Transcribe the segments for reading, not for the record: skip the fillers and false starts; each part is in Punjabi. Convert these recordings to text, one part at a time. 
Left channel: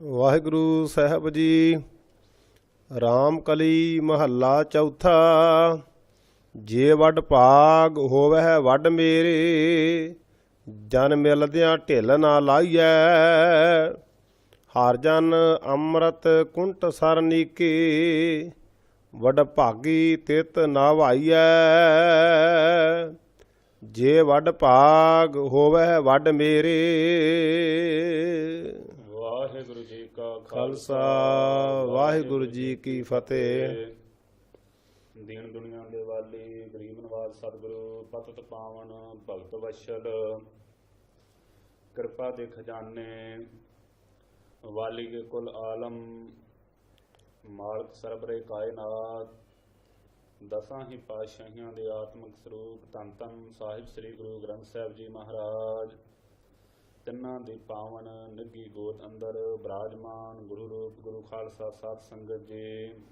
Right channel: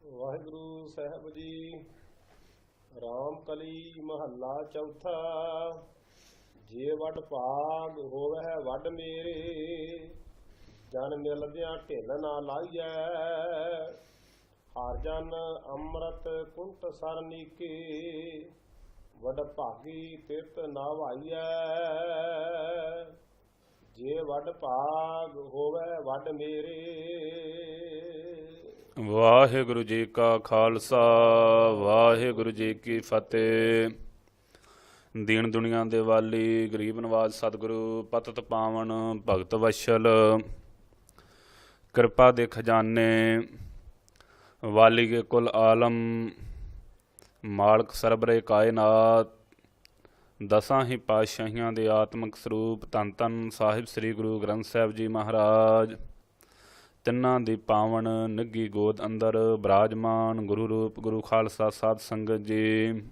ਵਾਹਿਗੁਰੂ ਸਾਹਿਬ ਜੀ। ਰਾਮ ਕਲੀ ਮਹੱਲਾ ਚੌਥਾ। ਜੇ ਵੱਡ ਭਾਗ ਹੋਵੈ ਵੱਡ ਮੇਰੇ, ਜਨ ਮਿਲਦਿਆਂ ਢਿੱਲ ਨਾ ਲਾਈਐ। ਹਰ ਜਨ ਅੰਮ੍ਰਿਤ ਕੁੰਟ ਸਰਨੀਕੇ, ਵੱਡ ਭਾਗੀ ਤਿਤ ਨਾ ਵਾਈਐ। ਜੇ ਵੱਡ ਭਾਗ ਹੋਵੈ ਵੱਡ ਮੇਰੇ। ਵਾਹਿਗੁਰੂ ਜੀ ਕਾ ਖਾਲਸਾ, ਵਾਹਿਗੁਰੂ ਜੀ ਕੀ ਫਤਿਹ। ਦੀਨ ਦੁਨੀਆ ਦੇ ਵਾਲੀ, ਗਰੀਬ ਨਵਾਜ ਸਤਿਗੁਰੂ, ਪਤਿਤ ਪਾਵਨ ਭਗਤ ਵਸ਼ਲ, ਕਿਰਪਾ ਦੇ ਖਜ਼ਾਨੇ, ਵਾਲੀ ਕੇ ਕੁਲ ਆਲਮ, ਮਾਲਕ ਸਰਬਰੇ ਕਾਇਨਾਤ, ਦਸਾਂ ਹੀ ਪਾਤਸ਼ਾਹੀਆਂ ਦੇ ਆਤਮਿਕ ਸਰੂਪ ਧੰਨ ਧੰਨ ਸਾਹਿਬ ਸ੍ਰੀ ਗੁਰੂ ਗ੍ਰੰਥ ਸਾਹਿਬ ਜੀ ਮਹਾਰਾਜ, ਤਿੰਨਾਂ ਦੀ ਪਾਵਨ ਨਿੱਘੀ ਗੋਦ ਅੰਦਰ ਬਿਰਾਜਮਾਨ ਗੁਰੂ ਰੂਪ ਗੁਰੂ ਖਾਲਸਾ ਸਾਧ ਸੰਗਤ ਜੀ।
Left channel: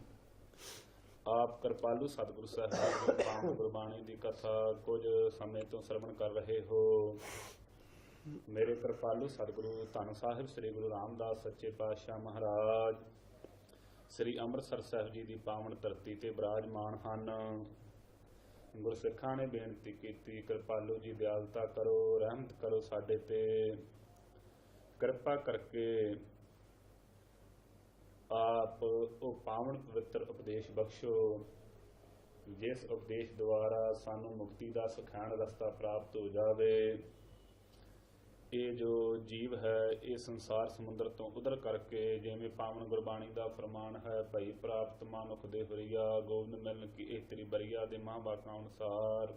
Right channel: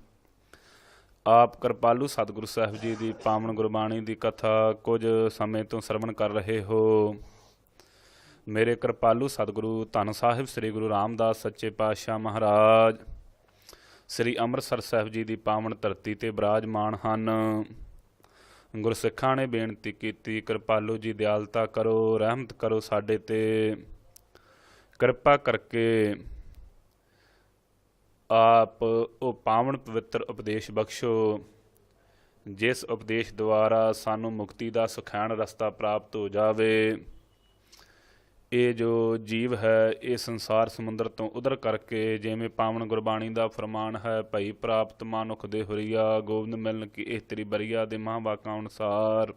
ਆਪ ਕਿਰਪਾਲੂ ਸਤਿਗੁਰੂ ਸਾਹਿਬ ਜੀ ਦੀ ਪਾਵਨ ਗੁਰਬਾਣੀ ਦੀ ਕਥਾ ਕੁਝ ਸਮੇਂ ਤੋਂ ਸਰਵਣ ਕਰ ਰਹੇ ਹੋ। ਮੇਰੇ ਕਿਰਪਾਲੂ ਸਤਿਗੁਰੂ ਧੰਨ ਸਾਹਿਬ ਸ੍ਰੀ ਗੁਰੂ ਰਾਮਦਾਸ ਸੱਚੇ ਪਾਤਸ਼ਾਹ ਮਹਾਰਾਜ ਸ੍ਰੀ ਅੰਮ੍ਰਿਤਸਰ ਸਾਹਿਬ ਜੀ ਦੀ ਪਾਵਨ ਧਰਤੀ ਤੇ ਬਿਰਾਜਮਾਨ ਹਨ। ਗੁਰਸਿੱਖਾਂ ਨੇ ਬੇਨਤੀ ਕੀਤੀ, ਕਿਰਪਾਲੂ ਜੀ ਦਿਆਲਤਾ ਕਰੋ, ਰਹਿਮਤ ਕਰੋ ਸਾਡੇ ਤੇ, ਕਿਰਪਾ ਕਰਕੇ ਆਪ ਉਹ ਪਾਵਨ ਪਵਿੱਤਰ ਉਪਦੇਸ਼ ਬਖਸ਼ੋ, ਜਿਸ ਉਪਦੇਸ਼ ਦੁਆਰਾ ਸਾਨੂੰ ਮੁਕਤੀ ਦਾ ਸੁਖੈਨ ਰਸਤਾ ਪ੍ਰਾਪਤ ਹੋ ਜਾਵੇ। ਇਹ ਜੋ ਜੀਵ ਹੈ ਇਹ ਸੰਸਾਰ ਸਮੁੰਦਰ ਤੋਂ ਉਧਰ ਕਰਕੇ, ਜਿਵੇਂ ਪਾਵਨ ਗੁਰਬਾਣੀ ਦਾ ਫਰਮਾਨ ਹੈ, ਭਈ ਪ੍ਰਾਪਤ ਮਾਨੁਖ ਦੇ ਹੁਰੀਆ, ਗੋਬਿੰਦ ਮਿਲਨ ਕੀ ਇਹ ਤੇਰੀ ਬਰੀਆ ਦੇ ਮਹਾਂਵਾਕਾਂ ਅਨੁਸਾਰ।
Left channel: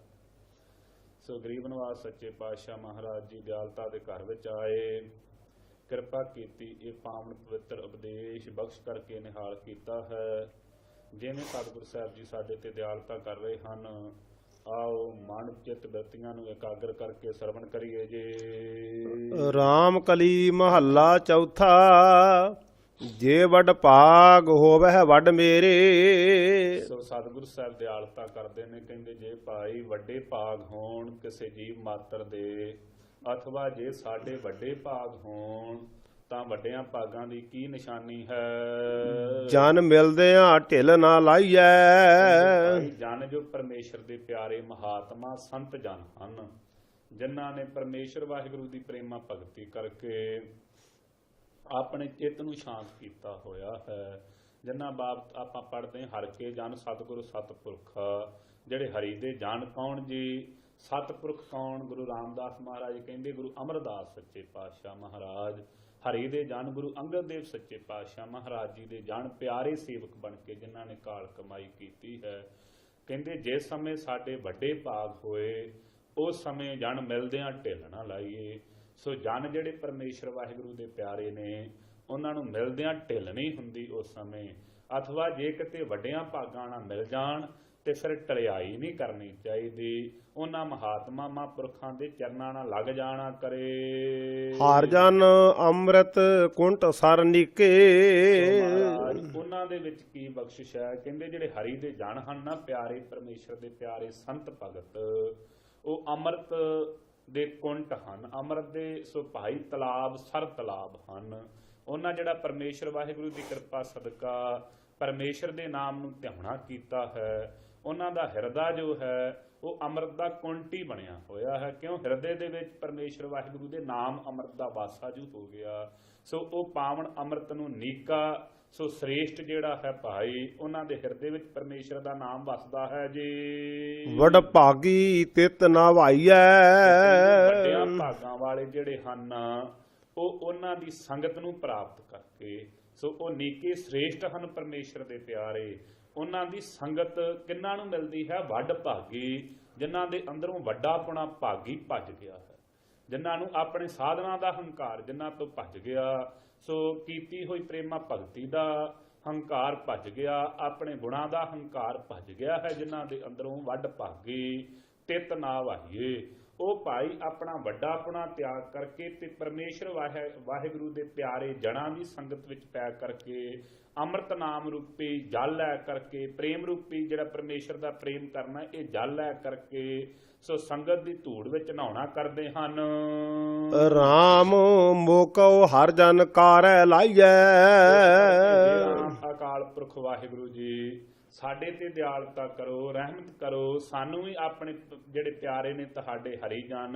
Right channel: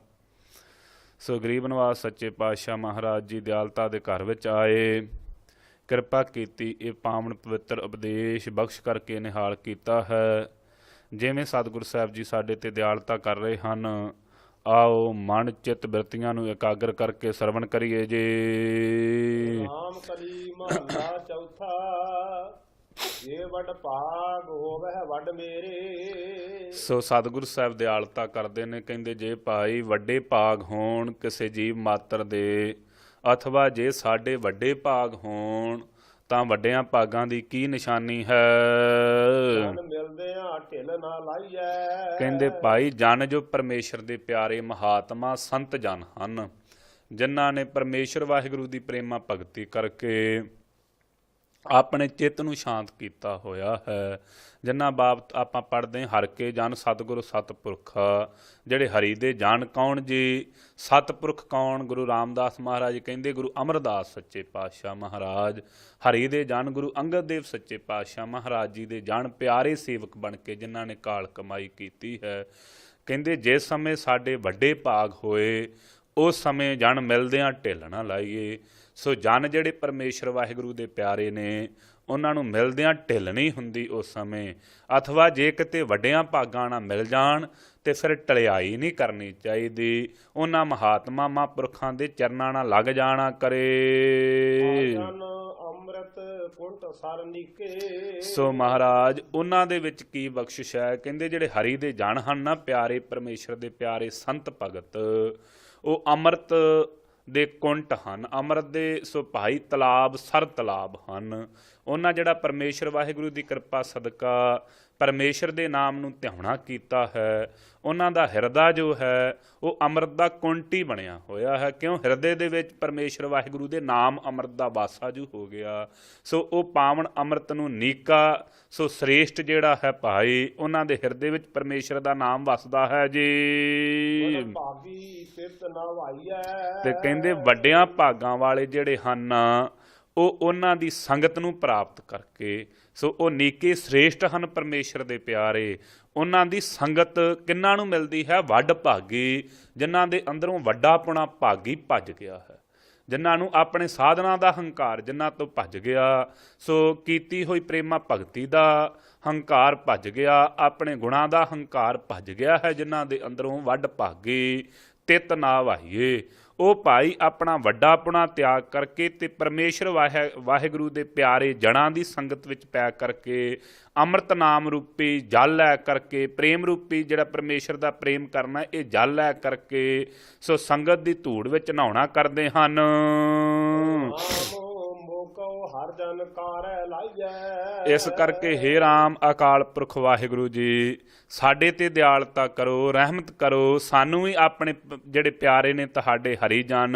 ਸੋ ਗਰੀਬ ਨਵਾਜ ਸੱਚੇ ਪਾਤਸ਼ਾਹ ਮਹਾਰਾਜ ਜੀ ਦਿਆਲਤਾ ਦੇ ਘਰ ਵਿੱਚ ਆਏ, ਕਿਰਪਾ ਕੀਤੀ, ਇਹ ਪਾਵਨ ਪਵਿੱਤਰ ਉਪਦੇਸ਼ ਬਖਸ਼ ਕਰਕੇ ਨਿਹਾਲ ਕੀਤਾ ਹੈ। ਜਿਵੇਂ ਸਤਿਗੁਰੂ ਸਾਹਿਬ ਜੀ ਸਾਡੇ ਤੇ ਦਿਆਲਤਾ ਕਰ ਰਹੇ ਹਨ, ਆਓ ਮਨ ਚਿੱਤ ਬਿਰਤੀਆਂ ਨੂੰ ਇਕਾਗਰ ਕਰਕੇ ਸਰਵਣ ਕਰੀਏ ਜੀ। ਰਾਮ ਕਲੀ ਮਹੱਲਾ ਚੌਥਾ। ਜੇ ਵੱਡ ਭਾਗ ਹੋਵੈ ਵੱਡ ਮੇਰੇ। ਸੋ ਸਤਿਗੁਰੂ ਸਾਹਿਬ ਦਿਆਲਤਾ ਕਰਦੇ ਨੇ, ਕਹਿੰਦੇ ਜੇ ਭਾਈ ਵੱਡੇ ਭਾਗ ਹੋਣ ਕਿਸੇ ਜੀਵ ਮਾਤਰ ਦੇ, ਅਥਵਾ ਜੇ ਸਾਡੇ ਵੱਡੇ ਭਾਗ ਹੋਣ ਤਾਂ ਵੱਡਿਆਂ ਭਾਗਾਂ ਦੀ ਕੀ ਨਿਸ਼ਾਨੀ ਹੈ। ਜਨ ਮਿਲਦਿਆਂ ਢਿੱਲ ਨਾ ਲਾਈਐ। ਕਹਿੰਦੇ ਭਾਈ ਜਨ ਜੋ ਪਰਮੇਸ਼ਰ ਦੇ ਪਿਆਰੇ ਮਹਾਤਮਾ ਸੰਤ ਜਨ ਹਨ, ਜਿਨ੍ਹਾਂ ਨੇ ਪਰਮੇਸ਼ਰ ਵਾਹਿਗੁਰੂ ਦੀ ਪ੍ਰੇਮਾ ਭਗਤੀ ਕਰਕੇ ਆਪਣੇ ਚਿੱਤ ਨੂੰ ਸ਼ਾਂਤ ਕੀਤਾ ਹੋਇਆ ਹੈ। ਜਿਨ੍ਹਾਂ ਬਾਬਤ ਆਪਾਂ ਪੜ੍ਹਦੇ ਹਰ ਕੇ ਜਨ ਸਤਿਗੁਰੂ ਸਤਿਪੁਰਖ, ਜਿਹੜੇ ਹਰੀ ਦੇ ਜਨ ਕੌਣ ਜੀ? ਸਤਿਪੁਰਖ ਕੌਣ? ਗੁਰੂ ਰਾਮਦਾਸ ਮਹਾਰਾਜ ਕਹਿੰਦੇ, ਗੁਰੂ ਅਮਰਦਾਸ ਸੱਚੇ ਪਾਤਸ਼ਾਹ ਮਹਾਰਾਜ ਹਰੀ ਦੇ ਜਨ ਗੁਰੂ ਅੰਗਦ ਦੇਵ ਸੱਚੇ ਪਾਤਸ਼ਾਹ ਮਹਾਰਾਜ ਜੀ ਦੇ ਜਨ ਪਿਆਰੇ ਸੇਵਕ ਬਣ ਕੇ ਜਿਨ੍ਹਾਂ ਨੇ ਕਾਲ ਕਮਾਈ ਕੀਤੀ ਹੈ। ਕਹਿੰਦੇ ਜਿਸ ਸਮੇਂ ਸਾਡੇ ਵੱਡੇ ਭਾਗ ਹੋਏ ਉਸ ਸਮੇਂ ਜਨ ਮਿਲਦਿਆਂ ਢਿੱਲ ਨਾ ਲਾਈਏ। ਸੋ ਜਨ ਜਿਹੜੇ ਪਰਮੇਸ਼ਰ ਵਾਹਿਗੁਰੂ ਦੇ ਪਿਆਰੇ ਨੇ ਉਹਨਾਂ ਨੂੰ ਮਿਲਦਿਆਂ ਢਿੱਲ ਨਹੀਂ ਹੁੰਦੀ ਉਸ ਸਮੇਂ, ਅਥਵਾ ਜੇ ਕਿਤੇ ਵੱਡਿਆਂ ਭਾਗਾਂ ਨਾਲ ਮਿਲ ਜਾਣ ਤੇ ਫਿਰ ਟਲਿਆਈ ਨਹੀਂ ਕਰਨੀ ਚਾਹੀਦੀ। ਉਹਨਾਂ ਮਹਾਤਮਾ ਮਹਾਂਪੁਰਖਾਂ ਦੇ ਚਰਨਾਂ ਨਾਲ ਲੱਗ ਜਾਣਾ ਕਰੇ। ਹਰ ਜਨ ਅੰਮ੍ਰਿਤ ਕੁੰਟ ਸਰਨੀਕੇ। ਸੋ ਮਹਾਰਾਜ ਉਹਨਾਂ ਦੇ ਵਿੱਚ ਕੀ ਬਖਸ਼ਿਸ਼ ਹੈ? ਕਹਿੰਦੇ ਜਿਹੜੇ ਹਰੀ ਦੇ ਜਨ ਹਨ ਨਾ, ਪਿਆਰੇ ਪਰਮੇਸ਼ਰ ਦੇ ਪਿਆਰੇ ਸੰਤ ਭਗਤ, ਉਹ ਅੰਮ੍ਰਿਤ ਦੇ ਕੁੰਟ ਹਨ, ਅੰਮ੍ਰਿਤ ਦੇ ਸੋ ਭਾਈ ਤਲਾਬ ਸਰ ਤਲਾਬ ਹਨ। ਉਹਨਾਂ ਜਿਹੜਾ ਪਰਮੇਸ਼ਰ ਵਾਹਿਗੁਰੂ ਦੀ ਕਿਰਪਾ ਸਦਕਾ ਪਰਮੇਸ਼ਰ ਦੇ ਨਾਮ ਨੂੰ ਧਿਆਉਣਾ ਕੀਤਾ ਹੈ, ਉਹਨਾਂ ਦਾ ਹਿਰਦਾ ਜੋ ਹੈ ਉਹ ਅੰਮ੍ਰਿਤ ਦਾ ਕੁੰਟ ਹੀ ਬਣਿਆ ਹੋਇਆ ਹੈ। ਕਿਉਂ? ਹਿਰਦੇ ਦੇ ਵਿੱਚ ਪਰਮੇਸ਼ਰ ਵਾਹਿਗੁਰੂ ਦੇ ਨਾਮ ਅੰਮ੍ਰਿਤ ਦਾ ਵਾਸਾ ਜੋ ਹੋ ਗਿਆ। ਸੋ ਉਹ ਪਾਵਨ ਅੰਮ੍ਰਿਤ ਨੂੰ ਨੀਕਾ ਸੋ ਸ੍ਰੇਸ਼ਟ ਜਿਹੜਾ ਹੈ ਭਾਈ, ਉਹਨਾਂ ਦੇ ਹਿਰਦੇ ਵਿੱਚ ਪਰਮੇਸ਼ਰ ਦਾ ਨਾਮ ਵਸਦਾ ਹੈ ਜੀ। ਵੱਡ ਭਾਗੀ ਤਿਤ ਨਾ ਵਾਈਐ। ਕਹਿੰਦੇ ਵੱਡਿਆਂ ਭਾਗਾਂ ਵਾਲੇ ਜਿਹੜੇ ਹਨ ਉਹ ਉਹਨਾਂ ਦੀ ਸੰਗਤ ਨੂੰ ਪ੍ਰਾਪਤ ਕਰਕੇ, ਸੋ ਉਹ ਨੀਕੇ ਸ੍ਰੇਸ਼ਟ ਹਨ ਪਰਮੇਸ਼ਰ ਦੇ ਪਿਆਰੇ। ਉਹਨਾਂ ਦੀ ਸੰਗਤ ਕਿਹਨਾਂ ਨੂੰ ਮਿਲਦੀ ਹੈ? ਵੱਡ ਭਾਗੀ, ਜਿਨ੍ਹਾਂ ਦੇ ਅੰਦਰੋਂ ਵੱਡਾਪੁਣਾ ਭਾਗੀ ਭੱਜ ਗਿਆ ਹੈ, ਜਿਨ੍ਹਾਂ ਨੂੰ ਆਪਣੇ ਸਾਧਨਾਂ ਦਾ ਹੰਕਾਰ ਜਿਨ੍ਹਾਂ ਤੋਂ ਭੱਜ ਗਿਆ, ਸੋ ਕੀਤੀ ਹੋਈ ਪ੍ਰੇਮਾ ਭਗਤੀ ਦਾ ਹੰਕਾਰ ਭੱਜ ਗਿਆ, ਆਪਣੇ ਗੁਣਾਂ ਦਾ ਹੰਕਾਰ ਭੱਜ ਗਿਆ ਹੈ, ਜਿਨ੍ਹਾਂ ਦੇ ਅੰਦਰੋਂ ਵੱਡ ਭਾਗੀ ਤਿਤ ਨਾ ਵਾਹੀਏ। ਉਹ ਭਾਈ ਆਪਣਾ ਵੱਡਾਪੁਣਾ ਤਿਆਗ ਕਰਕੇ ਤੇ ਪਰਮੇਸ਼ਰ ਵਾਹਿਗੁਰੂ ਦੇ ਪਿਆਰੇ ਜਨਾਂ ਦੀ ਸੰਗਤ ਵਿੱਚ ਪੈ ਕਰਕੇ ਅੰਮ੍ਰਿਤ ਨਾਮ ਰੂਪੀ ਜਲ ਲੈ ਕਰਕੇ, ਪ੍ਰੇਮ ਰੂਪੀ ਜਿਹੜਾ ਪਰਮੇਸ਼ਰ ਦਾ ਪ੍ਰੇਮ ਕਰਨਾ ਇਹ ਜਲ ਲੈ ਕਰਕੇ ਸੋ ਸੰਗਤ ਦੀ ਧੂੜ ਵਿੱਚ ਨਹਾਉਣਾ ਕਰਦੇ ਹਨ। ਰਾਮ ਮੋਕਉ ਹਰ ਜਨ ਕਾਰੈ ਲਾਈਐ। ਇਸ ਕਰਕੇ ਹੇ ਰਾਮ ਅਕਾਲ ਪੁਰਖ ਵਾਹਿਗੁਰੂ ਜੀ ਸਾਡੇ ਤੇ ਦਿਆਲਤਾ ਕਰੋ, ਰਹਿਮਤ ਕਰੋ, ਸਾਨੂੰ ਵੀ ਆਪਣੇ ਜਿਹੜੇ ਪਿਆਰੇ ਨੇ ਤੁਹਾਡੇ ਹਰੀ ਜਨ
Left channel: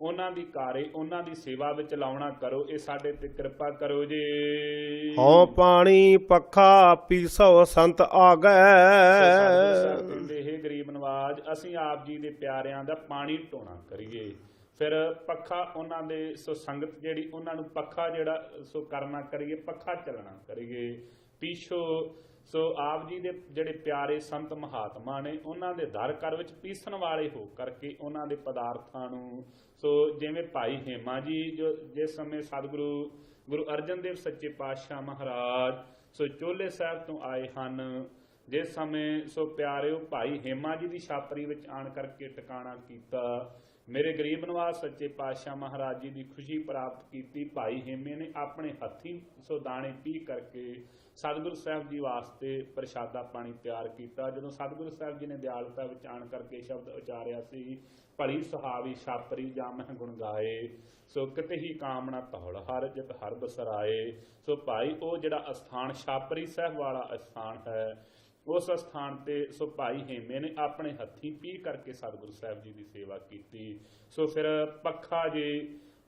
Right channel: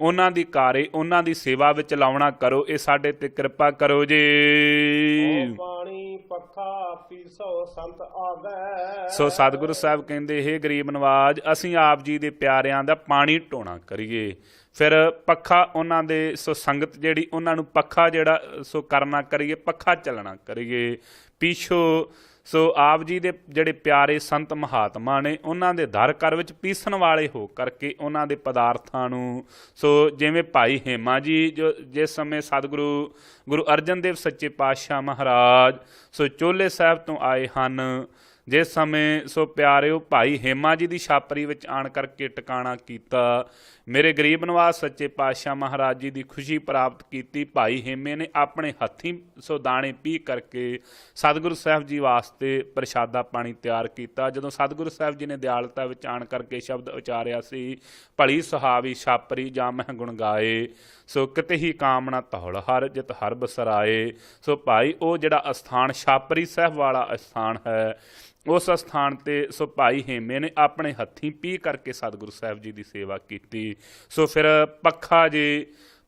ਉਹਨਾਂ ਦੀ ਕਾਰੇ, ਉਹਨਾਂ ਦੀ ਸੇਵਾ ਵਿੱਚ ਲਾਉਣਾ ਕਰੋ, ਇਹ ਸਾਡੇ ਤੇ ਕਿਰਪਾ ਕਰੋ ਜੀ। ਹਉ ਪਾਣੀ ਪੱਖਾ ਪੀਸੋ ਸੰਤ ਆਗੈ। ਸੋ ਸਤਿਗੁਰੂ ਸਾਹਿਬ ਕਹਿੰਦੇ ਹੇ ਗਰੀਬ ਨਵਾਜ ਅਸੀਂ ਆਪ ਜੀ ਦੇ ਪਿਆਰਿਆਂ ਦਾ ਪਾਣੀ ਢੋਣਾ ਕਰੀਏ, ਫਿਰ ਪੱਖਾ ਉਹਨਾਂ ਦੇ ਸੋ ਸੰਗਤ ਜਿਹੜੀ ਉਹਨਾਂ ਨੂੰ ਪੱਖਾ ਜਿਹੜਾ ਸੋ ਕਰਨਾ ਕਰੀਏ, ਪੱਖਾ ਚੱਲਣਾ ਕਰੀਏ। ਪੀਛੋ ਸੋ ਆਪ ਜੀ ਦੇ ਜਿਹੜੇ ਪਿਆਰੇ ਸੰਤ ਮਹਾਤਮਾ ਨੇ ਉਹਨਾਂ ਦੇ ਦਰ ਘਰ ਵਿੱਚ ਪੀਸਣ ਵਾਲੇ ਹੋ ਕਰਕੇ ਉਹਨਾਂ ਦੇ ਪਦਾਰਥਾਂ ਨੂੰ ਸੋ ਜਿਵੇਂ ਭਾਈ ਹੇਮਾ ਜੀ ਜੋ ਜਿਸ ਸਮੇਂ ਸਤਿਗੁਰੂ ਗੁਰੂ ਅਰਜਨ ਦੇਵ ਸੱਚੇ ਪਾਤਸ਼ਾਹ ਮਹਾਰਾਜ ਸੋ ਚੋਲੇ ਸਾਹਿਬ ਤੋਂ ਆਏ ਹਨ, ਜਿਸ ਸਮੇਂ ਸੋ ਪਿਆਰਿਓ ਭਾਈ ਹੇਮਾ ਜੀ ਦੀ ਛਾਪਰੀ ਵਿੱਚ ਆਣ ਕਰਕੇ ਟਿਕਾਣਾ ਕੀਤਾ, ਮੇਰੇ ਗਰੀਬ ਨਵਾਜ ਸੱਚੇ ਪਾਤਸ਼ਾਹ ਮਹਾਰਾਜ ਜੀ ਦੀ ਖੁਸ਼ੀ ਪ੍ਰਾਪਤ ਕੀਤੀ। ਭਾਈ ਹੇਮੇ ਨੇ ਆਪਣੇ ਹੱਥੀਂ ਸੋ ਦਾਣੇ ਪੀ ਕਰਕੇ ਸਤਿਗੁਰੂ ਸਾਹਿਬ ਜੀ ਵਾਸਤੇ ਪ੍ਰਸ਼ਾਦਾ ਪਾਣੀ ਤਿਆਰ ਕੀਤਾ। ਜਦੋਂ ਸਤਿਗੁਰੂ ਸਾਹਿਬ ਜੀ ਨੇ ਦਿਆਲਤਾ ਵਿੱਚ ਆਣ ਕਰਕੇ ਸ਼ਬਦ ਉਚਾਰਿਆ ਸੀ, ਭਲੀ ਸੁਹਾਵੀ ਛਾਪਰੀ ਜਾਂ ਮਹਿ ਗੁਣ ਗਾਏ, ਸੋ ਕਿਤੇ ਹੀ ਕਾਮਣਾ ਧੌਲ ਹਰ ਜਿਤ ਹਰ ਬਸਰਾਏ। ਸੋ ਭਾਈ ਉਹ ਜਿਹੜਾ ਅਸਥਾਨ ਛਾਪਰੀ ਸਾਹਿਬ ਵਾਲਾ ਅਸਥਾਨ ਹੈ, ਉਸ ਅਸਥਾਨ ਤੇ ਸੋ ਭਾਈ ਹੇਮੇ ਨੇ ਆਪਣੇ ਹੱਥੀਂ ਪੀ ਕਰਕੇ ਸਤਿਗੁਰੂ ਸਾਹਿਬ ਜੀ ਦੀ ਸੇਵਾ ਕੀਤੀ। ਸੋ ਫਿਰ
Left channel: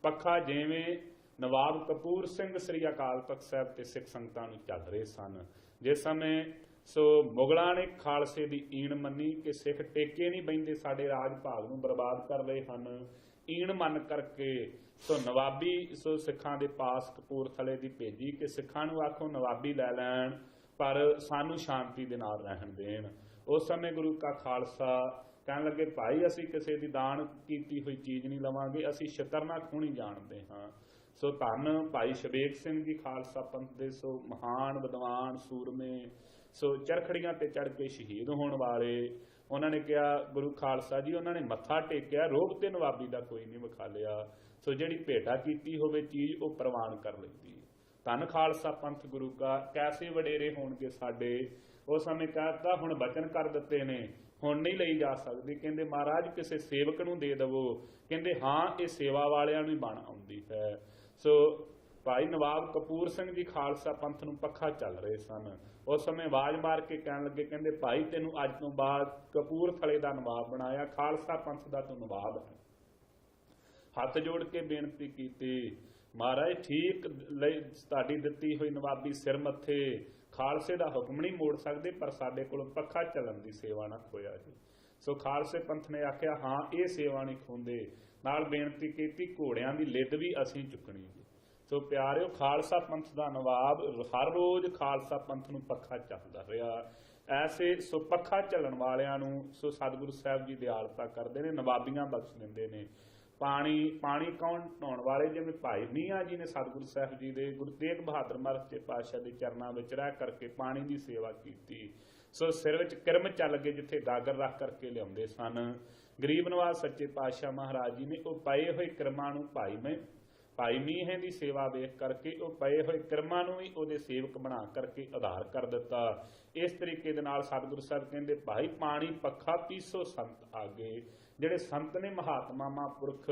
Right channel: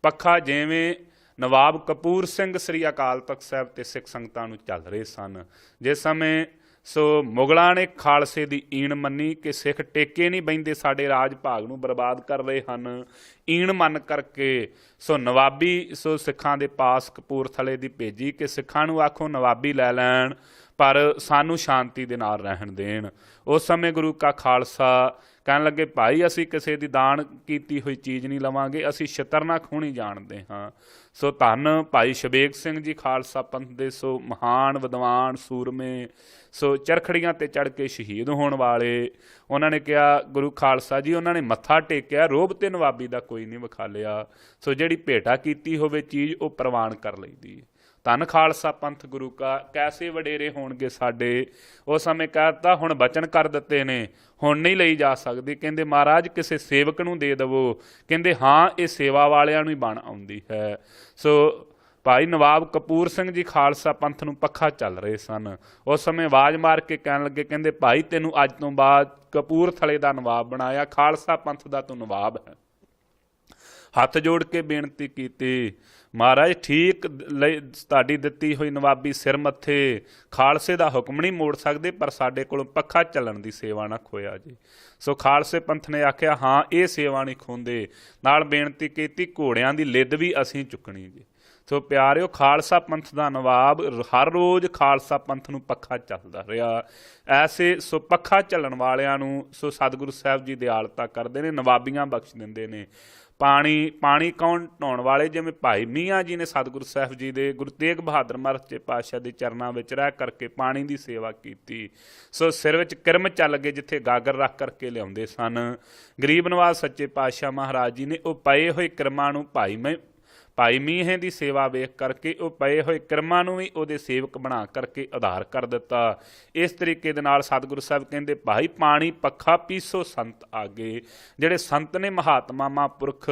ਪੱਖਾ ਜਿਵੇਂ ਨਵਾਬ ਕਪੂਰ ਸਿੰਘ ਸ੍ਰੀ ਅਕਾਲ ਤਖਤ ਸਾਹਿਬ ਤੇ ਸਿੱਖ ਸੰਗਤਾਂ ਨੂੰ ਚੱਲ ਰਹੇ ਸਨ, ਜਿਸ ਸਮੇਂ ਸੋ ਮੁਗਲਾਂ ਨੇ ਖਾਲਸੇ ਦੀ ਈਣ ਮੰਨੀ ਕਿ ਸਿੱਖ ਟੇਕੇ ਨਹੀਂ ਬਹਿੰਦੇ, ਸਾਡੇ ਰਾਜ ਭਾਗ ਨੂੰ ਬਰਬਾਦ ਕਰ ਰਹੇ ਹਨ। ਈਣ ਮੰਨ ਕਰਕੇ ਸੋ ਨਵਾਬੀ ਸੋ ਸਿੱਖਾਂ ਦੇ ਪਾਸ ਕਪੂਰਥਲੇ ਦੀ ਭੇਜੀ ਕਿ ਸਿੱਖਾਂ ਨੂੰ ਆਖੋ ਨਵਾਬੀ ਲੈ ਲੈਣ ਪਰ ਸਾਨੂੰ ਸ਼ਾਂਤੀ ਦੇ ਨਾਲ ਰਹਿਣ ਦੇਣ। ਉਸ ਸਮੇਂ ਗੁਰੂ ਕਾ ਖਾਲਸਾ ਕਹਿਣ ਲੱਗੇ ਭਾਈ ਅਸੀਂ ਕਿਸੇ ਦੀ ਦਾਨ ਕੀਤੀ ਹੋਈ ਚੀਜ਼ ਨਹੀਂ ਲਵਾਂਗੇ, ਅਸੀਂ ਛਿੱਤਰ ਨਾ ਖੋਹਣੀ ਜਾਣਦੇ ਹਾਂ। ਸੋ ਧੰਨ ਭਾਈ ਸ਼ਬੇਗ ਸਿੰਘ ਜੀ ਖਾਲਸਾ ਪੰਥ ਦੇ ਸੋ ਮਹਾਨ ਵਿਦਵਾਨ ਸੂਰਮੇ, ਸੋ ਚਰਖੜੀਆਂ ਤੇ ਚੜ੍ਹ ਕੇ ਸ਼ਹੀਦ ਹੋਣ ਵਾਲੇ, ਉਹਨਾਂ ਨੇ ਕਿਹਾ ਗੁਰੂ ਖਾਲਸਾ ਜੀ ਉਹਨਾਂ ਨੇ ਮੱਥਾ ਟੇਕਿਆ, ਰੋਹਬ ਤੇ ਨਵਾਬੀ ਦਾ ਕੋਈ ਨਹੀਂ ਵਿਖਾਲਿਆ, ਸੋ ਜਿਹੜੀ ਭੇਟਾ ਕੀਤੀ ਹੋਵੇ ਚੀਜ਼ ਉਹ ਪ੍ਰਵਾਨ ਕਰ ਲਈਦੀ। ਧੰਨ ਖਾਲਸਾ ਪੰਥ ਗੁਰੂ ਕਾ ਕੈਸੇ ਵਡੇਰੇ ਹੋਣਗੇ ਸਾਡੇ। ਉਸ ਸਮੇਂ ਕਹਿ ਦਿੱਤਾ ਹੁਣ ਬਚਨ ਕਰ ਦਿੱਤੇ ਨੇ, ਹੁਣ ਨਹੀਂ ਲਈ ਜਾ ਸਕਦੀ। ਕਹਿੰਦੇ ਮਹਾਰਾਜ ਕਿਸੇ ਸੇਵਕ ਨੂੰ ਦੇ ਦੇਵੋ, ਕਹਿੰਦੇ ਹਾਂ ਇਹ ਸੇਵਾ ਵਾਲਿਆਂ ਨੂੰ ਹੀ ਬਣ ਆਉਂਦੀ ਹੈ। ਸੋ ਭਾਈ ਨਵਾਬ ਕਪੂਰ ਸਿੰਘ ਜੀ ਖਾਲਸਾ ਪੰਥ ਨੂੰ ਪੱਖਾ ਚੱਲ ਰਹੇ ਸਨ। ਉਸ ਸਮੇਂ ਆਵਾਜ਼ ਮਾਰ ਕੇ ਕਹਿਣ ਲੱਗੇ, ਕਹਿੰਦੇ ਭਾਈ ਤੈਨੂੰ ਅੱਜ ਤੋਂ ਬਾਅਦ ਕਪੂਰਥਲੇ ਦਾ ਨਵਾਬ ਬਣਾਇਆ, ਖਾਲਸਾ ਪੰਥ ਦਾ ਤੂੰ ਨਵਾਬ ਹੈ। ਹੱਥ ਜੋੜ ਕੇ ਬੇਨਤੀ ਕੀਤੀ, ਮਹਾਰਾਜ ਠੀਕ ਲਈ ਤੁਹਾਡੀ ਦਿੱਤੀ ਹੋਈ ਨਵਾਬੀ ਸਿਰ ਮੱਥੇ, ਖਾਲਸੇ ਦਾ ਹੁਕਮ ਨਹੀਂ ਮੋੜ ਸਕਦੇ, ਪਰ ਸਾਡੇ ਕੋਲੋਂ ਪੱਖਾ ਚੱਲਣ ਦੀ ਸੇਵਾ ਨਾ ਖੋਇਆ ਜੀ। ਸੋ ਖਾਲਸੇ ਪੰਥ ਨੇ ਆਖਿਆ ਹਾਂ ਇਹ ਸੇਵਾ ਨਹੀਂ ਖੋਂਦੇ, ਨਾਲ ਬੇਨਤੀ ਕੀਤੀ ਘੋੜਿਆਂ ਦੀ ਲਿੱਦ ਵੀ ਅਸੀਂ ਚੁੱਕਣੀ ਜੀ। ਸੋ ਪਿਆਰਿਓ ਖਾਲਸਾ ਪੰਥ ਦਾ ਨਵਾਬ ਹਰ ਰੋਜ਼ ਖਾਲਸਾ ਪੰਥ ਨੂੰ ਪੱਖਾ ਚੱਲਦਾ ਰਿਹਾ। ਐਸੇ ਸੋ ਪੱਖਾ ਚੱਲਣ ਵਾਲਿਆਂ ਨੂੰ ਸੋ ਸਤਿਗੁਰੂ ਸਾਹਿਬ ਜੀ ਦਿਆਲਤਾ ਕਰਦੇ ਨੇ, ਨਵਾਬੀਆਂ ਬਖਸ਼ ਦਿੰਦੇ ਨੇ। ਪਾਣੀ ਕੌਣ ਢਾਉਣ ਵਾਲੇ, ਜਿਵੇਂ ਭਾਈ ਮੀਆਂ ਜੀ ਨੇ ਸਤਿਗੁਰੂ ਸਾਹਿਬ ਜੀ ਦੇ ਗੁਰੂ ਤੇਗ ਬਹਾਦਰ ਮਹਾਰਾਜ ਸੱਚੇ ਪਾਤਸ਼ਾਹ ਦੇ ਚਰਨਾਂ ਵਿੱਚ ਰਹਿ ਕਰਕੇ ਪਾਣੀ ਦੀ ਸੇਵਾ ਕੀਤੀ। ਸੋ ਸਿਰ ਵਿੱਚ ਕਿਰਮ ਚੱਲ ਗਏ, ਜਿੱਥੇ ਗਾਗਰ ਰੱਖ ਕਰਕੇ ਲਿਆਉਂਦੇ ਸਨ। ਗਰੀਬ ਨਵਾਜ ਸੱਚੇ ਪਾਤਸ਼ਾਹ ਮਹਾਰਾਜ ਜੀ ਨੇ ਉਹ ਪਏ ਹੋਏ ਕਿਰਮਾਂ ਨੂੰ ਭਾਈ ਮੀਂਹ ਦੀ ਸੇਵਾ ਵੇਖ ਕਰਕੇ ਉਹ ਪਏ ਹੋਏ ਕਿਰਮਾਂ ਨੂੰ ਵੀ ਉਹਦੇ ਸੇਵਕ ਬਣਾ ਕਰਕੇ ਆਧਾਰ ਕਰ ਦਿੱਤਾ। ਇਸ ਤਰੀਕੇ ਦੇ ਨਾਲ ਸਤਿਗੁਰੂ ਸਾਹਿਬ ਕਹਿੰਦੇ ਭਾਈ ਪਾਣੀ ਪੱਖਾ ਪੀਸੋ ਸੰਤ ਆਗੇ। ਜਿਹੜੇ ਸੰਤ ਨੇ ਮਹਾਤਮਾ ਮਹਾਂਪੁਰਖ,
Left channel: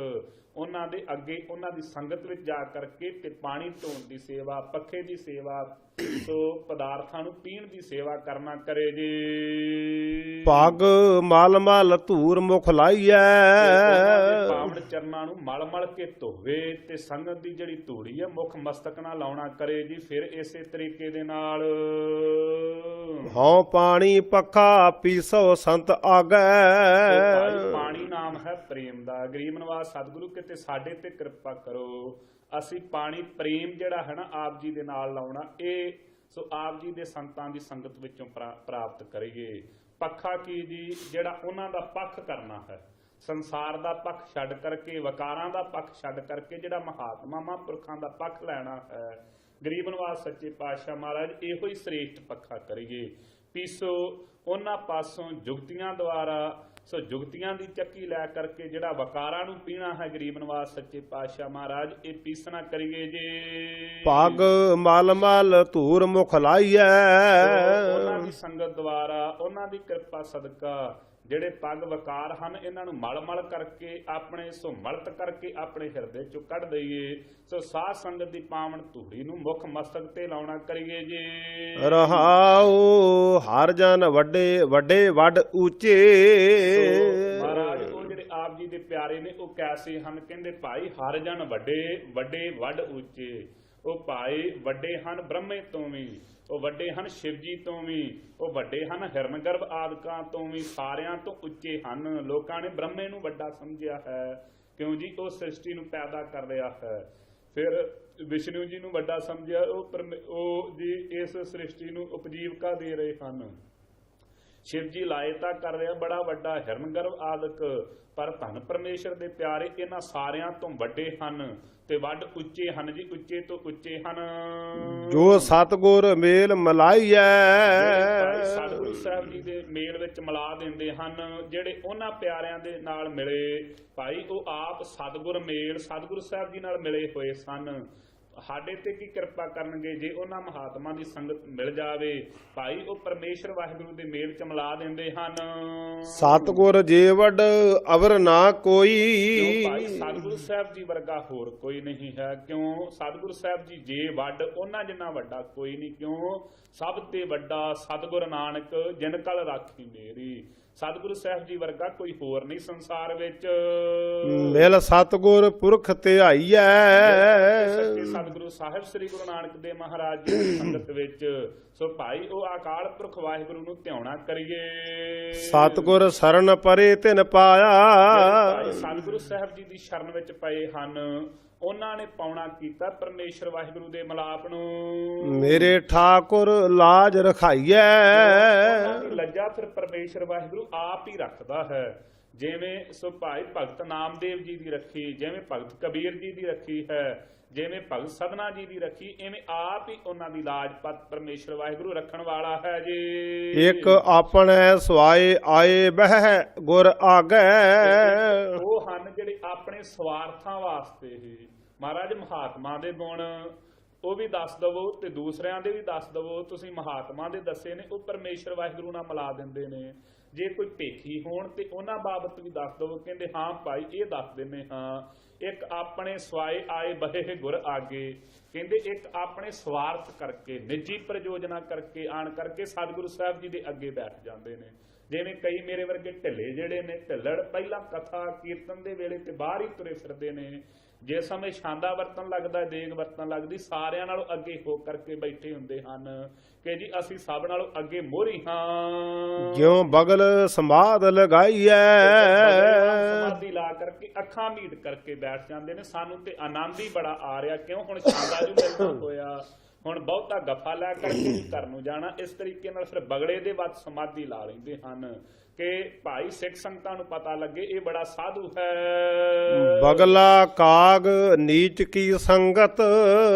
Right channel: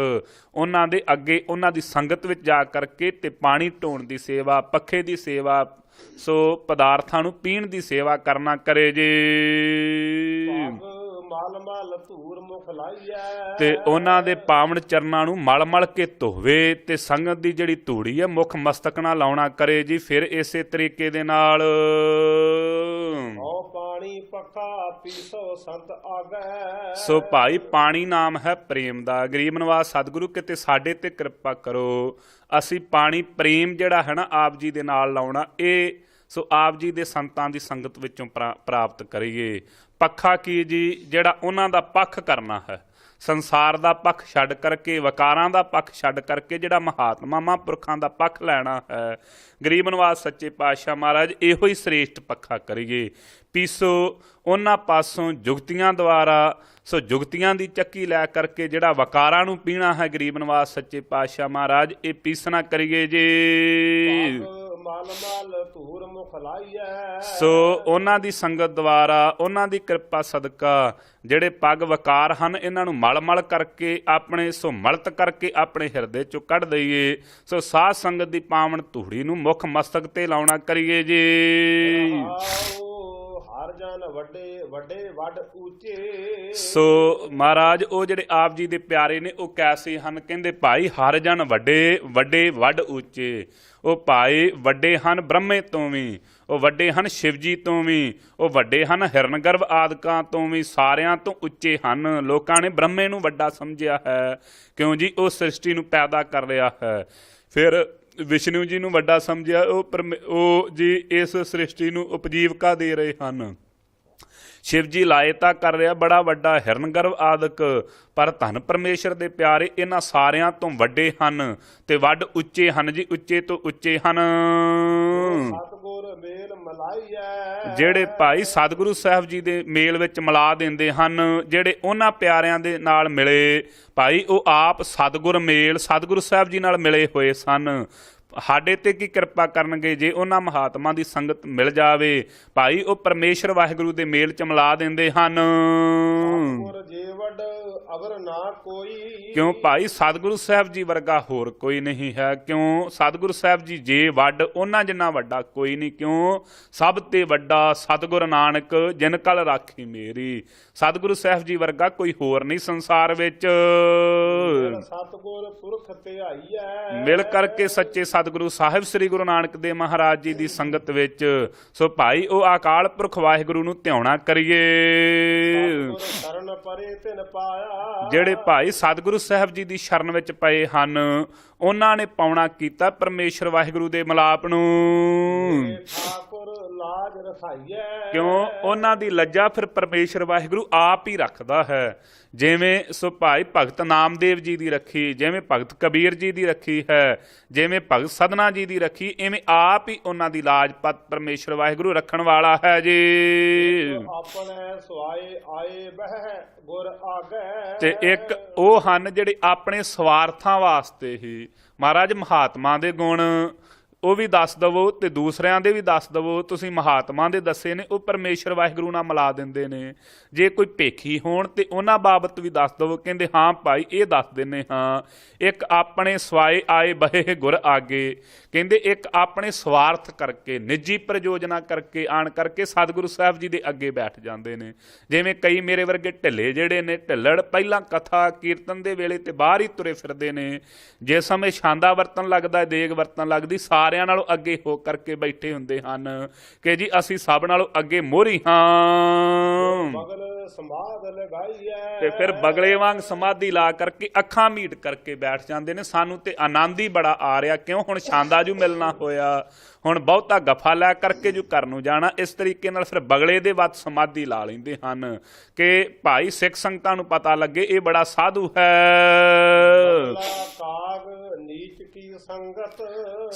ਉਹਨਾਂ ਦੇ ਅੱਗੇ ਉਹਨਾਂ ਦੀ ਸੰਗਤ ਵਿੱਚ ਜਾ ਕਰਕੇ ਤੇ ਪਾਣੀ ਢੋਣ ਦੀ ਸੇਵਾ, ਪੱਖੇ ਦੀ ਸੇਵਾ, ਸੋ ਪਦਾਰਥਾਂ ਨੂੰ ਪੀਣ ਦੀ ਸੇਵਾ ਕਰਨਾ ਕਰੇ ਜੇ। ਪੱਗ ਮਲ ਮਲ ਧੂਰ ਮੁਖ ਲਾਈਐ, ਤੇ ਉਹਨਾਂ ਦੇ ਪਾਵਨ ਚਰਨਾਂ ਨੂੰ ਮਲ ਮਲ ਕੇ ਧੋਵੇ ਤੇ ਸੰਗਤ ਦੀ ਜਿਹੜੀ ਧੂੜੀ ਹੈ ਮੁੱਖ ਮਸਤਕ ਨਾਲ ਲਾਉਣਾ ਕਰੇ ਜੀ। ਫਿਰ ਇਸੇ ਤਰੀਕੇ ਦੇ ਨਾਲ ਹਉ ਪਾਣੀ ਪੱਖਾ ਪੀਸੋ ਸੰਤ ਆਗੈ। ਸੋ ਭਾਈ ਪਾਣੀ ਨਾਮ ਹੈ ਪ੍ਰੇਮ ਦਾ। ਗਰੀਬ ਨਵਾਜ ਸਤਿਗੁਰੂ ਕਿਤੇ ਸਾਡੇ ਤੇ ਕਿਰਪਾ ਕਰੋ, ਅਸੀਂ ਪਾਣੀ ਪ੍ਰੇਮ ਜਿਹੜਾ ਹੈ ਨਾ ਆਪ ਜੀ ਦੇ ਨਾਲ ਲਾਉਣਾ, ਇਹ ਸੋ ਆਪ ਜੀ ਦੇ ਸੰਤਾਂ ਦੀ ਸੰਗਤ ਵਿੱਚੋਂ ਪ੍ਰਾਪਤ ਕਰੀਏ। ਪੱਖਾ ਕੀ ਜੀ, ਜਿਹੜਾ ਉਹਨਾਂ ਦਾ ਪੱਖ ਕਰਨਾ ਹੈ, ਸੰਸਾਰ ਦਾ ਪੱਖ ਛੱਡ ਕਰਕੇ, ਵਕਾਰਾਂ ਦਾ ਪੱਖ ਛੱਡ ਕਰਕੇ ਜਿਹੜਾ ਮਹਾਤਮਾ ਮਹਾਂਪੁਰਖਾਂ ਦਾ ਪੱਖ ਲੈਣਾ ਹੈ। ਗਰੀਬ ਨਵਾਜ ਸੱਚੇ ਪਾਤਸ਼ਾਹ ਮਹਾਰਾਜ ਇਹੋ ਹੀ ਸ੍ਰੇਸ਼ਟ ਪੱਖਾ ਕਰੀਏ। ਪੀਸੋ ਉਹਨਾਂ ਪਾਸੋਂ ਜੁਗਤੀਆਂ ਦੁਆਰਾ ਸੋ ਜੁਗਤੀਆਂ ਦੀ ਚੱਕੀ ਲੈ ਕਰਕੇ ਜਿਹੜਾ ਵਕਾਰਾਂ ਨੂੰ ਪੀਣਾ ਹੈ ਗਰੀਬ ਨਵਾਜ਼ ਸੱਚੇ ਪਾਤਸ਼ਾਹ ਮਹਾਰਾਜ ਇਹ ਪੀਸਣਾ ਕਰੀਏ ਜੀ। ਪੱਗ ਮਲ ਮਲ ਧੂਰ ਮੁਖ ਲਾਈਐ। ਸੋ ਉਹਨਾਂ ਦੀ ਸੰਗਤ ਦੁਆਰਾ, ਉਹਨਾਂ ਦੀ ਕਿਰਪਾ ਸਦਕਾ ਜਿਹੜੇ ਪੱਗ ਵਕਾਰ ਹਨ ਇਹਨਾਂ ਨੂੰ ਮਲ ਮਲ ਕਰਕੇ ਆਪਣੇ ਸੋ ਮਲਤ ਕਰਕੇ ਆਪਣੇ ਹਿਰਦੇ ਚੋਂ ਕੱਢ ਦਈਏ। ਸੋ ਸਾਧ ਸੰਗਤ ਦੀ ਪਾਵਨ ਧੂੜੀ ਨੂੰ ਮੁੱਖ ਮਸਤਕ ਤੇ ਲਾਉਣਾ ਕਰੀਏ ਜੀ। ਰਹਾਉ ਹਰ ਜਨ ਵੱਡੇ ਵੱਡੇ ਵੱਡ ਉੱਚੇ। ਸੋ ਮਹਾਰਾਜ ਉਹ ਜਿਹੜੇ ਆਪ ਜੀ ਦੇ ਪਿਆਰੇ ਨੇ ਉਹ ਕੈਸੇ ਹਨ? ਕਹਿੰਦੇ ਭਾਈ ਹਰ ਜਨ ਵੱਡੇ ਵੱਡੇ ਵੱਡ ਉੱਚੇ। ਉਹ ਭਾਈ ਵੱਡੇ ਹਨ ਬ੍ਰਹਮੇ ਤੋਂ ਵੀ, ਉਹ ਵੱਡੇ ਹਨ ਸ਼ਿਵ ਜੀ ਤੋਂ ਵੀ, ਉਹ ਵੱਡੇ ਹਨ ਹਿਰਨਗਰਭ ਆਦਿਕਾਂ ਤੋਂ ਵੀ, ਸਾਰਿਆਂ ਤੋਂ ਉੱਚੇ ਹਨ। ਲੋਕਾਂ ਨੇ ਬ੍ਰਹਮੇ ਨੂੰ ਵੱਡਾ ਸਮਝਿਆ ਹੈ, ਕਿਉਂ ਜੀ? ਉਹ ਸ੍ਰਿਸ਼ਟੀ ਨੂੰ ਪੈਦਾ ਕਰ ਰਿਹਾ ਹੈ। ਫਿਰ ਵਿਸ਼ਨੂੰ ਜੀ ਨੂੰ ਵੱਡਾ ਸਮਝਿਆ, ਉਹ ਜੀ ਇਸ ਸ੍ਰਿਸ਼ਟੀ ਨੂੰ ਉਪਜੀਵਕਾ ਦੇ ਰਹੇ ਹਨ। ਸ਼ਿਵ ਜੀ ਲਾਇਤਾ ਕਰ ਰਿਹਾ ਬੜਾ ਵੱਡਾ ਹਿਰਨਗਰਭ ਆਦਿਕ, ਪਰ ਧੰਨ ਪਰਮੇਸ਼ਰ ਦੇ ਪਿਆਰੇ ਇਹਨਾਂ ਸਾਰਿਆਂ ਤੋਂ ਵੱਡੇ ਹਨ ਤੇ ਵੱਡ ਉੱਚੇ ਹਨ ਜੀ, ਉੱਚੇ ਤੋਂ ਉੱਚੇ ਹਨ। ਜੋ ਸਤਿਗੁਰ ਮੇਲ ਮਲਾਈਐ। ਜਿਹੜੇ ਭਾਈ ਸਤਿਗੁਰੂ ਸਾਹਿਬ ਜੀ ਦੇ ਮੇਲ ਵਿੱਚ ਮਿਲਾ ਦਿੰਦੇ ਹਨ, ਜਿਹੜੇ ਉਹਨਾਂ ਪਿਆਰਿਆਂ ਦੇ ਨਾਲ ਮਿਲੇ ਭਾਈ, ਉਹ ਆਪ ਸਤਿਗੁਰ ਮੇਲ ਸਤਿਗੁਰੂ ਸਾਹਿਬ ਜੀ ਨਾਲ ਮਿਲੇ ਹੋਏ ਸਨ। ਸਾਡੇ ਤੇ ਕੀ ਕਿਰਪਾ ਕਰਨਗੇ ਜੇ ਉਹਨਾਂ ਮਹਾਤਮਾ ਦੀ ਸੰਗਤ ਮਿਲ ਜਾਵੇ ਭਾਈ, ਉਹ ਪਰਮੇਸ਼ਰ ਵਾਹਿਗੁਰੂ ਦੇ ਮੇਲ ਚ ਮਿਲਾ ਦਿੰਦੇ ਹਨ। ਸਤਿਗੁਰ ਜੇ ਵੱਡ ਅਵਰ ਨਾ ਕੋਈ। ਕਿਉਂ ਭਾਈ? ਸਤਿਗੁਰੂ ਸਾਹਿਬ ਜੀ ਵਰਗਾ ਹੋਰ ਕੋਈ ਨਹੀਂ ਹੈ। ਕਿਉਂ? ਸਤਿਗੁਰੂ ਸਾਹਿਬ ਜੀ ਜੇ ਵੱਡ, ਉਹਨਾਂ ਜਿੰਨਾ ਵੱਡਾ ਕੋਈ ਨਹੀਂ। ਕਿਉਂ? ਸਭ ਤੇ ਵੱਡਾ ਸਤਿਗੁਰ ਨਾਨਕ ਜਿਨ ਕਲ ਰਾਖੀ ਮੇਰੀ। ਸਤਿਗੁਰੂ ਸਾਹਿਬ ਜੀ ਵਰਗਾ ਕੋਈ ਹੋਰ ਨਹੀਂ ਸੰਸਾਰ ਵਿੱਚ। ਮਿਲ ਸਤਿਗੁਰ ਪੁਰਖ ਧਿਆਈਐ। ਮਿਲ ਕਰਕੇ ਸੱਚੇ ਸਤਿਗੁਰੂ ਸਾਹਿਬ ਸ੍ਰੀ ਗੁਰੂ ਨਾਨਕ ਦੇਵ ਮਹਾਰਾਜ ਜੀ ਦੀ ਸੰਗਤ ਵਿੱਚ ਸੋ ਭਾਈ ਉਹ ਅਕਾਲ ਪੁਰਖ ਵਾਹਿਗੁਰੂ ਨੂੰ ਧਿਆਉਣਾ ਕਰੀਏ। ਸਤਿਗੁਰ ਸ਼ਰਨ ਪਰੇ ਤਿਨ ਪਾਇਆ। ਜਿਹੜੇ ਭਾਈ ਸਤਿਗੁਰੂ ਸਾਹਿਬ ਜੀ ਦੀ ਸ਼ਰਨ ਵਿੱਚ ਪਏ ਹਨ ਉਹਨਾਂ ਨੇ ਪਾਉਣਾ ਕੀਤਾ ਪਰਮੇਸ਼ਰ ਵਾਹਿਗੁਰੂ ਦੇ ਮਿਲਾਪ ਨੂੰ। ਮੇਰੇ ਠਾਕੁਰ ਲਾਜ ਰਖਾਈਐ। ਕਿਉਂ? ਉਹਨਾਂ ਦੀ ਲੱਜਾ ਫਿਰ ਪਰਮੇਸ਼ਰ ਵਾਹਿਗੁਰੂ ਆਪ ਹੀ ਰੱਖਦਾ ਹੈ। ਜਿਵੇਂ ਸੋ ਭਾਈ ਭਗਤ ਨਾਮਦੇਵ ਜੀ ਦੀ ਰੱਖੀ, ਜਿਵੇਂ ਭਗਤ ਕਬੀਰ ਜੀ ਦੀ ਰੱਖੀ ਹੈ, ਜਿਵੇਂ ਭਗਤ ਸਧਨਾ ਜੀ ਦੀ ਰੱਖੀ, ਇਵੇਂ ਆਪ ਹੀ ਉਹਨਾਂ ਦੀ ਲਾਜ ਪਤ ਪਰਮੇਸ਼ਰ ਵਾਹਿਗੁਰੂ ਰੱਖਣ ਵਾਲਾ ਹੈ ਜੀ। ਇੱਕ ਆਪਣੇ ਸਵਾਏ ਆਏ ਬਹਿ ਗੁਰ ਆਗੈ। ਤੇ ਇੱਕ ਉਹ ਹਨ ਜਿਹੜੇ ਆਪਣੇ ਸਵਾਰਥਾਂ ਵਾਸਤੇ ਹੀ। ਮਹਾਰਾਜ ਮਹਾਤਮਾ ਦੇ ਗੁਣ ਉਹ ਵੀ ਦੱਸ ਦਵੋ ਤੇ ਦੂਸਰਿਆਂ ਦੇ ਵੀ ਦੱਸ ਦਵੋ। ਤੁਸੀਂ ਮਹਾਤਮਾ ਦੇ ਦੱਸੇ ਨੇ ਉਹ ਪਰਮੇਸ਼ਰ ਵਾਹਿਗੁਰੂ ਨਾਲ ਮਿਲਾ ਦਿੰਦੇ ਨੇ। ਜੇ ਕੋਈ ਭੇਖੀ ਹੋਣ ਤੇ ਉਹਨਾਂ ਬਾਬਤ ਵੀ ਦੱਸ ਦਵੋ। ਕਹਿੰਦੇ ਹਾਂ ਭਾਈ ਇਹ ਦੱਸ ਦਿੰਦੇ ਹਾਂ। ਇੱਕ ਆਪਣੇ ਸਵਾਏ ਆਏ ਬਹੇ ਗੁਰ ਆਗੇ। ਕਹਿੰਦੇ ਇੱਕ ਆਪਣੇ ਸਵਾਰਥ ਕਰਕੇ, ਨਿੱਜੀ ਪ੍ਰਯੋਜਨਾ ਕਰਕੇ ਆਣ ਕਰਕੇ ਸਤਿਗੁਰੂ ਸਾਹਿਬ ਜੀ ਦੇ ਅੱਗੇ ਬੈਠ ਜਾਂਦੇ ਨੇ। ਜਿਵੇਂ ਕਈ ਮੇਰੇ ਵਰਗੇ ਢਿੱਲੇ ਜਿਹੜੇ ਨੇ, ਢਿੱਲੜ ਪਹਿਲਾਂ ਕਥਾ ਕੀਰਤਨ ਦੇ ਵੇਲੇ ਤੇ ਬਾਹਰ ਹੀ ਤੁਰੇ ਫਿਰਦੇ ਨੇ। ਜੇ ਸਮੇਂ ਛਾਂਦਾ ਵਰਤਣ ਲੱਗਦਾ, ਦੇਗ ਵਰਤਣ ਲੱਗਦੀ, ਸਾਰਿਆਂ ਨਾਲੋਂ ਅੱਗੇ ਹੋ ਕਰਕੇ ਬੈਠੇ ਹੁੰਦੇ ਹਨ ਕਿ ਜੀ ਅਸੀਂ ਸਭ ਨਾਲੋਂ ਅੱਗੇ ਮੋਹਰੀ ਹਾਂ। ਜੋ ਬਗਲ ਸਮਾਧ ਲਗਾਈਐ। ਫਿਰ ਬਗਲੇ ਵਾਂਗ ਸਮਾਧੀ ਲਾ ਕਰਕੇ ਅੱਖਾਂ ਮੀਟ ਕਰਕੇ ਬੈਠ ਜਾਂਦੇ ਨੇ। ਸਾਨੂੰ ਤੇ ਆਨੰਦ ਹੀ ਬੜਾ ਆ ਰਿਹਾ। ਕਿਉਂ? ਹੁਣ ਛਾਂਦਾ ਜੂ ਮਿਲਣਾ ਹੋਇਆ, ਹੁਣ ਬਹੁਤਾ ਗੱਫਾ ਲੈ ਕਰਕੇ ਜੂ ਘਰ ਨੂੰ ਜਾਣਾ। ਇਸ ਤਰੀਕੇ ਨਾਲ ਫਿਰ ਬਗਲੇ ਦੇ ਵੱਤ ਸਮਾਧੀ ਲਾ ਲੈਂਦੇ ਹਨ ਕਿ ਭਾਈ ਸਿੱਖ ਸੰਗਤਾਂ ਨੂੰ ਪਤਾ ਲੱਗੇ ਇਹ ਬੜਾ ਸਾਧੂ ਹੈ। ਬਗਲਾ ਕਾਗ ਨੀਚ ਕੀ ਸੰਗਤ।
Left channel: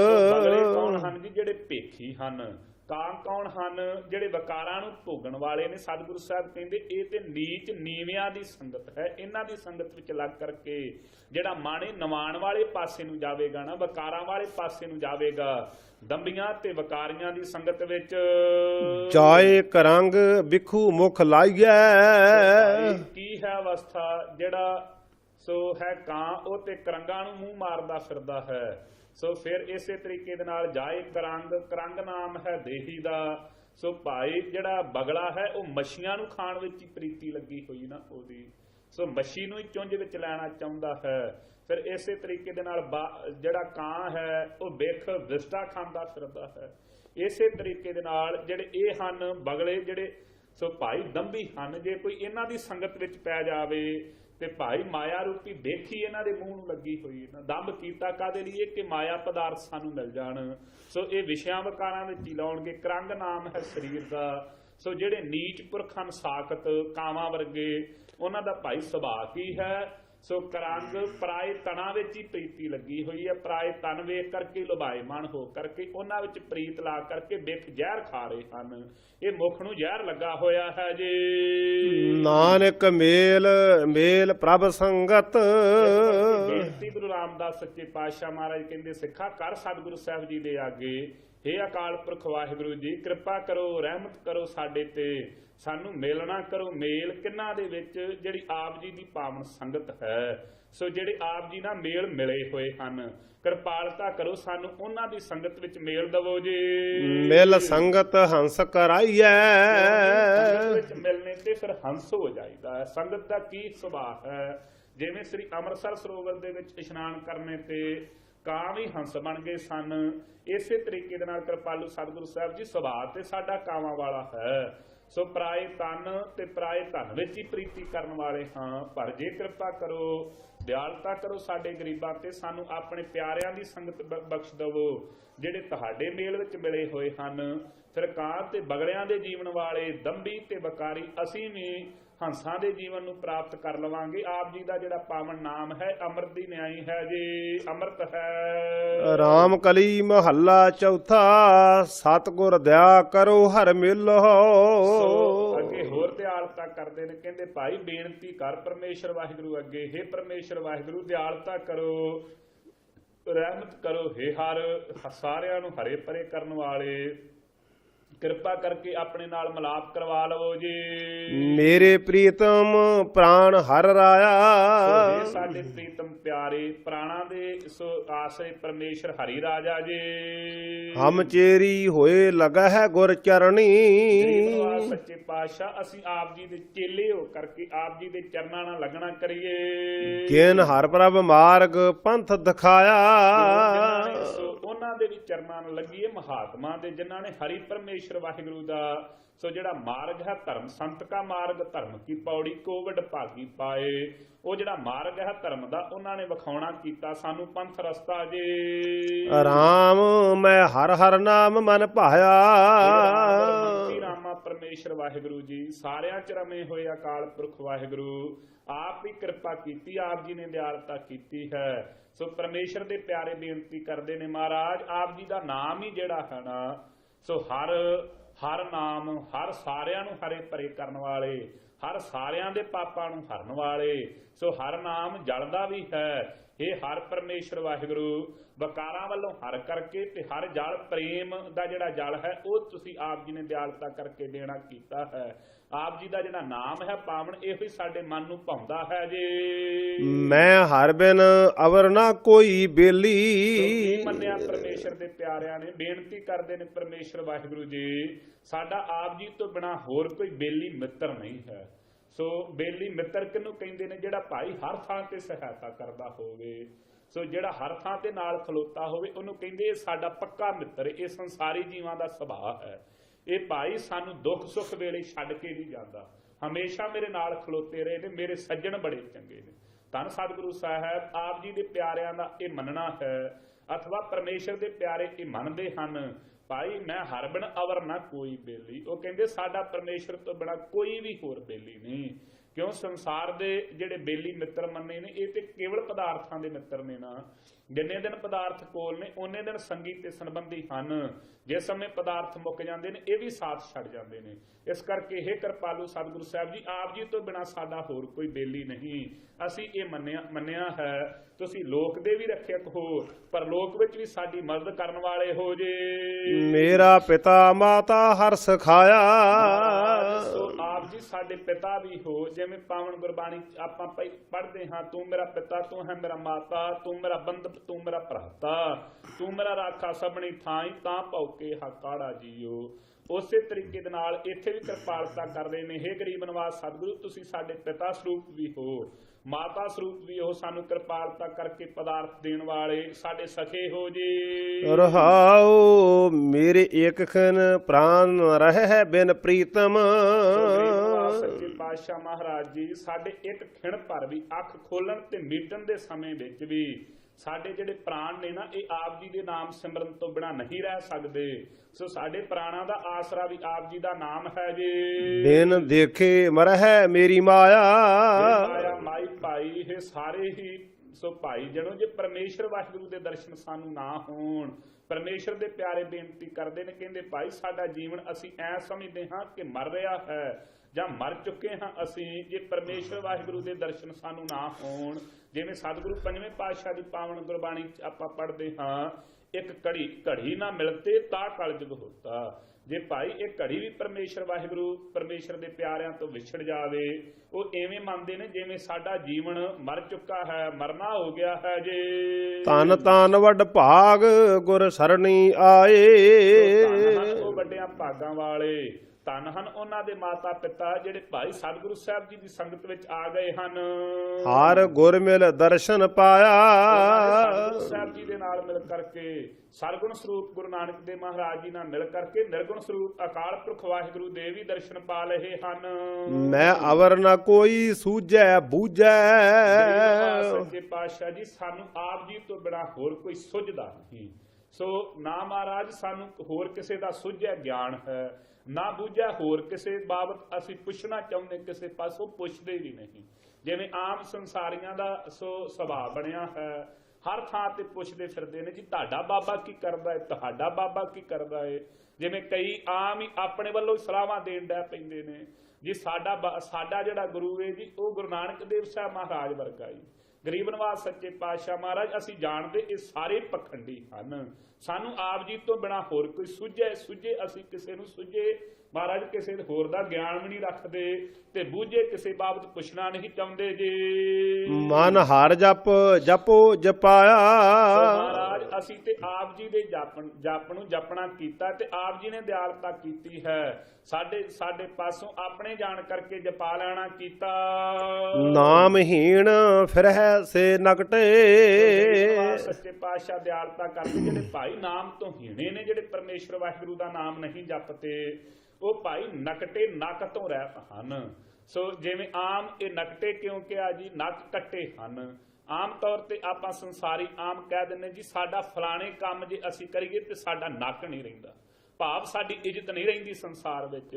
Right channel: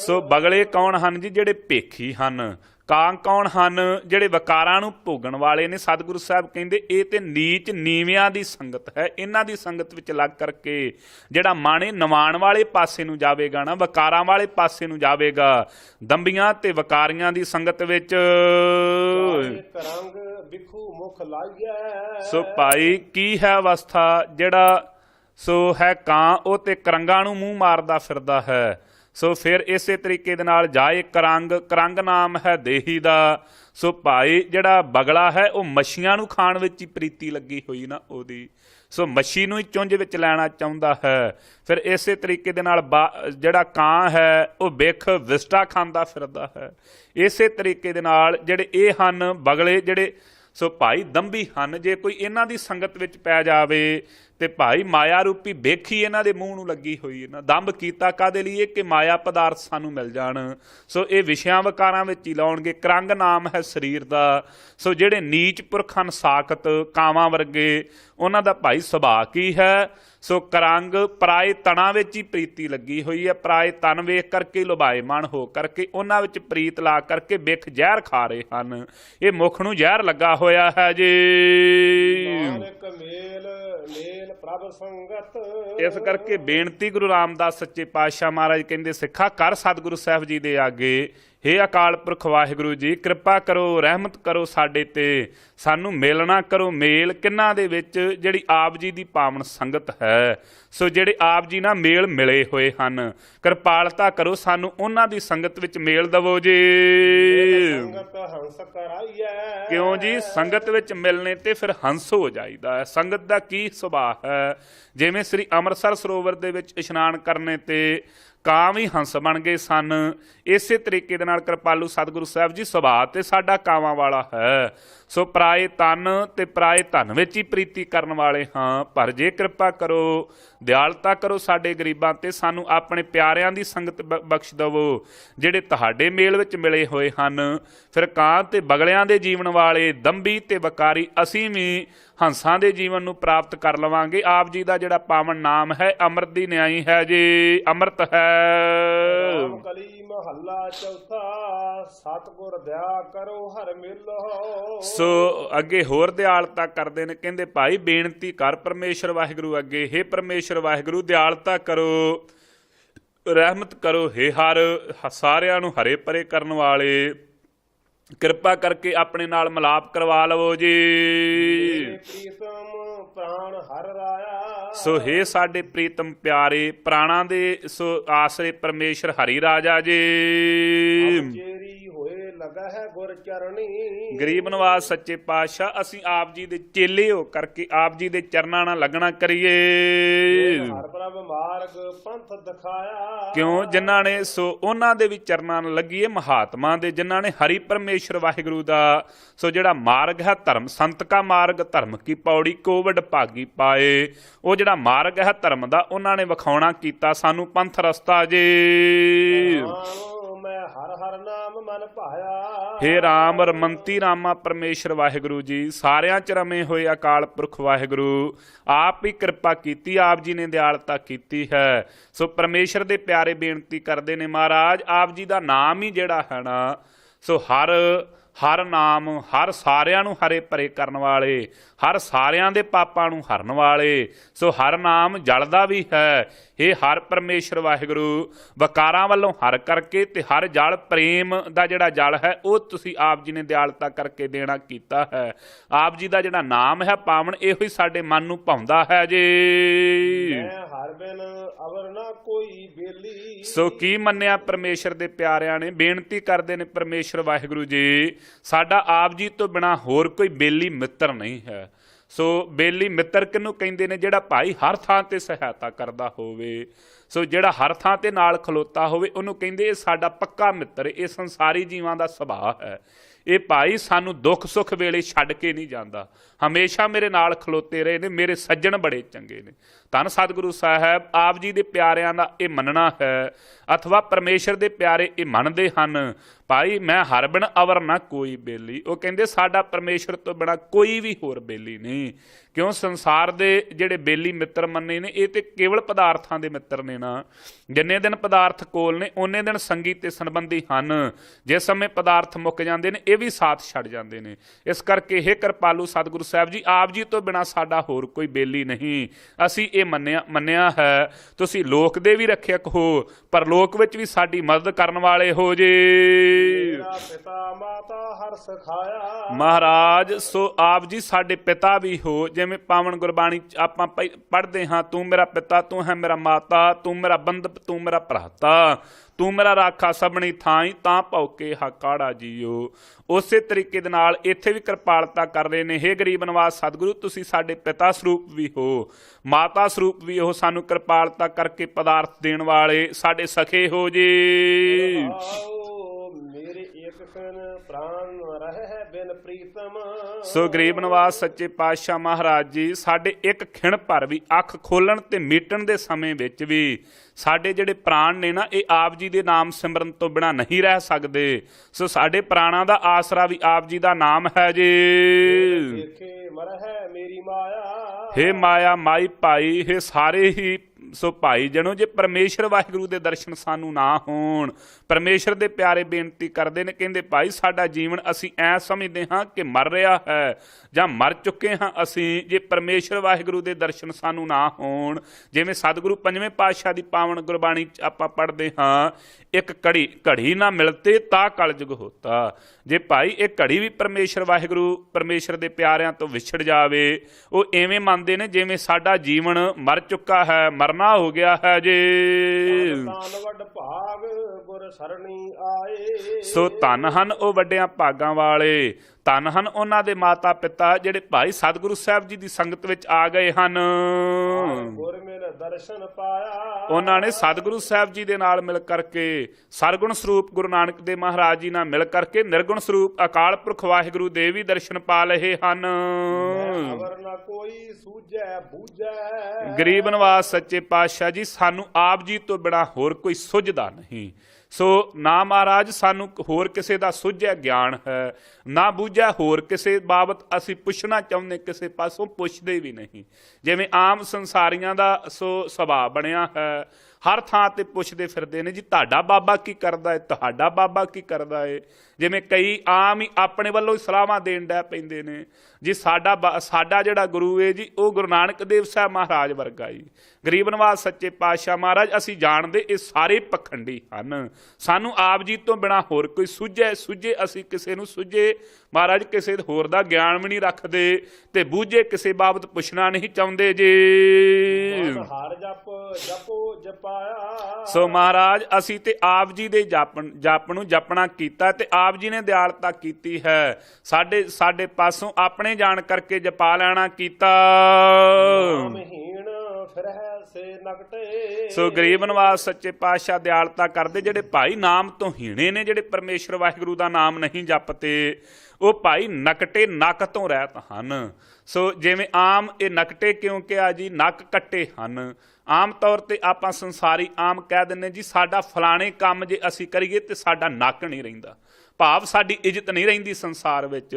ਸੋ ਬਗਲੇ ਕੌਣ ਹਨ ਜੀ? ਜਿਹੜੇ ਭੇਖੀ ਹਨ। ਕਾਂ ਕੌਣ ਹਨ? ਜਿਹੜੇ ਵਕਾਰਾਂ ਨੂੰ ਭੋਗਣ ਵਾਲੇ ਨੇ। ਸਤਿਗੁਰੂ ਸਾਹਿਬ ਕਹਿੰਦੇ ਇਹ ਤੇ ਨੀਚ ਨੀਵਿਆਂ ਦੀ ਸੰਗਤ ਹੈ। ਇਹਨਾਂ ਦੀ ਸੰਗਤ ਵਿੱਚ ਲੱਗ ਕਰਕੇ ਜਿਹੜਾ ਮਨ ਨਿਵਾਣ ਵਾਲੇ ਪਾਸੇ ਨੂੰ ਜਾਵੇਗਾ ਨਾ, ਵਕਾਰਾਂ ਵਾਲੇ ਪਾਸੇ ਨੂੰ ਜਾਵੇਗਾ, ਦੰਬੀਆਂ ਤੇ ਵਕਾਰੀਆਂ ਦੀ ਸੰਗਤ ਵਿੱਚ ਚਾਏ ਕਰੰਗ ਬਿਖੂ ਮੁਖ ਲਾਈਐ। ਸੋ ਭਾਈ ਕੀ ਹੈ ਅਵਸਥਾ? ਜਿਹੜਾ ਸੋ ਹੈ ਕਾਂ ਉਹ ਤੇ ਕਰੰਗਾਂ ਨੂੰ ਮੂੰਹ ਮਾਰਦਾ ਫਿਰਦਾ ਹੈ। ਸੋ ਫਿਰ ਇਸੇ ਤਰੀਕੇ ਦੇ ਨਾਲ ਜਾਏ ਕਰੰਗ, ਕਰੰਗ ਨਾਮ ਹੈ ਦੇਹੀ ਦਾ। ਸੋ ਭਾਈ ਜਿਹੜਾ ਬਗਲਾ ਹੈ ਉਹ ਮੱਛੀਆਂ ਨੂੰ ਖਾਣ ਵਿੱਚ ਹੀ ਪ੍ਰੀਤੀ ਲੱਗੀ ਹੋਈ ਨਾ ਉਹਦੀ। ਸੋ ਮੱਛੀ ਨੂੰ ਹੀ ਚੁੰਝ ਵਿੱਚ ਲੈਣਾ ਚਾਹੁੰਦਾ ਹੈ। ਫਿਰ ਇਸੇ ਤਰੀਕੇ ਦੇ ਨਾਲ ਜਿਹੜਾ ਕਾਂ ਹੈ ਉਹ ਬਿਖ ਵਿਸਟਾ ਖਾਂਦਾ ਫਿਰਦਾ ਹੈ। ਇਸੇ ਤਰੀਕੇ ਦੇ ਨਾਲ ਜਿਹੜੇ ਇਹ ਹਨ ਬਗਲੇ ਜਿਹੜੇ ਸੋ ਭਾਈ ਦੰਭੀ ਹਨ। ਜੇ ਕੋਈ ਇਹਨਾਂ ਦੀ ਸੰਗਤ ਵਿੱਚ ਪੈ ਜਾਵੇ ਤੇ ਭਾਈ ਮਾਇਆ ਰੂਪੀ ਬਿਖ ਹੀ ਇਹਨਾਂ ਦੇ ਮੂੰਹ ਨੂੰ ਲੱਗੀ ਹੋਈ ਹੈ ਨਾ। ਦੰਭ ਕੀਤਾ ਕਾਹਦੇ ਲਈ? ਕਿ ਮਾਇਆ ਪਦਾਰਥ ਸਾਨੂੰ ਮਿਲ ਜਾਣ। ਸੋ ਇਹ ਵਿਸ਼ਿਆਂ ਵਕਾਰਾਂ ਵਿੱਚ ਹੀ ਲਾਉਣਗੇ। ਕਰੰਗ ਨਾਮ ਹੈ ਸਰੀਰ ਦਾ। ਸੋ ਜਿਹੜੇ ਨੀਚ ਪੁਰਖ ਹਨ ਸਾਖਤ ਕਾਵਾਂ ਵਰਗੇ, ਉਹਨਾਂ ਦਾ ਭਾਈ ਸੁਭਾਅ ਕੀ ਹੈ? ਸੋ ਕਰੰਗ ਪਰਾਏ ਤਣਾ ਵਿੱਚ ਹੀ ਪ੍ਰੀਤੀ ਲੱਗੀ ਹੋਈ ਹੈ। ਪਰਾਏ ਤਨ ਵੇਖ ਕਰਕੇ ਲੁਭਾਏਮਾਨ ਹੋ ਕਰਕੇ ਉਹਨਾਂ ਵਿੱਚ ਪ੍ਰੀਤ ਲਾ ਕਰਕੇ ਬਿਖ ਜ਼ਹਿਰ ਖਾ ਰਹੇ ਹਨ। ਇਹ ਮੁਖ ਨੂੰ ਜ਼ਹਿਰ ਲੱਗਾ ਹੋਇਆ ਹੈ ਜੀ। ਨਾਨਕ ਮੇਲ ਮੇਲ ਪ੍ਰਭ ਸੰਗਤ। ਇਸ ਕਰਕੇ ਬੇਨਤੀ ਗੁਰੂ ਰਾਮਦਾਸ ਸੱਚੇ ਪਾਤਸ਼ਾਹ ਮਹਾਰਾਜ ਕਹਿੰਦੇ ਸਿੱਖਾ ਕਰ ਸਤਿਗੁਰੂ ਸਾਹਿਬ ਜੀ ਦੇ ਆਗੇ, ਹੇ ਅਕਾਲ ਪੁਰਖ ਵਾਹਿਗੁਰੂ ਜੀ ਕਿਰਪਾ ਕਰੋ, ਰਹਿਮਤ ਕਰੋ ਸਾਡੇ ਤੇ, ਸਾਨੂੰ ਮੇਲਣਾ ਕਰੋ ਮੇਲ ਕਿੰਨਾਂ ਦੇ ਵਿੱਚ, ਜਿਹੜੀ ਆਪ ਜੀ ਦੀ ਪਾਵਨ ਸੰਗਤ ਹੈ। ਸੋ ਜਿਹੜੇ ਆਪ ਜੀ ਨਾਲ ਮੇਲ ਮਿਲੇ ਹੋਏ ਹਨ, ਕਿਰਪਾਲਤਾ ਕਰੋ ਸਾਨੂੰ ਉਹਨਾਂ ਦੀ ਸੰਗਤ ਵਿੱਚ ਮੇਲ ਦਵੋ ਜੀ। ਮਿਲ ਸੰਗਤ ਹੰਸ ਕਰਾਈਐ। ਕਿਉਂ ਜੀ? ਸੰਗਤ ਵਿੱਚ ਮਿਲਣੇ ਤੇ ਫਿਰ ਹੰਸ ਹੋ ਜਾਈਦਾ ਹੈ। ਸੰਗਤ ਦਾ ਕੀ ਸੁਭਾਅ ਹੈ? ਜਿਵੇਂ ਸ੍ਰੀ ਅੰਮ੍ਰਿਤਸਰ ਸਰੋਵਰ ਦੇ ਵਿੱਚ ਇਸ਼ਨਾਨ ਕਰਨੇ ਤੇ ਕਾਂ ਵੀ ਹੰਸ ਬਣ ਗਏ ਸਨ, ਇਸੇ ਤਰੀਕੇ ਦੇ ਨਾਲ ਕਿਰਪਾਲੂ ਸਤਿਗੁਰੂ ਸਾਹਿਬ ਜੀ ਸੁਭਾਅ ਤੇ ਸਾਡਾ ਕਾਵਾਂ ਵਾਲਾ ਹੈ। ਸੋ ਪਰਾਏ ਤਨ ਤੇ ਪਰਾਏ ਧਨ ਵਿੱਚ ਹੀ ਪ੍ਰੀਤੀ ਕਰਨ ਵਾਲੇ ਹਾਂ। ਪਰ ਜੇ ਕਿਰਪਾ ਕਰੋ, ਦਿਆਲਤਾ ਕਰੋ ਸਾਡੇ ਗਰੀਬਾਂ ਤੇ, ਸਾਨੂੰ ਆਪਣੇ ਪਿਆਰਿਆਂ ਦੀ ਸੰਗਤ ਬਖਸ਼ ਦਵੋ ਜਿਹੜੇ ਤੁਹਾਡੇ ਮੇਲ ਵਿੱਚ ਮਿਲੇ ਹੋਏ ਹਨ। ਫਿਰ ਕਾਂ ਤੇ ਬਗਲਿਆਂ ਦੇ ਜੀਵਨ ਵਾਲੇ ਦੰਭੀ ਤੇ ਵਕਾਰੀ ਅਸੀਂ ਵੀ ਹੰਸਾਂ ਦੇ ਜੀਵਨ ਨੂੰ ਪ੍ਰਾਪਤ ਕਰ ਲਵਾਂਗੇ। ਆਪ ਜੀ ਦਾ ਜਿਹੜਾ ਪਾਵਨ ਨਾਮ ਹੈ ਅੰਮ੍ਰਿਤ ਦੀ ਨਿਆਈ ਹੈ ਜੀ, ਅੰਮ੍ਰਿਤ ਹੈ। ਰਾਮ ਕਲੀ ਮਹੱਲਾ ਚੌਥਾ। ਸਤਿਗੁਰ ਦਇਆ ਕਰੋ ਹਰ ਮਿਲੋ। ਸੋ ਅੱਗੇ ਹੋਰ ਦਿਆਲਤਾ ਕਰਦੇ ਨੇ, ਕਹਿੰਦੇ ਭਾਈ ਬੇਨਤੀ ਕਰ ਪਰਮੇਸ਼ਰ ਵਾਹਿਗੁਰੂ ਅੱਗੇ, ਹੇ ਪਰਮੇਸ਼ਰ ਵਾਹਿਗੁਰੂ ਦਿਆਲਤਾ ਕਰੋ, ਰਹਿਮਤ ਕਰੋ, ਹੇ ਹਰ ਸਾਰਿਆਂ ਨੂੰ ਹਰੇ ਪਰੇ ਕਰਨ ਵਾਲੇ, ਕਿਰਪਾ ਕਰਕੇ ਆਪਣੇ ਨਾਲ ਮਿਲਾਪ ਕਰਵਾ ਲਵੋ ਜੀ। ਮੇਰੇ ਪ੍ਰੀਤਮ ਪ੍ਰਾਣ ਹਰ ਰਾਇਆ। ਸੋ ਹੇ ਸਾਡੇ ਪ੍ਰੀਤਮ ਪਿਆਰੇ ਪ੍ਰਾਣਾਂ ਦੇ ਸੋ ਆਸਰੇ ਪਰਮੇਸ਼ਰ ਹਰੀ ਰਾਜਾ ਜੀ। ਹਮ ਚੇਰੀ ਹੋਏ ਲਗਾ ਹੈ ਗੁਰ ਚਰਣੀ। ਗਰੀਬ ਨਵਾਜ਼ ਸੱਚੇ ਪਾਤਸ਼ਾਹ ਅਸੀਂ ਆਪ ਜੀ ਦੇ ਚੇਲੇ ਹੋ ਕਰਕੇ ਆਪ ਜੀ ਦੇ ਚਰਨਾਂ ਨਾਲ ਲੱਗਣਾ ਕਰੀਏ। ਜਿਨ ਹਰ ਪ੍ਰਭ ਮਾਰਗ ਪੰਥ ਦਿਖਾਇਆ। ਕਿਉਂ? ਜਿਨ੍ਹਾਂ ਨੇ ਸੋ ਉਹਨਾਂ ਦੇ ਵੀ ਚਰਨਾਂ ਨਾਲ ਲੱਗੀਏ, ਮਹਾਤਮਾ ਦੇ ਜਿਨ੍ਹਾਂ ਨੇ ਹਰੀ ਪਰਮੇਸ਼ਰ ਵਾਹਿਗੁਰੂ ਦਾ ਸੋ ਜਿਹੜਾ ਮਾਰਗ ਹੈ ਧਰਮ ਸੰਤ ਕਾ ਮਾਰਗ ਧਰਮ ਕੀ ਪੌੜੀ ਕੋਵਿਡ ਭਾਗੀ ਪਾਏ, ਉਹ ਜਿਹੜਾ ਮਾਰਗ ਹੈ ਧਰਮ ਦਾ ਉਹਨਾਂ ਨੇ ਵਿਖਾਉਣਾ ਕੀਤਾ ਸਾਨੂੰ ਪੰਥ ਰਸਤਾ ਜੀ। ਰਾਮ ਮੈਂ ਹਰ ਹਰ ਨਾਮ ਮਨ ਭਾਇਆ। ਹੇ ਰਾਮ ਰਮੰਤੀ ਰਾਮਾ ਪਰਮੇਸ਼ਰ ਵਾਹਿਗੁਰੂ ਜੀ, ਸਾਰਿਆਂ ਚ ਰਮੇ ਹੋਏ ਅਕਾਲ ਪੁਰਖ ਵਾਹਿਗੁਰੂ ਆਪ ਹੀ ਕਿਰਪਾ ਕੀਤੀ, ਆਪ ਜੀ ਨੇ ਦਿਆਲਤਾ ਕੀਤੀ ਹੈ। ਸੋ ਪਰਮੇਸ਼ਰ ਦੇ ਪਿਆਰੇ ਬੇਨਤੀ ਕਰਦੇ ਨੇ ਮਹਾਰਾਜ ਆਪ ਜੀ ਦਾ ਨਾਮ ਹੀ ਜਿਹੜਾ ਹੈ ਨਾ ਸੋ ਹਰ ਨਾਮ, ਹਰ ਸਾਰਿਆਂ ਨੂੰ ਹਰੇ ਭਰੇ ਕਰਨ ਵਾਲੇ, ਹਰ ਸਾਰਿਆਂ ਦੇ ਪਾਪਾਂ ਨੂੰ ਹਰਨ ਵਾਲੇ। ਸੋ ਹਰ ਨਾਮ ਜਲਦਾ ਵੀ ਹੈ। ਇਹ ਹਰ ਪਰਮੇਸ਼ਰ ਵਾਹਿਗੁਰੂ ਵਕਾਰਾਂ ਵੱਲੋਂ ਹਰ ਕਰਕੇ ਤੇ ਹਰ ਜਲ ਪ੍ਰੇਮ ਦਾ ਜਿਹੜਾ ਜਲ ਹੈ ਉਹ ਤੁਸੀਂ ਆਪ ਜੀ ਨੇ ਦਿਆਲਤਾ ਕਰਕੇ ਦੇਣਾ ਕੀਤਾ ਹੈ। ਆਪ ਜੀ ਦਾ ਜਿਹੜਾ ਨਾਮ ਹੈ ਪਾਵਨ ਇਹੋ ਹੀ ਸਾਡੇ ਮਨ ਨੂੰ ਭਾਉਂਦਾ ਹੈ ਜੀ। ਮੈਂ ਹਰ ਬਿਨ ਅਵਰ ਨਾ ਕੋਈ ਬੇਲੀ। ਸੋ ਕੀ ਮੰਨਿਆ ਪਰਮੇਸ਼ਰ ਦੇ ਪਿਆਰਿਆਂ ਨੇ, ਬੇਨਤੀ ਕਰਦੇ ਨੇ ਪਰਮੇਸ਼ਰ ਵਾਹਿਗੁਰੂ ਜੀ ਸਾਡਾ ਆਪ ਜੀ ਤੋਂ ਬਿਨਾਂ ਹੋਰ ਕੋਈ ਬੇਲੀ ਮਿੱਤਰ ਨਹੀਂ ਹੈ। ਸੋ ਬੇਲੀ ਮਿੱਤਰ ਕਿਹਨੂੰ ਕਹਿੰਦੇ ਨੇ? ਜਿਹੜਾ ਭਾਈ ਹਰ ਥਾਂ ਤੇ ਸਹਾਇਤਾ ਕਰਦਾ ਹੋਵੇ। ਸੋ ਜਿਹੜਾ ਹਰ ਥਾਂ ਤੇ ਨਾਲ ਖਲੋਤਾ ਹੋਵੇ ਉਹਨੂੰ ਕਹਿੰਦੇ ਇਹ ਸਾਡਾ ਪੱਕਾ ਮਿੱਤਰ। ਇਹ ਸੰਸਾਰੀ ਜੀਵਾਂ ਦਾ ਸੁਭਾਅ ਹੈ। ਇਹ ਭਾਈ ਸਾਨੂੰ ਦੁੱਖ ਸੁੱਖ ਵੇਲੇ ਛੱਡ ਕੇ ਨਹੀਂ ਜਾਂਦਾ, ਹਮੇਸ਼ਾ ਮੇਰੇ ਨਾਲ ਖਲੋਤੇ ਰਹੇ ਨੇ, ਮੇਰੇ ਸੱਜਣ ਬੜੇ ਚੰਗੇ ਨੇ। ਧੰਨ ਸਤਿਗੁਰੂ ਸਾਹਿਬ ਆਪ ਜੀ ਦੇ ਪਿਆਰਿਆਂ ਦਾ ਇਹ ਮੰਨਣਾ ਹੈ, ਅਥਵਾ ਪਰਮੇਸ਼ਰ ਦੇ ਪਿਆਰੇ ਇਹ ਮੰਨਦੇ ਹਨ ਭਾਈ ਮੈਂ ਹਰ ਬਿਨ ਅਵਰ ਨਾ ਕੋਈ ਬੇਲੀ। ਉਹ ਕਹਿੰਦੇ ਸਾਡਾ ਪਰਮੇਸ਼ਰ ਤੋਂ ਬਿਨਾਂ ਕੋਈ ਵੀ ਹੋਰ ਬੇਲੀ ਨਹੀਂ। ਕਿਉਂ? ਸੰਸਾਰ ਦੇ ਜਿਹੜੇ ਬੇਲੀ ਮਿੱਤਰ ਮੰਨੇ ਨੇ ਇਹ ਤੇ ਕੇਵਲ ਪਦਾਰਥਾਂ ਦੇ ਮਿੱਤਰ ਨੇ ਨਾ। ਜਿੰਨੇ ਦਿਨ ਪਦਾਰਥ ਕੋਲ ਨੇ ਉਹਨੇ ਦਿਨ ਸੰਗੀ ਤੇ ਸੰਬੰਧੀ ਹਨ। ਜਿਸ ਸਮੇਂ ਪਦਾਰਥ ਮੁੱਕ ਜਾਂਦੇ ਨੇ ਇਹ ਵੀ ਸਾਥ ਛੱਡ ਜਾਂਦੇ ਨੇ। ਇਸ ਕਰਕੇ ਇਹ ਕਿਰਪਾਲੂ ਸਤਿਗੁਰੂ ਸਾਹਿਬ ਜੀ ਆਪ ਜੀ ਤੋਂ ਬਿਨਾਂ ਸਾਡਾ ਹੋਰ ਕੋਈ ਬੇਲੀ ਨਹੀਂ। ਅਸੀਂ ਇਹ ਮੰਨਿਆ ਹੈ। ਤੁਸੀਂ ਲੋਕ ਦੇ ਵੀ ਰੱਖਿਅਕ ਹੋ ਪਰ ਲੋਕ ਵਿੱਚ ਵੀ ਸਾਡੀ ਮਦਦ ਕਰਨ ਵਾਲੇ ਹੋ ਜੇ। ਮੇਰਾ ਪਿਤਾ ਮਾਤਾ ਹਰ ਸਿਖਾਇਆ। ਮਹਾਰਾਜ ਸੋ ਆਪ ਜੀ ਸਾਡੇ ਪਿਤਾ ਵੀ ਹੋ। ਜਿਵੇਂ ਪਾਵਨ ਗੁਰਬਾਣੀ ਆਪਾਂ ਪੜ੍ਹਦੇ ਹਾਂ, ਤੂੰ ਮੇਰਾ ਪਿਤਾ, ਤੂੰ ਹੈ ਮੇਰਾ ਮਾਤਾ, ਤੂੰ ਮੇਰਾ ਬੰਧਪ, ਤੂੰ ਮੇਰਾ ਭਰਾਤਾ, ਤੂੰ ਮੇਰਾ ਰਾਖਾ ਸਭਨੀ ਥਾਈ, ਤਾਂ ਭੌਕੇ ਹਾਕਾੜਾ ਜੀਓ। ਉਸੇ ਤਰੀਕੇ ਦੇ ਨਾਲ ਇੱਥੇ ਵੀ ਕਿਰਪਾਲਤਾ ਕਰ ਰਹੇ ਨੇ। ਹੇ ਗਰੀਬ ਨਵਾਜ਼ ਸਤਿਗੁਰੂ ਤੁਸੀਂ ਸਾਡੇ ਪਿਤਾ ਸਰੂਪ ਵੀ ਹੋ, ਮਾਤਾ ਸਰੂਪ ਵੀ ਹੋ, ਸਾਨੂੰ ਕਿਰਪਾਲਤਾ ਕਰਕੇ ਪਦਾਰਥ ਦੇਣ ਵਾਲੇ ਸਾਡੇ ਸਖੇ ਹੋ ਜੀ। ਰਹਾਉ ਮੇਰੇ ਏਕ ਖਨ ਪ੍ਰਾਨ ਰਹਿ ਬਿਨ ਪ੍ਰੀਤਮ। ਸੋ ਗਰੀਬ ਨਵਾਜ਼ ਸੱਚੇ ਪਾਤਸ਼ਾਹ ਮਹਾਰਾਜ ਜੀ ਸਾਡੇ ਇੱਕ ਖਿਣ ਭਰ ਵੀ ਅੱਖ ਖੋਲਣ ਤੇ ਮੀਟਣ ਦੇ ਸਮੇਂ ਵਿੱਚ ਵੀ ਸਾਡੇ ਜਿਹੜੇ ਪ੍ਰਾਣ ਨੇ ਨਾ ਇਹ ਆਪ ਜੀ ਦੇ ਨਾਮ ਸਿਮਰਨ ਤੋਂ ਬਿਨਾਂ ਨਹੀਂ ਰਹਿ ਸਕਦੇ। ਸੋ ਸਾਡੇ ਪ੍ਰਾਣਾਂ ਦਾ ਆਸਰਾ ਵੀ ਆਪ ਜੀ ਦਾ ਨਾਮ ਹੈ ਜੀ। ਦਿਲ ਦੇਖੇ ਮਰਹਿ ਮੇਰੀ ਮਾਇਆ, ਹੇ ਮਾਇਆ ਮਾਈ ਭਾਈ, ਇਹ ਸਾਰੇ ਹੀ ਸੋ ਭਾਈ ਜਣੋ ਜੇ ਪਰਮੇਸ਼ਰ ਵਾਹਿਗੁਰੂ ਦੇ ਦਰਸ਼ਨ ਸਾਨੂੰ ਨਾ ਹੋਣ, ਪਰਮੇਸ਼ਰ ਦੇ ਪਿਆਰੇ ਬੇਨਤੀ ਕਰਦੇ ਨੇ, ਕਹਿੰਦੇ ਭਾਈ ਸਾਡਾ ਜੀਵਨ ਅਸੀਂ ਐ ਸਮਝਦੇ ਹਾਂ ਕਿ ਮਰ ਰਿਹਾ ਹੈ ਜਾਂ ਮਰ ਚੁੱਕੇ ਹਾਂ ਅਸੀਂ, ਜੇ ਪਰਮੇਸ਼ਰ ਵਾਹਿਗੁਰੂ ਦੇ ਦਰਸ਼ਨ ਸਾਨੂੰ ਨਾ ਹੋਣ। ਜਿਵੇਂ ਸਤਿਗੁਰੂ ਪੰਜਵੇਂ ਪਾਤਸ਼ਾਹ ਦੀ ਪਾਵਨ ਗੁਰਬਾਣੀ 'ਚ ਆਪਾਂ ਪੜ੍ਹਦੇ ਹਾਂ, ਇੱਕ ਘੜੀ ਨਾ ਮਿਲਤੇ ਤਾਂ ਕਲਯੁਗ ਹੋਤਾ। ਜੇ ਭਾਈ ਇਹ ਘੜੀ ਵੀ ਪਰਮੇਸ਼ਰ ਵਾਹਿਗੁਰੂ ਪਰਮੇਸ਼ਰ ਦੇ ਪਿਆਰਿਆਂ ਤੋਂ ਵਿਛੜ ਜਾਵੇ, ਉਹ ਐਵੇਂ ਮੰਨਦੇ ਨੇ ਜਿਵੇਂ ਸਾਡਾ ਜੀਵਨ ਮਰ ਚੁੱਕਾ ਹੈ, ਮਰਨਾ ਹੋ ਗਿਆ ਹੈ ਜੇ। ਧੰਨ ਧੰਨ ਵੱਡ ਭਾਗ ਗੁਰ ਸਰਣੀ ਆਏ, ਸੋ ਧੰਨ ਹਨ ਉਹ ਵੱਡਿਆਂ ਭਾਗਾਂ ਵਾਲੇ, ਧੰਨ ਹਨ ਉਹਨਾਂ ਦੇ ਮਾਤਾ ਪਿਤਾ ਜਿਹੜੇ ਭਾਈ ਸਤਿਗੁਰੂ ਸਾਹਿਬ ਜੀ ਦੀ ਸੰਗਤ ਵਿੱਚ ਆ ਗਏ ਹਨ। ਹਰ ਗੁਰ ਮਿਲ ਦਰਸ਼ਨ ਪਾਇਆ, ਉਹਨਾਂ ਨੇ ਸਤਿਗੁਰੂ ਸਾਹਿਬ ਜੀ ਦੇ ਨਾਲ ਮਿਲ ਕਰਕੇ, ਸਰਗੁਣ ਸਰੂਪ ਗੁਰੂ ਨਾਨਕ ਦੇਵ ਮਹਾਰਾਜ ਜੀ ਨਾਲ ਮਿਲ ਕਰਕੇ ਨਿਰਗੁਣ ਸਰੂਪ ਅਕਾਲ ਪੁਰਖ ਵਾਹਿਗੁਰੂ ਦੇ ਵੀ ਦਰਸ਼ਨ ਪਾ ਲਏ ਹਨ। ਮੈਂ ਅਵਰ ਨਾ ਕੋਈ ਸੂਝੈ ਬੂਝੈ, ਗਰੀਬ ਨਿਵਾਸ ਸੱਚੇ ਪਾਤਸ਼ਾਹ ਜੀ ਸਾਨੂੰ ਆਪ ਜੀ ਤੋਂ ਬਿਨਾਂ ਹੋਰ ਕੋਈ ਸੁਝਦਾ ਨਹੀਂ। ਸੋ ਨਾ ਮਹਾਰਾਜ ਸਾਨੂੰ ਹੋਰ ਕਿਸੇ ਦਾ ਸੁਝਿਆ ਗਿਆਨ ਹੈ, ਨਾ ਬੂਝਿਆ ਹੋਰ ਕਿਸੇ ਬਾਬਤ ਅਸੀਂ ਪੁੱਛਣਾ ਚਾਹੁੰਦੇ, ਕਿਸੇ ਪਾਸੋਂ ਪੁੱਛਦੇ ਵੀ ਨਹੀਂ। ਜਿਵੇਂ ਆਮ ਸੰਸਾਰੀਆਂ ਦਾ ਸੋ ਸੁਭਾਅ ਬਣਿਆ ਹੈ, ਹਰ ਥਾਂ ਤੇ ਪੁੱਛਦੇ ਫਿਰਦੇ ਨੇ ਜੀ ਤੁਹਾਡਾ ਬਾਬਾ ਕੀ ਕਰਦਾ ਹੈ, ਤੁਹਾਡਾ ਬਾਬਾ ਕੀ ਕਰਦਾ ਹੈ। ਜਿਵੇਂ ਕਈ ਆਮ ਹੀ ਆਪਣੇ ਵੱਲੋਂ ਹੀ ਸਲਾਹਾਂ ਦੇਣ ਡੈ ਪੈਂਦੇ ਨੇ ਜੀ, ਸਾਡਾ ਜਿਹੜਾ ਗੁਰੂ ਹੈ ਜੀ ਉਹ ਗੁਰੂ ਨਾਨਕ ਦੇਵ ਸਾਹਿਬ ਮਹਾਰਾਜ ਵਰਗਾ ਜੀ। ਗਰੀਬ ਨਿਵਾਸ ਸੱਚੇ ਪਾਤਸ਼ਾਹ ਮਹਾਰਾਜ ਅਸੀਂ ਜਾਣਦੇ ਇਹ ਸਾਰੇ ਪਖੰਡੀ ਹਨ, ਸਾਨੂੰ ਆਪ ਜੀ ਤੋਂ ਬਿਨਾਂ ਹੋਰ ਕੋਈ ਸੁਝੇ ਅਸੀਂ ਕਿਸੇ ਨੂੰ ਸੁਝੇ ਮਹਾਰਾਜ ਕਿਸੇ ਹੋਰ ਦਾ ਗਿਆਨ ਵੀ ਨਹੀਂ ਰੱਖਦੇ ਤੇ ਬੂਝੇ ਕਿਸੇ ਬਾਬਤ ਪੁੱਛਣਾ ਨਹੀਂ ਚਾਹੁੰਦੇ ਜੀ। ਮਨ ਹਰ ਜਪੋ ਜਪਾਇਆ, ਸੋ ਮਹਾਰਾਜ ਅਸੀਂ ਤੇ ਆਪ ਜੀ ਦੇ ਜਪ ਨੂੰ ਜਪਣਾ ਕੀਤਾ ਤੇ ਆਪ ਜੀ ਨੇ ਦਿਆਲਤਾ ਕੀਤੀ ਹੈ, ਸਾਡੇ ਪਾਸੋਂ ਆਪਣੇ ਜਾਣ ਕਰਕੇ ਜਪਾ ਲੈਣਾ ਕੀਤਾ। ਨਾਮਹੀਣ ਫਿਰਹਿ ਸੇ ਨਕਟੇ, ਸੋ ਗਰੀਬ ਨਿਵਾਸ ਸੱਚੇ ਪਾਤਸ਼ਾਹ ਦਿਆਲਤਾ ਕਰਦੇ ਜਿਹੜੇ ਭਾਈ ਨਾਮ ਤੋਂ ਹੀਣੇ ਨੇ, ਜਿਹੜੇ ਪਰਮੇਸ਼ਰ ਵਾਹਿਗੁਰੂ ਦਾ ਨਾਮ ਨਹੀਂ ਜਪਤੇ, ਉਹ ਭਾਈ ਨਕਟੇ ਨੱਕ ਤੋਂ ਰਹਿਤ ਹਨ। ਸੋ ਜਿਵੇਂ ਆਮ ਇਹ ਨਕਟੇ ਕਿਉਂ ਕਿਹਾ ਜੀ, ਨੱਕ ਕੱਟੇ ਹਨ। ਆਮ ਤੌਰ ਤੇ ਆਪਾਂ ਸੰਸਾਰੀ ਆਮ ਕਹਿ ਦਿੰਦੇ ਜੀ ਸਾਡਾ ਫਲਾਣੇ ਕੰਮ ਜੇ ਅਸੀਂ ਕਰੀਏ ਤੇ ਸਾਡਾ ਨੱਕ ਨਹੀਂ ਰਹਿੰਦਾ, ਭਾਵ ਸਾਡੀ ਇੱਜ਼ਤ ਨਹੀਂ ਰਹਿੰਦੀ ਸੰਸਾਰ ਵਿੱਚ।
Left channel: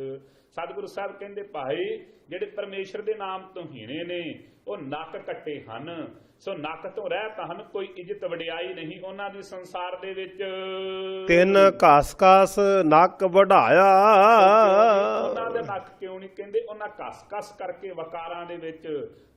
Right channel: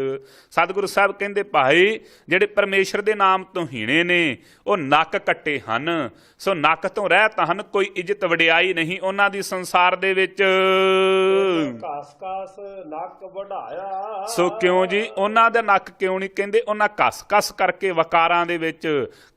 ਸਤਿਗੁਰੂ ਸਾਹਿਬ ਕਹਿੰਦੇ ਭਾਈ ਜਿਹੜੇ ਪਰਮੇਸ਼ਰ ਦੇ ਨਾਮ ਤੋਂ ਹੀਣੇ ਨੇ ਉਹ ਨੱਕ ਕੱਟੇ ਹਨ। ਸੋ ਨੱਕ ਤੋਂ ਰਹਿਤ ਹਨ, ਕੋਈ ਇੱਜ਼ਤ ਵਡਿਆਈ ਨਹੀਂ ਉਹਨਾਂ ਦੀ ਸੰਸਾਰ ਦੇ ਵਿੱਚ। ਤਿੰਨ ਘਸ ਨੱਕ ਵਢਾਇਆ, ਸੋ ਕਿਉਂ ਜੀ ਉਹਨਾਂ ਦਾ ਨੱਕ ਕਿਉਂ ਨਹੀਂ ਕਹਿੰਦੇ, ਉਹਨਾਂ ਘਸ ਕਰਕੇ ਵਕਾਰਾਂ ਦੇ ਵਿੱਚ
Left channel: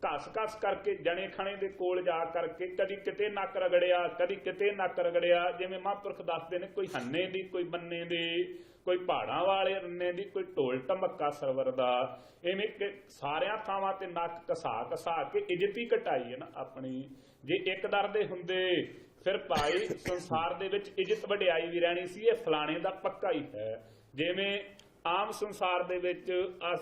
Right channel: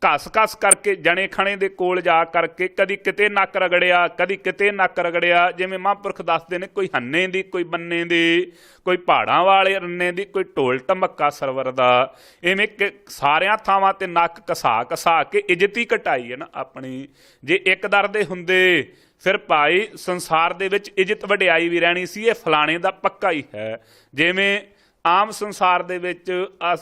ਘਸ ਕਰਕੇ ਜਣੇ ਖਣੇ ਦੇ ਕੋਲ ਜਾ ਕਰਕੇ ਕਦੀ ਕਿਤੇ ਨੱਕ ਰਗੜਿਆ, ਕਦੀ ਕਿਤੇ ਨੱਕ ਰਗੜਿਆ। ਜਿਵੇਂ ਮਹਾਂਪੁਰਖ ਦੱਸਦੇ ਨੇ ਕੋਈ ਹੰਨੇ ਦੀ, ਕੋਈ ਬੰਨੇ ਦੀ, ਕੋਈ ਪਹਾੜਾਂ ਵਾਲੇ ਰੰਨੇ ਦੀ, ਕੋਈ ਢੋਲ ਢਮੱਕਾ ਸਰਵਰ ਦਾ। ਇਵੇਂ ਸਾਰਿਆਂ ਥਾਵਾਂ ਤੇ ਨੱਕ ਘਸਾ ਕੇ ਇੱਜ਼ਤ ਹੀ ਘਟਾਈ ਹੈ ਨਾ ਆਪਣੀ। ਜੇ ਇੱਕ ਦਰ ਦੇ ਹੁੰਦੇ ਫਿਰ ਭਾਈ ਸੰਸਾਰ ਦੇ ਵਿੱਚ ਇੱਜ਼ਤ ਵਡਿਆਈ ਵੀ ਰਹਿਣੀ ਸੀ, ਇਹ ਫਲਾਣੇ ਦਾ ਪੱਕਾ ਹੀ ਹੈ। ਜਿਵੇਂ ਆਮ ਸੰਸਾਰ ਦੇ ਵਿੱਚ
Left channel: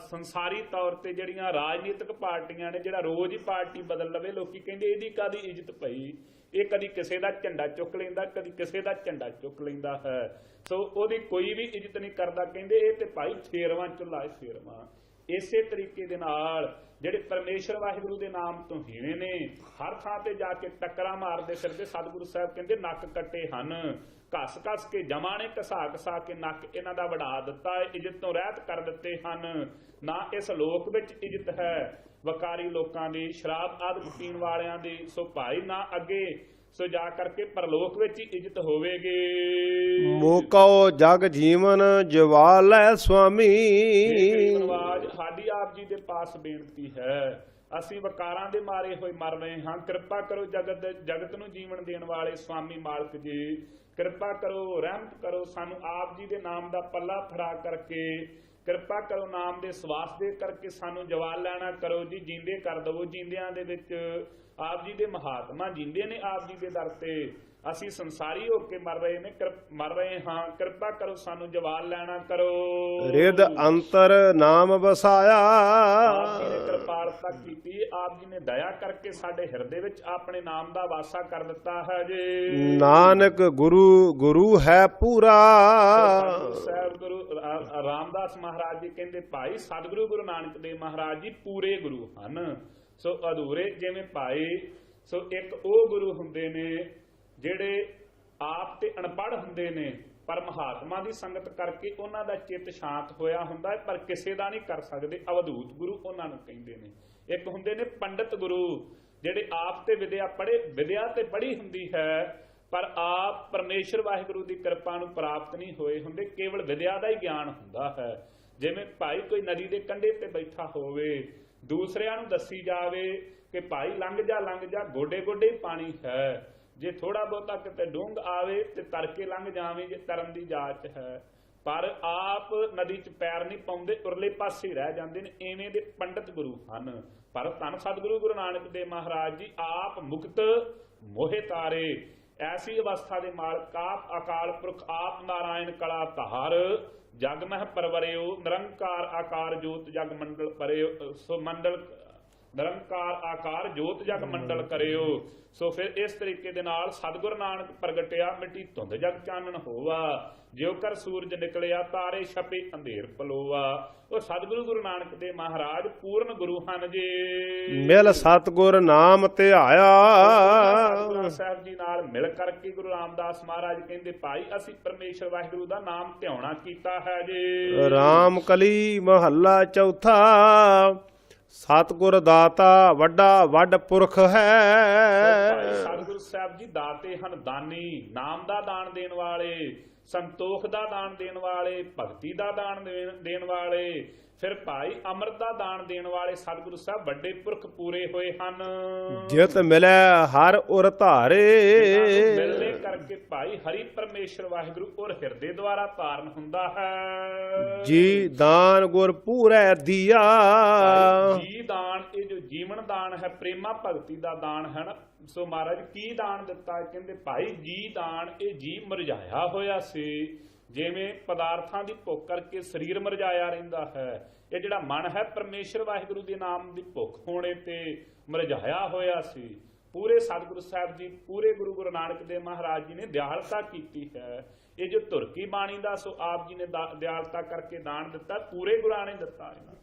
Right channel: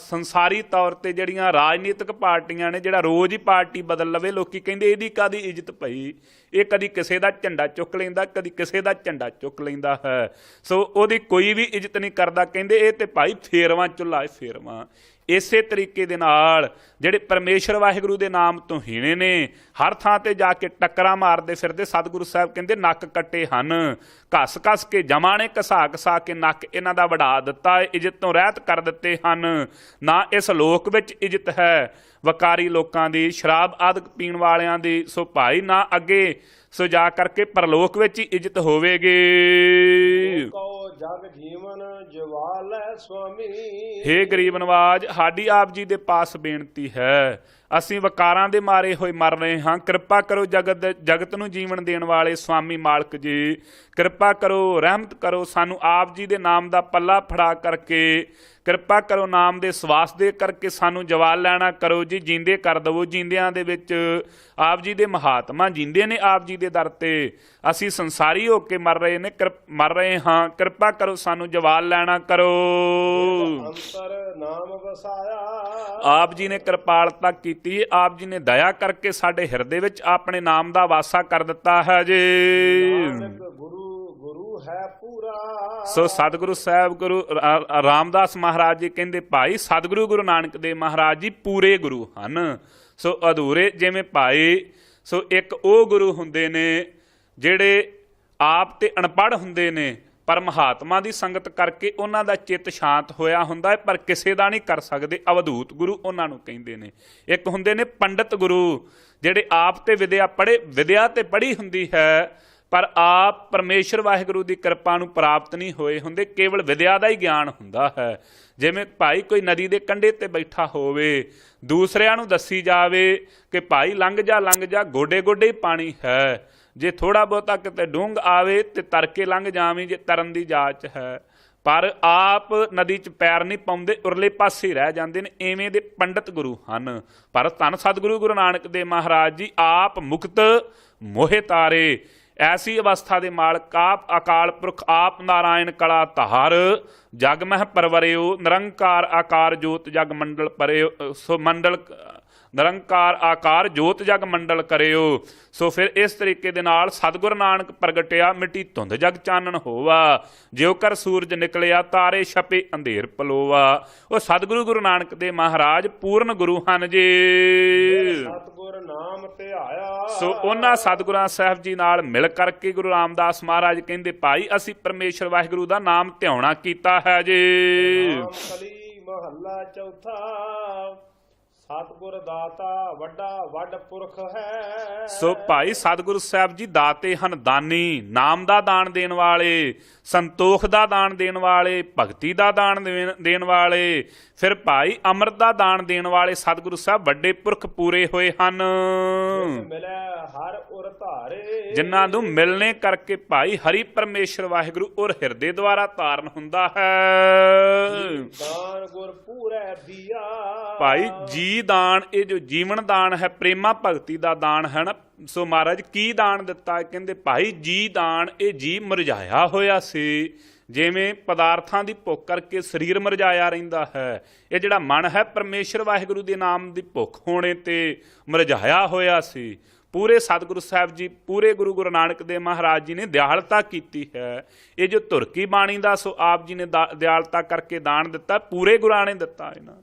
ਸੰਸਾਰੀ ਤੌਰ ਤੇ ਜਿਹੜੀਆਂ ਰਾਜਨੀਤਿਕ ਪਾਰਟੀਆਂ ਨੇ, ਜਿਹੜਾ ਰੋਜ਼ ਹੀ ਪਾਰਟੀ ਬਦਲ ਲਵੇ, ਲੋਕੀ ਕਹਿੰਦੇ ਇਹਦੀ ਕਾਹਦੀ ਇੱਜ਼ਤ ਪਈ, ਇਹ ਕਦੀ ਕਿਸੇ ਦਾ ਝੰਡਾ ਚੁੱਕ ਲੈਂਦਾ, ਕਦੀ ਕਿਸੇ ਦਾ ਝੰਡਾ ਚੁੱਕ ਲੈਂਦਾ ਹੈ। ਸੋ ਉਹਦੀ ਕੋਈ ਵੀ ਇੱਜ਼ਤ ਨਹੀਂ ਕਰਦਾ, ਕਹਿੰਦੇ ਇਹ ਤੇ ਭਾਈ ਫੇਰਵਾਂ ਚੁੱਲ੍ਹਾ ਫੇਰਵਾਂ। ਇਸੇ ਤਰੀਕੇ ਦੇ ਨਾਲ ਜਿਹੜੇ ਪਰਮੇਸ਼ਰ ਵਾਹਿਗੁਰੂ ਦੇ ਨਾਮ ਤੋਂ ਹੀਣੇ ਨੇ ਹਰ ਥਾਂ ਤੇ ਜਾ ਕੇ ਟੱਕਰਾਂ ਮਾਰਦੇ ਫਿਰਦੇ, ਸਤਿਗੁਰੂ ਸਾਹਿਬ ਕਹਿੰਦੇ ਨੱਕ ਕੱਟੇ ਹਨ। ਘਸ ਕੇ ਜਮਾਂ ਨੇ ਘਸਾ ਕੇ ਨੱਕ ਇਹਨਾਂ ਦਾ ਵਢਾ ਦਿੱਤਾ, ਇੱਜ਼ਤ ਤੋਂ ਰਹਿਤ ਕਰ ਦਿੱਤੇ ਹਨ। ਨਾ ਇਸ ਲੋਕ ਵਿੱਚ ਇੱਜ਼ਤ ਹੈ ਵਕਾਰੀ ਲੋਕਾਂ ਦੀ, ਸ਼ਰਾਬ ਆਦਿਕ ਪੀਣ ਵਾਲਿਆਂ ਦੀ, ਸੋ ਭਾਈ ਨਾ ਅੱਗੇ ਸੋ ਜਾ ਕਰਕੇ ਪਰਲੋਕ ਵਿੱਚ ਹੀ ਇੱਜ਼ਤ ਹੋਵੇਗੀ। ਮੋਕੋ ਜਗ ਜੀਵਨ ਜਵਾਲੈ ਸੁਆਮੀ, ਹੇ ਗਰੀਬ ਨਵਾਜ ਸਾਡੀ ਆਪ ਜੀ ਦੇ ਪਾਸ ਬੇਨਤੀ ਹੈ, ਅਸੀਂ ਵਕਾਰਾਂ ਦੇ ਮਾਰੇ ਹੋਏ ਮਰ ਰਹੇ ਹਾਂ, ਕਿਰਪਾ ਕਰੋ ਜਗਤ ਨੂੰ ਜੀਵਨ ਦੇਣ ਵਾਲੇ ਸੁਆਮੀ ਮਾਲਕ ਜੀ, ਕਿਰਪਾ ਕਰੋ, ਰਹਿਮਤ ਕਰੋ, ਸਾਨੂੰ ਆਪ ਜੀ ਦੇ ਨਾਮ ਦਾ ਪੱਲਾ ਫੜਾ ਕਰਕੇ ਕਿਰਪਾ ਕਰੋ, ਨਾਮ ਦੇ ਸਵਾਸ ਦੇ ਕਰਕੇ ਸਾਨੂੰ ਜਵਾਲ ਲੈਣਾ ਕਰੋ ਜੀ, ਜੀਂਦੇ ਕਰ ਦਵੋ। ਜੀਂਦਿਆਂ ਦੇ ਵਿੱਚ ਆਪ ਜੀ ਦੇ ਮਹਾਤਮਾ ਜੀਂਦੇ ਨੇ ਆਪ ਜੀ ਦੇ ਦਰ ਤੇ, ਅਸੀਂ ਸੰਸਾਰੀ ਹੋ ਕੇ ਮਰ ਰਹੇ ਹਾਂ, ਕਿਰਪਾ ਕਰੋ ਸਾਨੂੰ ਜਵਾਲ ਲੈਣਾ ਕਰੋ। ਰਿਦ ਅੰਤਰ ਨਾਮ ਵਸਾਇਆ, ਆਪ ਜੀ ਨੇ ਕਿਰਪਾਲਤਾ ਕੀਤੀ, ਆਪ ਜੀ ਨੇ ਦਇਆ ਕਰਕੇ ਸਾਡੇ ਹਿਰਦੇ ਵਿੱਚ ਆਪਣੇ ਨਾਮ ਦਾ ਵਾਸਾ ਕਰ ਦਿੱਤਾ ਹੈ ਜੀ। ਨਾਨਕ ਗੁਰੂ ਹੈ ਪੂਰਾ, ਸੋ ਸਤਿਗੁਰੂ ਸਾਹਿਬ ਗੁਰੂ ਰਾਮਦਾਸ ਮਹਾਰਾਜ ਜੀ ਕਹਿੰਦੇ ਭਾਈ ਸਤਿਗੁਰੂ ਗੁਰੂ ਨਾਨਕ ਦੇਵ ਮਹਾਰਾਜ ਜੀ ਪੂਰੇ ਗੁਰੂ ਹਨ। ਸੋ ਅਧੂਰੇ ਜਿਵੇਂ ਭਾਈ ਸੋ ਇੱਕ ਉਹ ਗੁਰੂ ਹੁੰਦੇ ਨੇ ਜਿਹੜੇ ਆਪ ਤੇ ਅਣਪੜ੍ਹ ਹੁੰਦੇ ਨੇ, ਪਰ ਮਹਾਤਮਾ ਦੀ ਸੰਗਤ ਕਰਕੇ ਉਹਨਾਂ ਦਾ ਚਿੱਤ ਸ਼ਾਂਤ ਹੋਇਆ ਹੁੰਦਾ ਹੈ, ਪਰ ਕਿਸੇ ਦਾ ਨਹੀਂ ਕਰ ਸਕਦੇ। ਅਵਧੂਤ ਗੁਰੂ ਉਹਨਾਂ ਨੂੰ ਕਹਿੰਦੇ ਨੇ। ਇੱਕ ਹੁੰਦੇ ਨੇ ਪੰਡਤ ਗੁਰੂ, ਜਿਹੜੇ ਆਪ ਤੇ ਵਿਦਿਆ ਤੇ ਪੜ੍ਹੀ ਹੁੰਦੀ ਹੈ, ਪਰ ਆਪ ਪਰਮੇਸ਼ਰ ਵਾਹਿਗੁਰੂ ਦੀ ਕਿਰਪਾ ਨੂੰ ਪ੍ਰਾਪਤ ਨਹੀਂ ਹੋਏ ਹੁੰਦੇ, ਕੇਵਲ ਵਿਦਿਆ ਦਾ ਹੀ ਗਿਆਨ ਹੁੰਦਾ ਹੈ। ਜਿਵੇਂ ਭਾਈ ਕੋਈ ਨਦੀ ਦੇ ਕੰਢੇ ਤੇ ਬੈਠਾ ਹੋਵੇ, ਦੂਸਰਿਆਂ ਨੂੰ ਦੱਸੀ ਜਾਵੇ ਕਿ ਭਾਈ ਲੰਘ ਜਾ, ਗੋਡੇ ਗੋਡੇ ਹੀ ਪਾਣੀ ਹੈ, ਜੇ ਥੋੜਾ ਬਹੁਤਾ ਕਿਤੇ ਡੂੰਘ ਆਵੇ ਤੇ ਤਰ ਕੇ ਲੰਘ ਜਾਵੀਂ, ਜੇ ਤਰਨ ਦੀ ਜਾਚ ਹੈ। ਪਰ ਆਪ ਨਦੀ 'ਚ ਪੈਰ ਨਹੀਂ ਪਾਉਂਦੇ, ਉਰਲੇ ਪਾਸੇ ਰਹਿ ਜਾਂਦੇ ਨੇ। ਐਵੇਂ ਦੇ ਪੰਡਤ ਗੁਰੂ ਹਨ। ਪਰ ਧੰਨ ਸਤਿਗੁਰੂ ਗੁਰੂ ਨਾਨਕ ਦੇਵ ਮਹਾਰਾਜ ਜੀ ਆਪ ਮੁਕਤ ਮੋਹਿ ਤਾਰੇ, ਐਸੀ ਅਵਸਥਾ ਦੇ ਮਾਲਕ ਆਪ ਅਕਾਲ ਪੁਰਖ, ਆਪ ਨਾਰਾਇਣ ਕਲਾ ਧਾਰ, ਜਗ ਮਹਿ ਪਰਵਰਿਓ, ਨਿਰੰਕਾਰ ਆਕਾਰ ਜੋਤ ਜਗ ਮੰਡਲ ਪਰਿਓ। ਸੋ ਮੰਡਲ ਨਿਰੰਕਾਰ ਆਕਾਰ ਜੋਤ ਜਗ ਮੰਡਲ ਕਰਿਓ। ਸੋ ਫਿਰ ਇਸ ਤਰੀਕੇ ਦੇ ਨਾਲ ਸਤਿਗੁਰ ਨਾਨਕ ਪ੍ਰਗਟਿਆ, ਮਿੱਟੀ ਧੁੰਦ ਜਗ ਚਾਨਣ ਹੋਵਾ, ਜਿਉ ਕਰ ਸੂਰਜ ਨਿਕਲਿਆ, ਤਾਰੇ ਛਪੇ ਅੰਧੇਰ ਪਲੋਵਾ। ਉਹ ਸਤਿਗੁਰੂ ਗੁਰੂ ਨਾਨਕ ਦੇ ਮਹਾਰਾਜ ਪੂਰਨ ਗੁਰੂ ਹਨ ਜੀ। ਮਿਲ ਸਤਿਗੁਰ ਨਾਮ ਧਿਆਇਆ। ਸੋ ਉਹਨਾਂ ਸਤਿਗੁਰਾਂ ਸਾਹਿਬ ਜੀ ਨਾਲ ਮਿਲ ਕਰਕੇ ਗੁਰੂ ਰਾਮਦਾਸ ਮਹਾਰਾਜ ਕਹਿੰਦੇ, ਭਾਈ ਅਸੀਂ ਪਰਮੇਸ਼ਰ ਵਾਹਿਗੁਰੂ ਦਾ ਨਾਮ ਧਿਆਉਣਾ ਕੀਤਾ ਹੈ ਜੀ। ਰਾਮ ਕਲੀ ਮਹੱਲਾ ਚੌਥਾ। ਸਤਿਗੁਰ ਦਾਤਾ ਵੱਡਾ ਵੱਡ ਪੁਰਖ ਹੈ। ਸੋ ਭਾਈ ਸਤਿਗੁਰੂ ਸਾਹਿਬ ਜੀ ਦਾਤੇ ਹਨ, ਦਾਨੀ, ਨਾਮ ਦਾ ਦਾਨ ਦੇਣ ਵਾਲੇ, ਸੰਤੋਖ ਦਾ ਦਾਨ ਦੇਣ ਵਾਲੇ, ਭਗਤੀ ਦਾ ਦਾਨ ਦੇਣ ਵਾਲੇ, ਫਿਰ ਭਾਈ ਅੰਮ੍ਰਿਤ ਦਾ ਦਾਨ ਦੇਣ ਵਾਲੇ ਸਤਿਗੁਰੂ ਸਾਹਿਬ ਵੱਡੇ ਪੁਰਖ ਪੂਰੇ ਹੋਏ ਹਨ। ਜਿਤ ਮਿਲੈ ਹਰ ਉਰ ਧਾਰੇ, ਜਿਨ੍ਹਾਂ ਨੂੰ ਮਿਲਣੇ ਕਰਕੇ ਭਾਈ ਹਰੀ ਪਰਮੇਸ਼ਰ ਵਾਹਿਗੁਰੂ ਔਰ ਹਿਰਦੇ ਦੁਆਰਾ ਧਾਰਨ ਹੁੰਦਾ ਹੈ। ਜੀ ਦਾਨ ਗੁਰ ਪੂਰੈ ਦੀਆ। ਭਾਈ ਜੀ ਦਾਨ, ਇਹ ਜੋ ਜੀਵਨ ਦਾਨ ਹੈ, ਪ੍ਰੇਮਾ ਭਗਤੀ ਦਾ ਦਾਨ ਹੈ ਨਾ। ਸੋ ਮਹਾਰਾਜ ਕੀ ਦਾਨ ਦਿੱਤਾ? ਕਹਿੰਦੇ ਭਾਈ ਜੀ ਦਾਨ, ਇਹ ਜੀ ਮੁਰਝਾਇਆ ਹੋਇਆ ਸੀ, ਜਿਵੇਂ ਪਦਾਰਥਾਂ ਦੀ ਭੁੱਖ ਕਰਕੇ ਸਰੀਰ ਮੁਰਝਾਇਆ ਰਹਿੰਦਾ ਹੈ। ਇਹ ਜਿਹੜਾ ਮਨ ਹੈ ਪਰਮੇਸ਼ਰ ਵਾਹਿਗੁਰੂ ਦੇ ਨਾਮ ਦੀ ਭੁੱਖ ਹੋਣੇ ਤੇ ਮੁਰਝਾਇਆ ਹੋਇਆ ਸੀ। ਪੂਰੇ ਸਤਿਗੁਰੂ ਸਾਹਿਬ ਜੀ, ਪੂਰੇ ਗੁਰੂ ਨਾਨਕ ਦੇਵ ਮਹਾਰਾਜ ਜੀ ਨੇ ਦਿਆਲਤਾ ਕੀਤੀ ਹੈ। ਇਹ ਜੋ ਧੁਰਕੀ ਬਾਣੀ ਦਾ, ਸੋ ਆਪ ਜੀ ਨੇ ਦਿਆਲਤਾ ਕਰਕੇ ਦਾਨ ਦਿੱਤਾ, ਪੂਰੇ ਗੁਰਾਂ ਨੇ ਦਿੱਤਾ ਇਹਨਾਂ।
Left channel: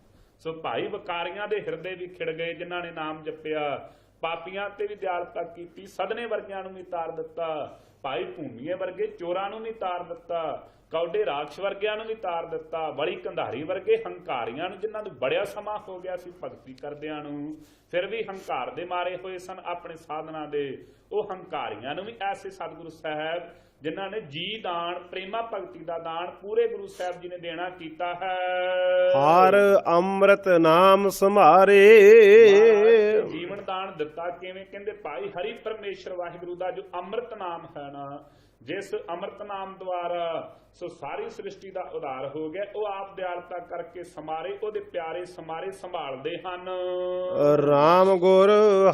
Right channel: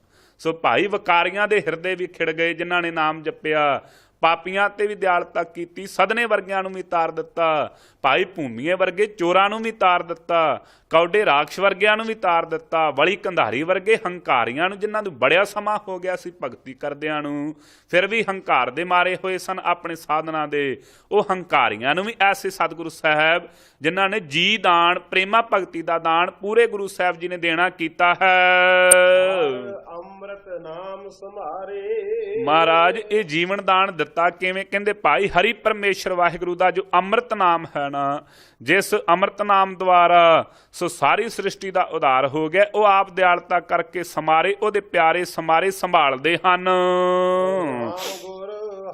ਸੋ ਭਾਈ ਵਕਾਰੀਆਂ ਦੇ ਹਿਰਦੇ ਵੀ ਖਿੜ ਗਏ ਜਿਨ੍ਹਾਂ ਨੇ ਨਾਮ ਜਪਿਆ, ਪਾਪੀਆਂ ਤੇ ਵੀ ਦਿਆਲਤਾ ਕੀਤੀ, ਸਦਨੇ ਵਰਗਿਆਂ ਨੂੰ ਵੀ ਤਾਰ ਦਿੱਤਾ, ਭਾਈ ਭੂਮੀਏ ਵਰਗੇ ਚੋਰਾਂ ਨੂੰ ਵੀ ਤਾਰ ਦਿੱਤਾ, ਕੌਡੇ ਰਾਖਸ਼ ਵਰਗਿਆਂ ਨੂੰ ਵੀ ਤਾਰ ਦਿੱਤਾ, ਵਲੀ ਕੰਧਾਰੀ ਵਰਗੇ ਹੰਕਾਰੀਆਂ ਨੂੰ, ਜਿਨ੍ਹਾਂ ਨੂੰ ਬੜਿਆ ਸਮਾਂ ਹੋ ਗਿਆ ਸੀ ਭਗਤੀ ਕਰਦਿਆਂ ਨੂੰ, ਫਿਰ ਵੀ ਹੰਕਾਰ ਦੇ ਮਾਰੇ ਹੋਏ ਸਨ ਆਪਣੇ ਸਾਧਨਾ ਦੇ, ਉਹ ਹੰਕਾਰੀਆਂ ਨੂੰ ਵੀ ਐਸੇ ਸਤਿਗੁਰੂ ਸਾਹਿਬ ਜਿਨ੍ਹਾਂ ਨੇ ਜੀ ਦਾਨ, ਪ੍ਰੇਮਾ ਭਗਤੀ ਦਾ ਦਾਨ ਪੂਰੇ ਗੁਰੂ ਸਾਹਿਬ ਜੀ ਨੇ ਦੇਣਾ ਕੀਤਾ ਹੈ। ਹਰ ਅੰਮ੍ਰਿਤ ਨਾਮ ਸੰਭਾਰੇ। ਮਹਾਰਾਜ ਇਹ ਜੀਵਨ ਦਾਨ ਦਿੱਤਾ ਕਿਵੇਂ? ਕਹਿੰਦੇ ਭਾਈ ਹਰੀ ਪਰਮੇਸ਼ਰ ਵਾਹਿਗੁਰੂ ਦਾ ਜੋ ਅੰਮ੍ਰਿਤ ਨਾਮ ਹੈ ਨਾ, ਜਿਸ ਅੰਮ੍ਰਿਤ ਨਾਮ ਦੁਆਰਾ ਸੋ ਸਾਰੀ ਸ੍ਰਿਸ਼ਟੀ ਦਾ ਉਧਾਰ ਹੋ ਗਿਆ, ਉਹ ਆਪ ਦਿਆਲਤਾ ਕਰਕੇ ਸਮਾਰੇ, ਉਹਦੇ ਪਿਆਰੇ ਸਮਾਰੇ ਸੰਭਾਲਦੇ ਹਨ। ਰਾਮ ਗੁਰ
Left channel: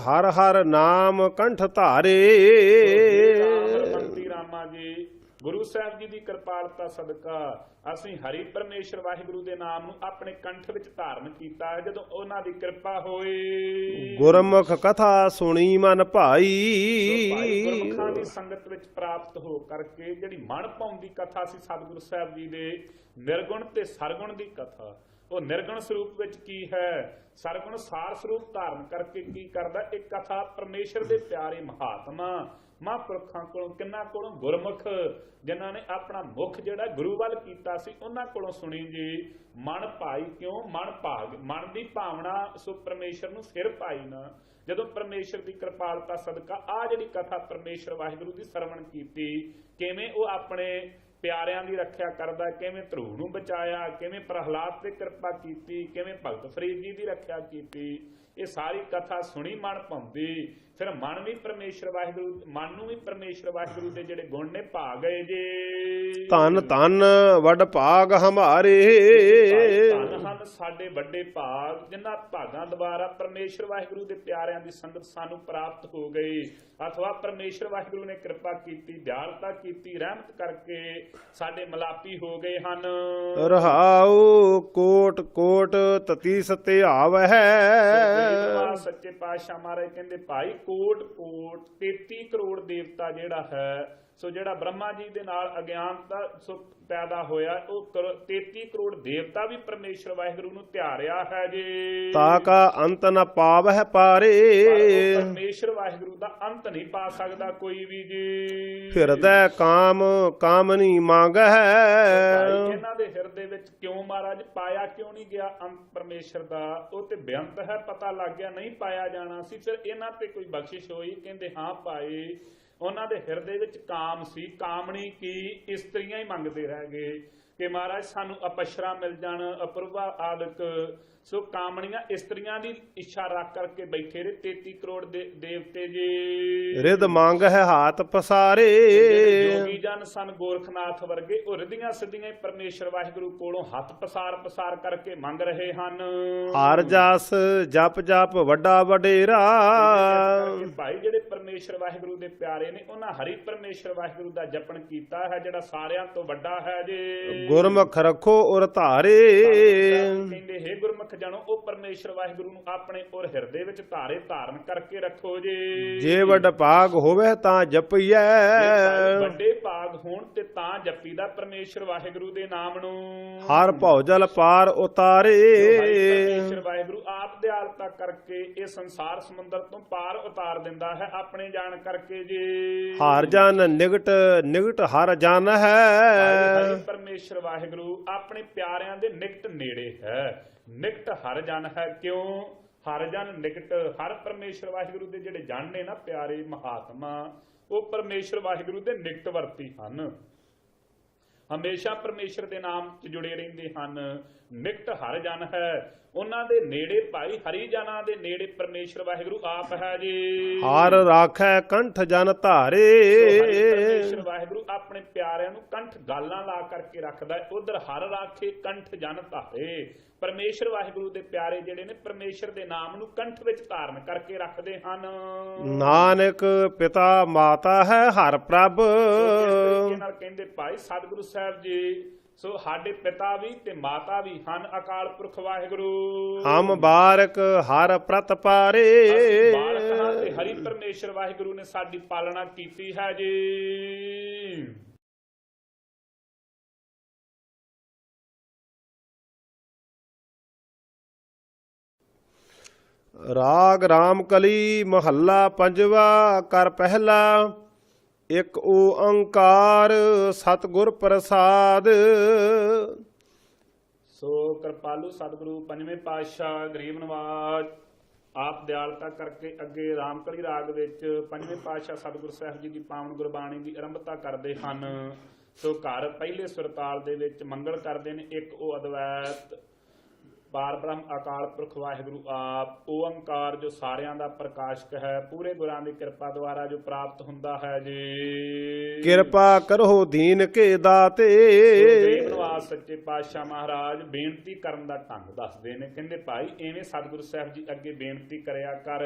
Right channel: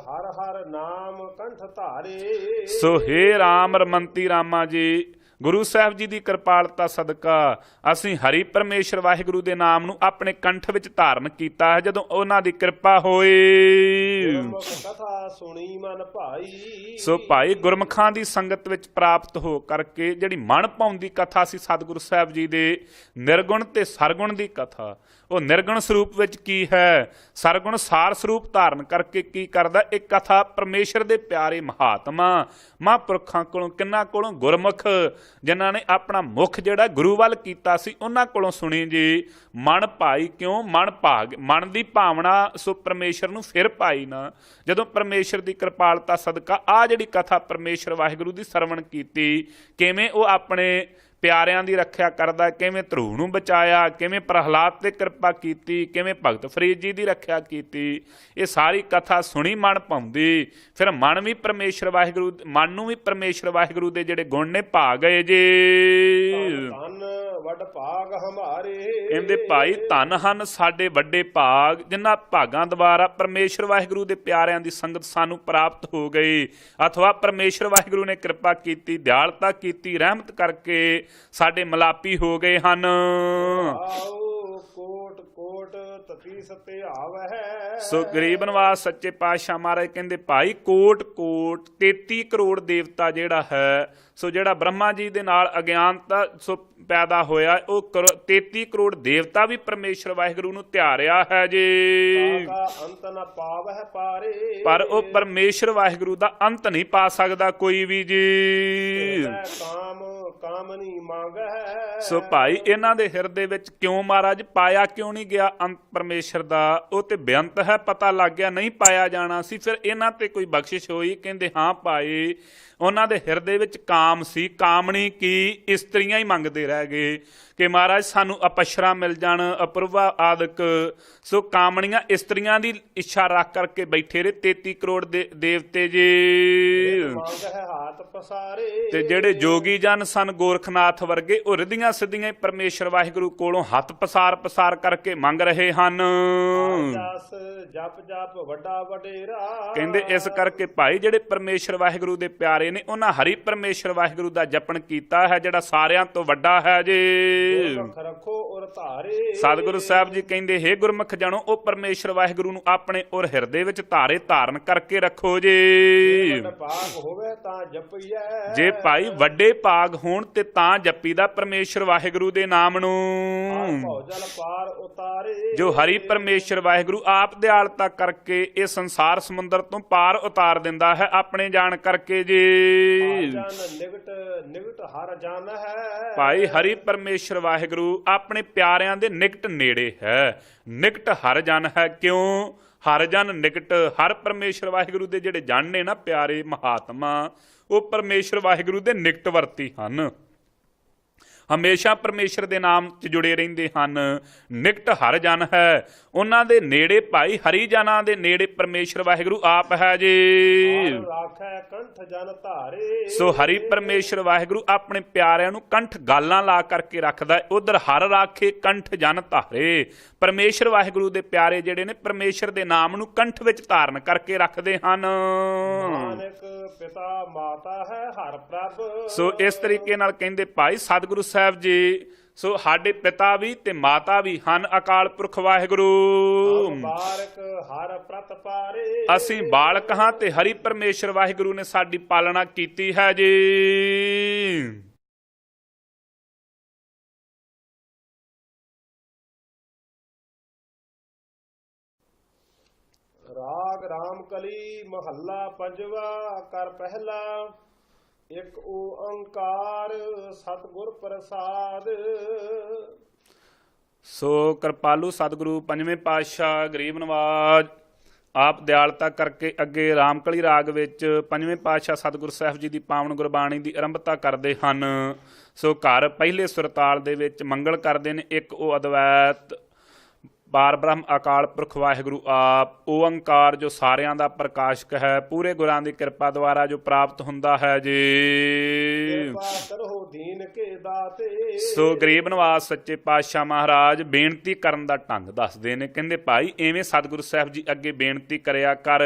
ਹਰ ਹਰ ਨਾਮ ਕੰਠ ਧਾਰੇ। ਸੋ ਹੇ ਰਾਮ ਰਮੰਤੀ ਰਾਮਾ ਜੀ, ਗੁਰੂ ਸਾਹਿਬ ਜੀ ਦੀ ਕਿਰਪਾਲਤਾ ਸਦਕਾ ਅਸੀਂ ਹਰੀ ਪਰਮੇਸ਼ਰ ਵਾਹਿਗੁਰੂ ਦੇ ਨਾਮ ਨੂੰ ਆਪਣੇ ਕੰਠ ਵਿੱਚ ਧਾਰਨ ਕੀਤਾ ਹੈ। ਜਦੋਂ ਉਹਨਾਂ ਦੀ ਕਿਰਪਾ ਹੋਈ, ਗੁਰਮੁਖ ਕਥਾ ਸੁਣੀ ਮਨ ਭਾਈ। ਸੋ ਭਾਈ ਗੁਰਮੁਖਾਂ ਦੀ ਸੰਗਤ ਵਿੱਚ ਪ੍ਰਾਪਤ ਹੋ ਕਰਕੇ ਜਿਹੜੀ ਮਨ ਭਾਉਂਦੀ ਕਥਾ ਸੀ ਸਤਿਗੁਰੂ ਸਾਹਿਬ ਜੀ ਦੇ ਨਿਰਗੁਣ ਤੇ ਸਰਗੁਣ ਦੀ ਕਥਾ, ਉਹ ਨਿਰਗੁਣ ਸਰੂਪ ਵਿੱਚ ਕੀ ਹੈ, ਸਰਗੁਣ ਸਾਰ ਸਰੂਪ ਧਾਰਨ ਕਰਕੇ ਕੀ ਕਰਦਾ? ਇਹ ਕਥਾ ਪਰਮੇਸ਼ਰ ਦੇ ਪਿਆਰੇ ਮਹਾਤਮਾ ਮਹਾਂਪੁਰਖਾਂ ਕੋਲੋਂ, ਕਿੰਨਾਂ ਕੋਲੋਂ? ਗੁਰਮੁਖ ਜਿਨ੍ਹਾਂ ਨੇ ਆਪਣਾ ਮੁਖ ਜਿਹੜਾ ਗੁਰੂ ਵੱਲ ਕੀਤਾ ਸੀ, ਉਹਨਾਂ ਕੋਲੋਂ ਸੁਣੀ ਜੀ। ਮਨ ਭਾਈ ਕਿਉਂ? ਮਨ ਭਾਗ, ਮਨ ਦੀ ਭਾਵਨਾ ਸੋ ਪਰਮੇਸ਼ਰ ਨੂੰ ਫਿਰ ਪਾਈ ਨਾ। ਜਦੋਂ ਪਰਮੇਸ਼ਰ ਦੀ ਕਿਰਪਾਲਤਾ ਸਦਕਾ ਆ ਜਿਹੜੀ ਕਥਾ ਪਰਮੇਸ਼ਰ ਵਾਹਿਗੁਰੂ ਦੀ ਸਰਵਣ ਕੀਤੀ, ਕਿਵੇਂ ਉਹ ਆਪਣੇ ਪਿਆਰਿਆਂ ਦੀ ਰੱਖਿਆ ਕਰਦਾ, ਕਿਵੇਂ ਧਰੂ ਨੂੰ ਬਚਾਇਆ, ਕਿਵੇਂ ਪ੍ਰਹਲਾਦ ਤੇ ਕਿਰਪਾ ਕੀਤੀ, ਕਿਵੇਂ ਭਗਤ ਫਰੀਦ ਜੀ ਦੀ ਰੱਖਿਆ ਕੀਤੀ, ਇਹ ਸਾਰੀ ਕਥਾ ਸੁਣੀ ਮਨ ਭਾਉਂਦੀ। ਫਿਰ ਮਨ ਵੀ ਪਰਮੇਸ਼ਰ ਵਾਹਿਗੁਰੂ, ਮਨ ਨੂੰ ਵੀ ਪਰਮੇਸ਼ਰ ਵਾਹਿਗੁਰੂ ਦੇ ਜਿਹੜੇ ਗੁਣ ਨੇ ਭਾ ਗਏ ਜੀ। ਧੰਨ ਧੰਨ ਵੱਡ ਭਾਗ ਹਮਾਰੇ। ਇਹਦੇ ਭਾਈ ਧੰਨ ਹਨ ਸਾਡੇ ਵੱਡੇ ਭਾਗ, ਜਿਨ੍ਹਾਂ ਭਾਗਾਂ ਦੁਆਰਾ ਪਰਮੇਸ਼ਰ ਵਾਹਿਗੁਰੂ ਦੇ ਪਿਆਰਿਆਂ ਦੀ ਸੰਗਤ ਸਾਨੂੰ ਪ੍ਰਾਪਤ ਹੋ ਗਈ, ਅਥਵਾ ਪਰਮੇਸ਼ਰ ਵਾਹਿਗੁਰੂ ਨੇ ਕਿਰਪਾ ਕੀਤੀ, ਦਿਆਲਤਾ ਕੀਤੀ, ਰਹਿਮਤ ਕਰਕੇ ਸਾਡੇ ਮਲਾਪੀ ਹੋ ਗਏ ਹਨ। ਰਹਾਉ ਕੋਟ ਕੋਟ ਤਤੀਸ ਤੇ ਆਵਹਿ। ਸੋ ਗਰੀਬ ਨਿਵਾਸ ਸੱਚੇ ਪਾਤਸ਼ਾਹ ਮਹਾਰਾਜ ਕਹਿੰਦੇ ਭਾਈ ਕੋਟ ਕੋਟ 33 ਕਰੋੜ ਦੇਵਤਾ ਜਿਹੜਾ ਹੈ, ਸੋ ਜਿਹੜਾ ਬ੍ਰਹਮਾ ਜੀ ਦੇ ਨਾਲ ਅਗਿਆਨਤਾ, ਸੋ ਪੈਦਾ ਹੋਇਆ ਉਹ 33 ਕਰੋੜ ਦੇਵਤਾ ਵੀ ਪਰਮੇਸ਼ਰ ਵਾਹਿਗੁਰੂ ਨੂੰ ਧਿਆਰਿਆ ਹੈ ਜੀ। ਤਾ ਕਾ ਅੰਤ ਨ ਪਾਵਹਿ ਪਾਰੇ, ਪਰ ਉਹ ਪਰਮੇਸ਼ਰ ਵਾਹਿਗੁਰੂ ਦਾ ਅੰਤ ਨਹੀਂ ਪਾ ਸਕਦਾ ਕੋਈ ਵੀ ਜੀ। ਹਿਰਦੈ ਕਾਮ ਕਾਮਨੀ ਮੰਗਹਿ। ਸੋ ਭਾਈ ਇਹਨਾਂ ਦੇ ਹਿਰਦੇ ਵਿੱਚ ਕਿਉਂ ਮਹਾਰਾਜ ਪਾਇਆ ਕਿਉਂ ਨਹੀਂ ਗਿਆ ਅੰਤ ਪਰਮੇਸ਼ਰ ਦਾ? ਉਹ ਤੇ ਬੇਅੰਤ ਹੈ, ਪਤਾ ਲੱਗ ਗਿਆ ਨਹੀਂ ਪਾਇਆ ਜਾਣਾ ਸੀ। ਫਿਰ ਇਹਨਾਂ ਤੇ ਕੋਈ ਬਖਸ਼ਿਸ਼ ਹੋਈ? ਕਹਿੰਦੇ ਹਾਂ ਭਾਈ, ਉਹਨਾਂ ਦੇ ਹਿਰਦੇ ਵਿੱਚ ਕਾਮ ਸੀ। ਕਾਮਣੀ ਕੀ? ਇਸਤਰੀਆਂ ਹੀ ਮੰਗਦੇ ਰਹਿ ਗਏ ਕਿ ਮਹਾਰਾਜ ਸਾਨੂੰ ਅਪਸ਼ਰਾ ਮਿਲ ਜਾਣ, ਅਪੂਰਵਾ ਆਦਿਕ। ਸੋ ਕਾਮਣੀਆਂ ਇਸਤਰੀਆਂ ਦੀ ਇੱਛਾ ਰੱਖ ਕਰਕੇ ਬੈਠੇ ਰਹੇ 33 ਕਰੋੜ ਦੇਵਤੇ ਜੀ। ਰਿਦ ਮੰਗ ਹੈ ਹਾਥ ਪਸਾਰੇ। ਤੇ ਜਿਹੜੇ ਜੋਗੀ ਜਨ ਸਨ ਗੋਰਖਨਾਥ ਵਰਗੇ, ਉਹ ਰਿਧੀਆਂ ਸਿੱਧੀਆਂ ਪਰਮੇਸ਼ਰ ਵਾਹਿਗੁਰੂ ਕੋਲੋਂ ਹੱਥ ਪਸਾਰ ਕਰਕੇ ਮੰਗ ਰਹੇ ਹਨ। ਹਰ ਜਸ ਜਪ ਜਪ ਵੱਡਾ ਵਡੇਰਾ। ਕਹਿੰਦੇ ਇਸ ਕਰਕੇ ਭਾਈ ਜਿਹੜੇ ਪਰਮੇਸ਼ਰ ਵਾਹਿਗੁਰੂ ਦੇ ਪਿਆਰੇ ਨੇ, ਉਹਨਾਂ ਹਰੀ ਪਰਮੇਸ਼ਰ ਵਾਹਿਗੁਰੂ ਦਾ ਜਪਣ ਕੀਤਾ ਹੈ, ਜਿਹੜਾ ਸਾਰਿਆਂ ਤੋਂ ਵੱਡਾ ਹੈ ਜੀ। ਗੁਰਮੁਖ ਰੱਖੋ ਉਰ ਧਾਰੇ। ਸਤਿਗੁਰੂ ਸਾਹਿਬ ਜੀ ਕਹਿੰਦੇ, ਹੇ ਗੁਰਮੁਖ ਜਣੋ, ਉਹ ਪਰਮੇਸ਼ਰ ਵਾਹਿਗੁਰੂ ਨੂੰ ਆਪਣੇ ਉਰ ਹਿਰਦੇ ਵਿੱਚ ਧਾਰਨ ਕਰਕੇ ਰੱਖੋ ਜੀ। ਜੇ ਵੱਡ ਭਾਗ ਹੋਵੇ ਤਾਂ ਜਪਈਐ। ਜੇ ਭਾਈ ਵੱਡੇ ਭਾਗ ਹੋਣ ਤੇ ਤਾਂ ਜਪੀਦਾ ਪਰਮੇਸ਼ਰ ਵਾਹਿਗੁਰੂ ਦੇ ਨਾਮ ਨੂੰ। ਹਰ ਭਉਜਲ ਪਾਰ ਉਤਾਰੇ। ਜੋ ਹਰੀ ਪਰਮੇਸ਼ਰ ਵਾਹਿਗੁਰੂ ਆਪ ਦਿਆਲਤਾ ਕਰਕੇ ਇਹ ਸੰਸਾਰ ਸਮੁੰਦਰ ਤੋਂ ਪਾਰ ਉਤਾਰ ਦਿੰਦਾ ਹੈ ਆਪਣੇ ਜਾਣ ਕਰਕੇ ਜੀ। ਹਰ ਜਨ ਨਿਗਟ ਹਰ ਜਨ ਹੈ। ਭਾਈ ਹਰੀ ਪਰਮੇਸ਼ਰ ਵਾਹਿਗੁਰੂ ਆਪਣੇ ਪਿਆਰਿਆਂ ਦੇ ਨਿਕਟ ਨੇੜੇ ਹੈ। ਨਿਕਟ ਹਰ ਜਨ ਹੈ। ਕਿਉਂ ਹਰ ਜਨ ਨਿਕਟ? ਹਰ ਪਰਮੇਸ਼ਰ ਵਾਹਿਗੁਰੂ ਦੇ ਜਿਹੜੇ ਜਨ ਨੇ ਨਾ ਪਿਆਰੇ ਮਹਾਤਮਾ, ਉਹ ਪਰਮੇਸ਼ਰ ਵਾਹਿਗੁਰੂ ਦੇ ਨਿਕਟ ਵਰਤੀ ਹਨ, ਹਮੇਸ਼ਾ ਪਰਮੇਸ਼ਰ ਦੇ ਨਾਮ 'ਚ ਜੁੜੇ ਰਹਿੰਦੇ ਹਨ। ਨਿਕਟ ਹਰ ਜਨ ਹੈ। ਉਹਨਾਂ ਦੇ ਨੇੜੇ ਭਾਈ ਹਰੀ ਜਨਾਂ ਦੇ ਨੇੜੇ ਪਰਮੇਸ਼ਰ ਵਾਹਿਗੁਰੂ ਆਪ ਹੈ ਜੀ। ਹਰ ਰਾਖੈ ਕੰਠ ਜਨ ਧਾਰੇ। ਸੋ ਹਰੀ ਪਰਮੇਸ਼ਰ ਵਾਹਿਗੁਰੂ ਆਪਣੇ ਪਿਆਰਿਆਂ ਨੂੰ ਕੰਠ ਗਾਲਾਂ ਲਾ ਕਰਕੇ ਰੱਖਦਾ। ਉਧਰ ਹਰ ਰਾਖੇ ਕੰਠ ਜਨ ਧਾਰੇ। ਪਰਮੇਸ਼ਰ ਵਾਹਿਗੁਰੂ ਦੇ ਪਿਆਰੇ ਜਿਹੜੇ ਨੇ ਪਰਮੇਸ਼ਰ ਦੇ ਨਾਮ ਨੂੰ ਕੰਠ ਵਿੱਚ ਧਾਰਨ ਕਰਕੇ ਰੱਖਦੇ ਹਨ। ਨਾਨਕ ਪਿਤਾ ਮਾਤਾ ਹੈ ਹਰ ਪ੍ਰਭ। ਸੋ ਇਸ ਤਰੀਕੇ ਨਾਲ ਕਹਿੰਦੇ ਭਾਈ ਸਤਿਗੁਰੂ ਸਾਹਿਬ ਜੀ, ਸੋ ਸਾਡੇ ਪਿਤਾ ਵੀ ਤੇ ਮਾਤਾ ਵੀ ਹਨ ਅਕਾਲ ਪੁਰਖ ਵਾਹਿਗੁਰੂ। ਹਮ ਬਾਰਕ ਹਰ ਪ੍ਰਤ ਪਾਰੇ। ਅਸੀਂ ਬਾਲਕ ਹਾਂ ਤੇ ਹਰੀ ਪਰਮੇਸ਼ਰ ਵਾਹਿਗੁਰੂ ਨੇ ਸਾਡੀ ਪਾਲਣਾ ਕੀਤੀ ਹੈ ਜੀ। ਰਾਗ ਰਾਮ ਕਲੀ ਮਹੱਲਾ ਪੰਜਵਾ। ਕਰ ਪਹਿਲਾ ਇਕ ਓੰਕਾਰ ਸਤਿਗੁਰ ਪ੍ਰਸਾਦ। ਸੋ ਕਿਰਪਾਲੂ ਸਤਿਗੁਰੂ ਪੰਜਵੇਂ ਪਾਤਸ਼ਾਹ ਗਰੀਬ ਨਵਾਜ ਆਪ ਦਿਆਲਤਾ ਕਰਕੇ ਅੱਗੇ ਰਾਮਕਲੀ ਰਾਗ ਵਿੱਚ ਪੰਜਵੇਂ ਪਾਤਸ਼ਾਹ ਸਤਿਗੁਰੂ ਸਾਹਿਬ ਜੀ ਦੀ ਪਾਵਨ ਗੁਰਬਾਣੀ ਦੀ ਆਰੰਭਤਾ ਕਰਦੇ ਹਨ। ਸੋ ਘਰ ਪਹਿਲੇ ਸੁਰਤਾਲ ਦੇ ਵਿੱਚ ਮੰਗਲ ਕਰਦੇ ਨੇ ਇੱਕ ਉਹ ਅਦਵੈਤ ਪਾਰ ਬ੍ਰਹਮ ਅਕਾਲ ਪੁਰਖ ਵਾਹਿਗੁਰੂ ਆਪ ਓੰਕਾਰ, ਜੋ ਸਾਰਿਆਂ ਦਾ ਪ੍ਰਕਾਸ਼ਕ ਹੈ, ਪੂਰੇ ਗੁਰਾਂ ਦੀ ਕਿਰਪਾ ਦੁਆਰਾ ਜੋ ਪ੍ਰਾਪਤ ਹੁੰਦਾ ਹੈ ਜੀ। ਕਿਰਪਾ ਕਰੋ ਦੀਨ ਕੇ ਦਾਤੇ। ਸੋ ਗਰੀਬ ਨਵਾਜ਼ ਸੱਚੇ ਪਾਤਸ਼ਾਹ ਮਹਾਰਾਜ ਬੇਨਤੀ ਕਰਨ ਦਾ ਢੰਗ ਦੱਸਦੇ ਨੇ। ਕਹਿੰਦੇ ਭਾਈ ਐਵੇਂ ਸਤਿਗੁਰੂ ਸਾਹਿਬ ਜੀ ਅੱਗੇ ਬੇਨਤੀ ਕਰਿਆ ਕਰ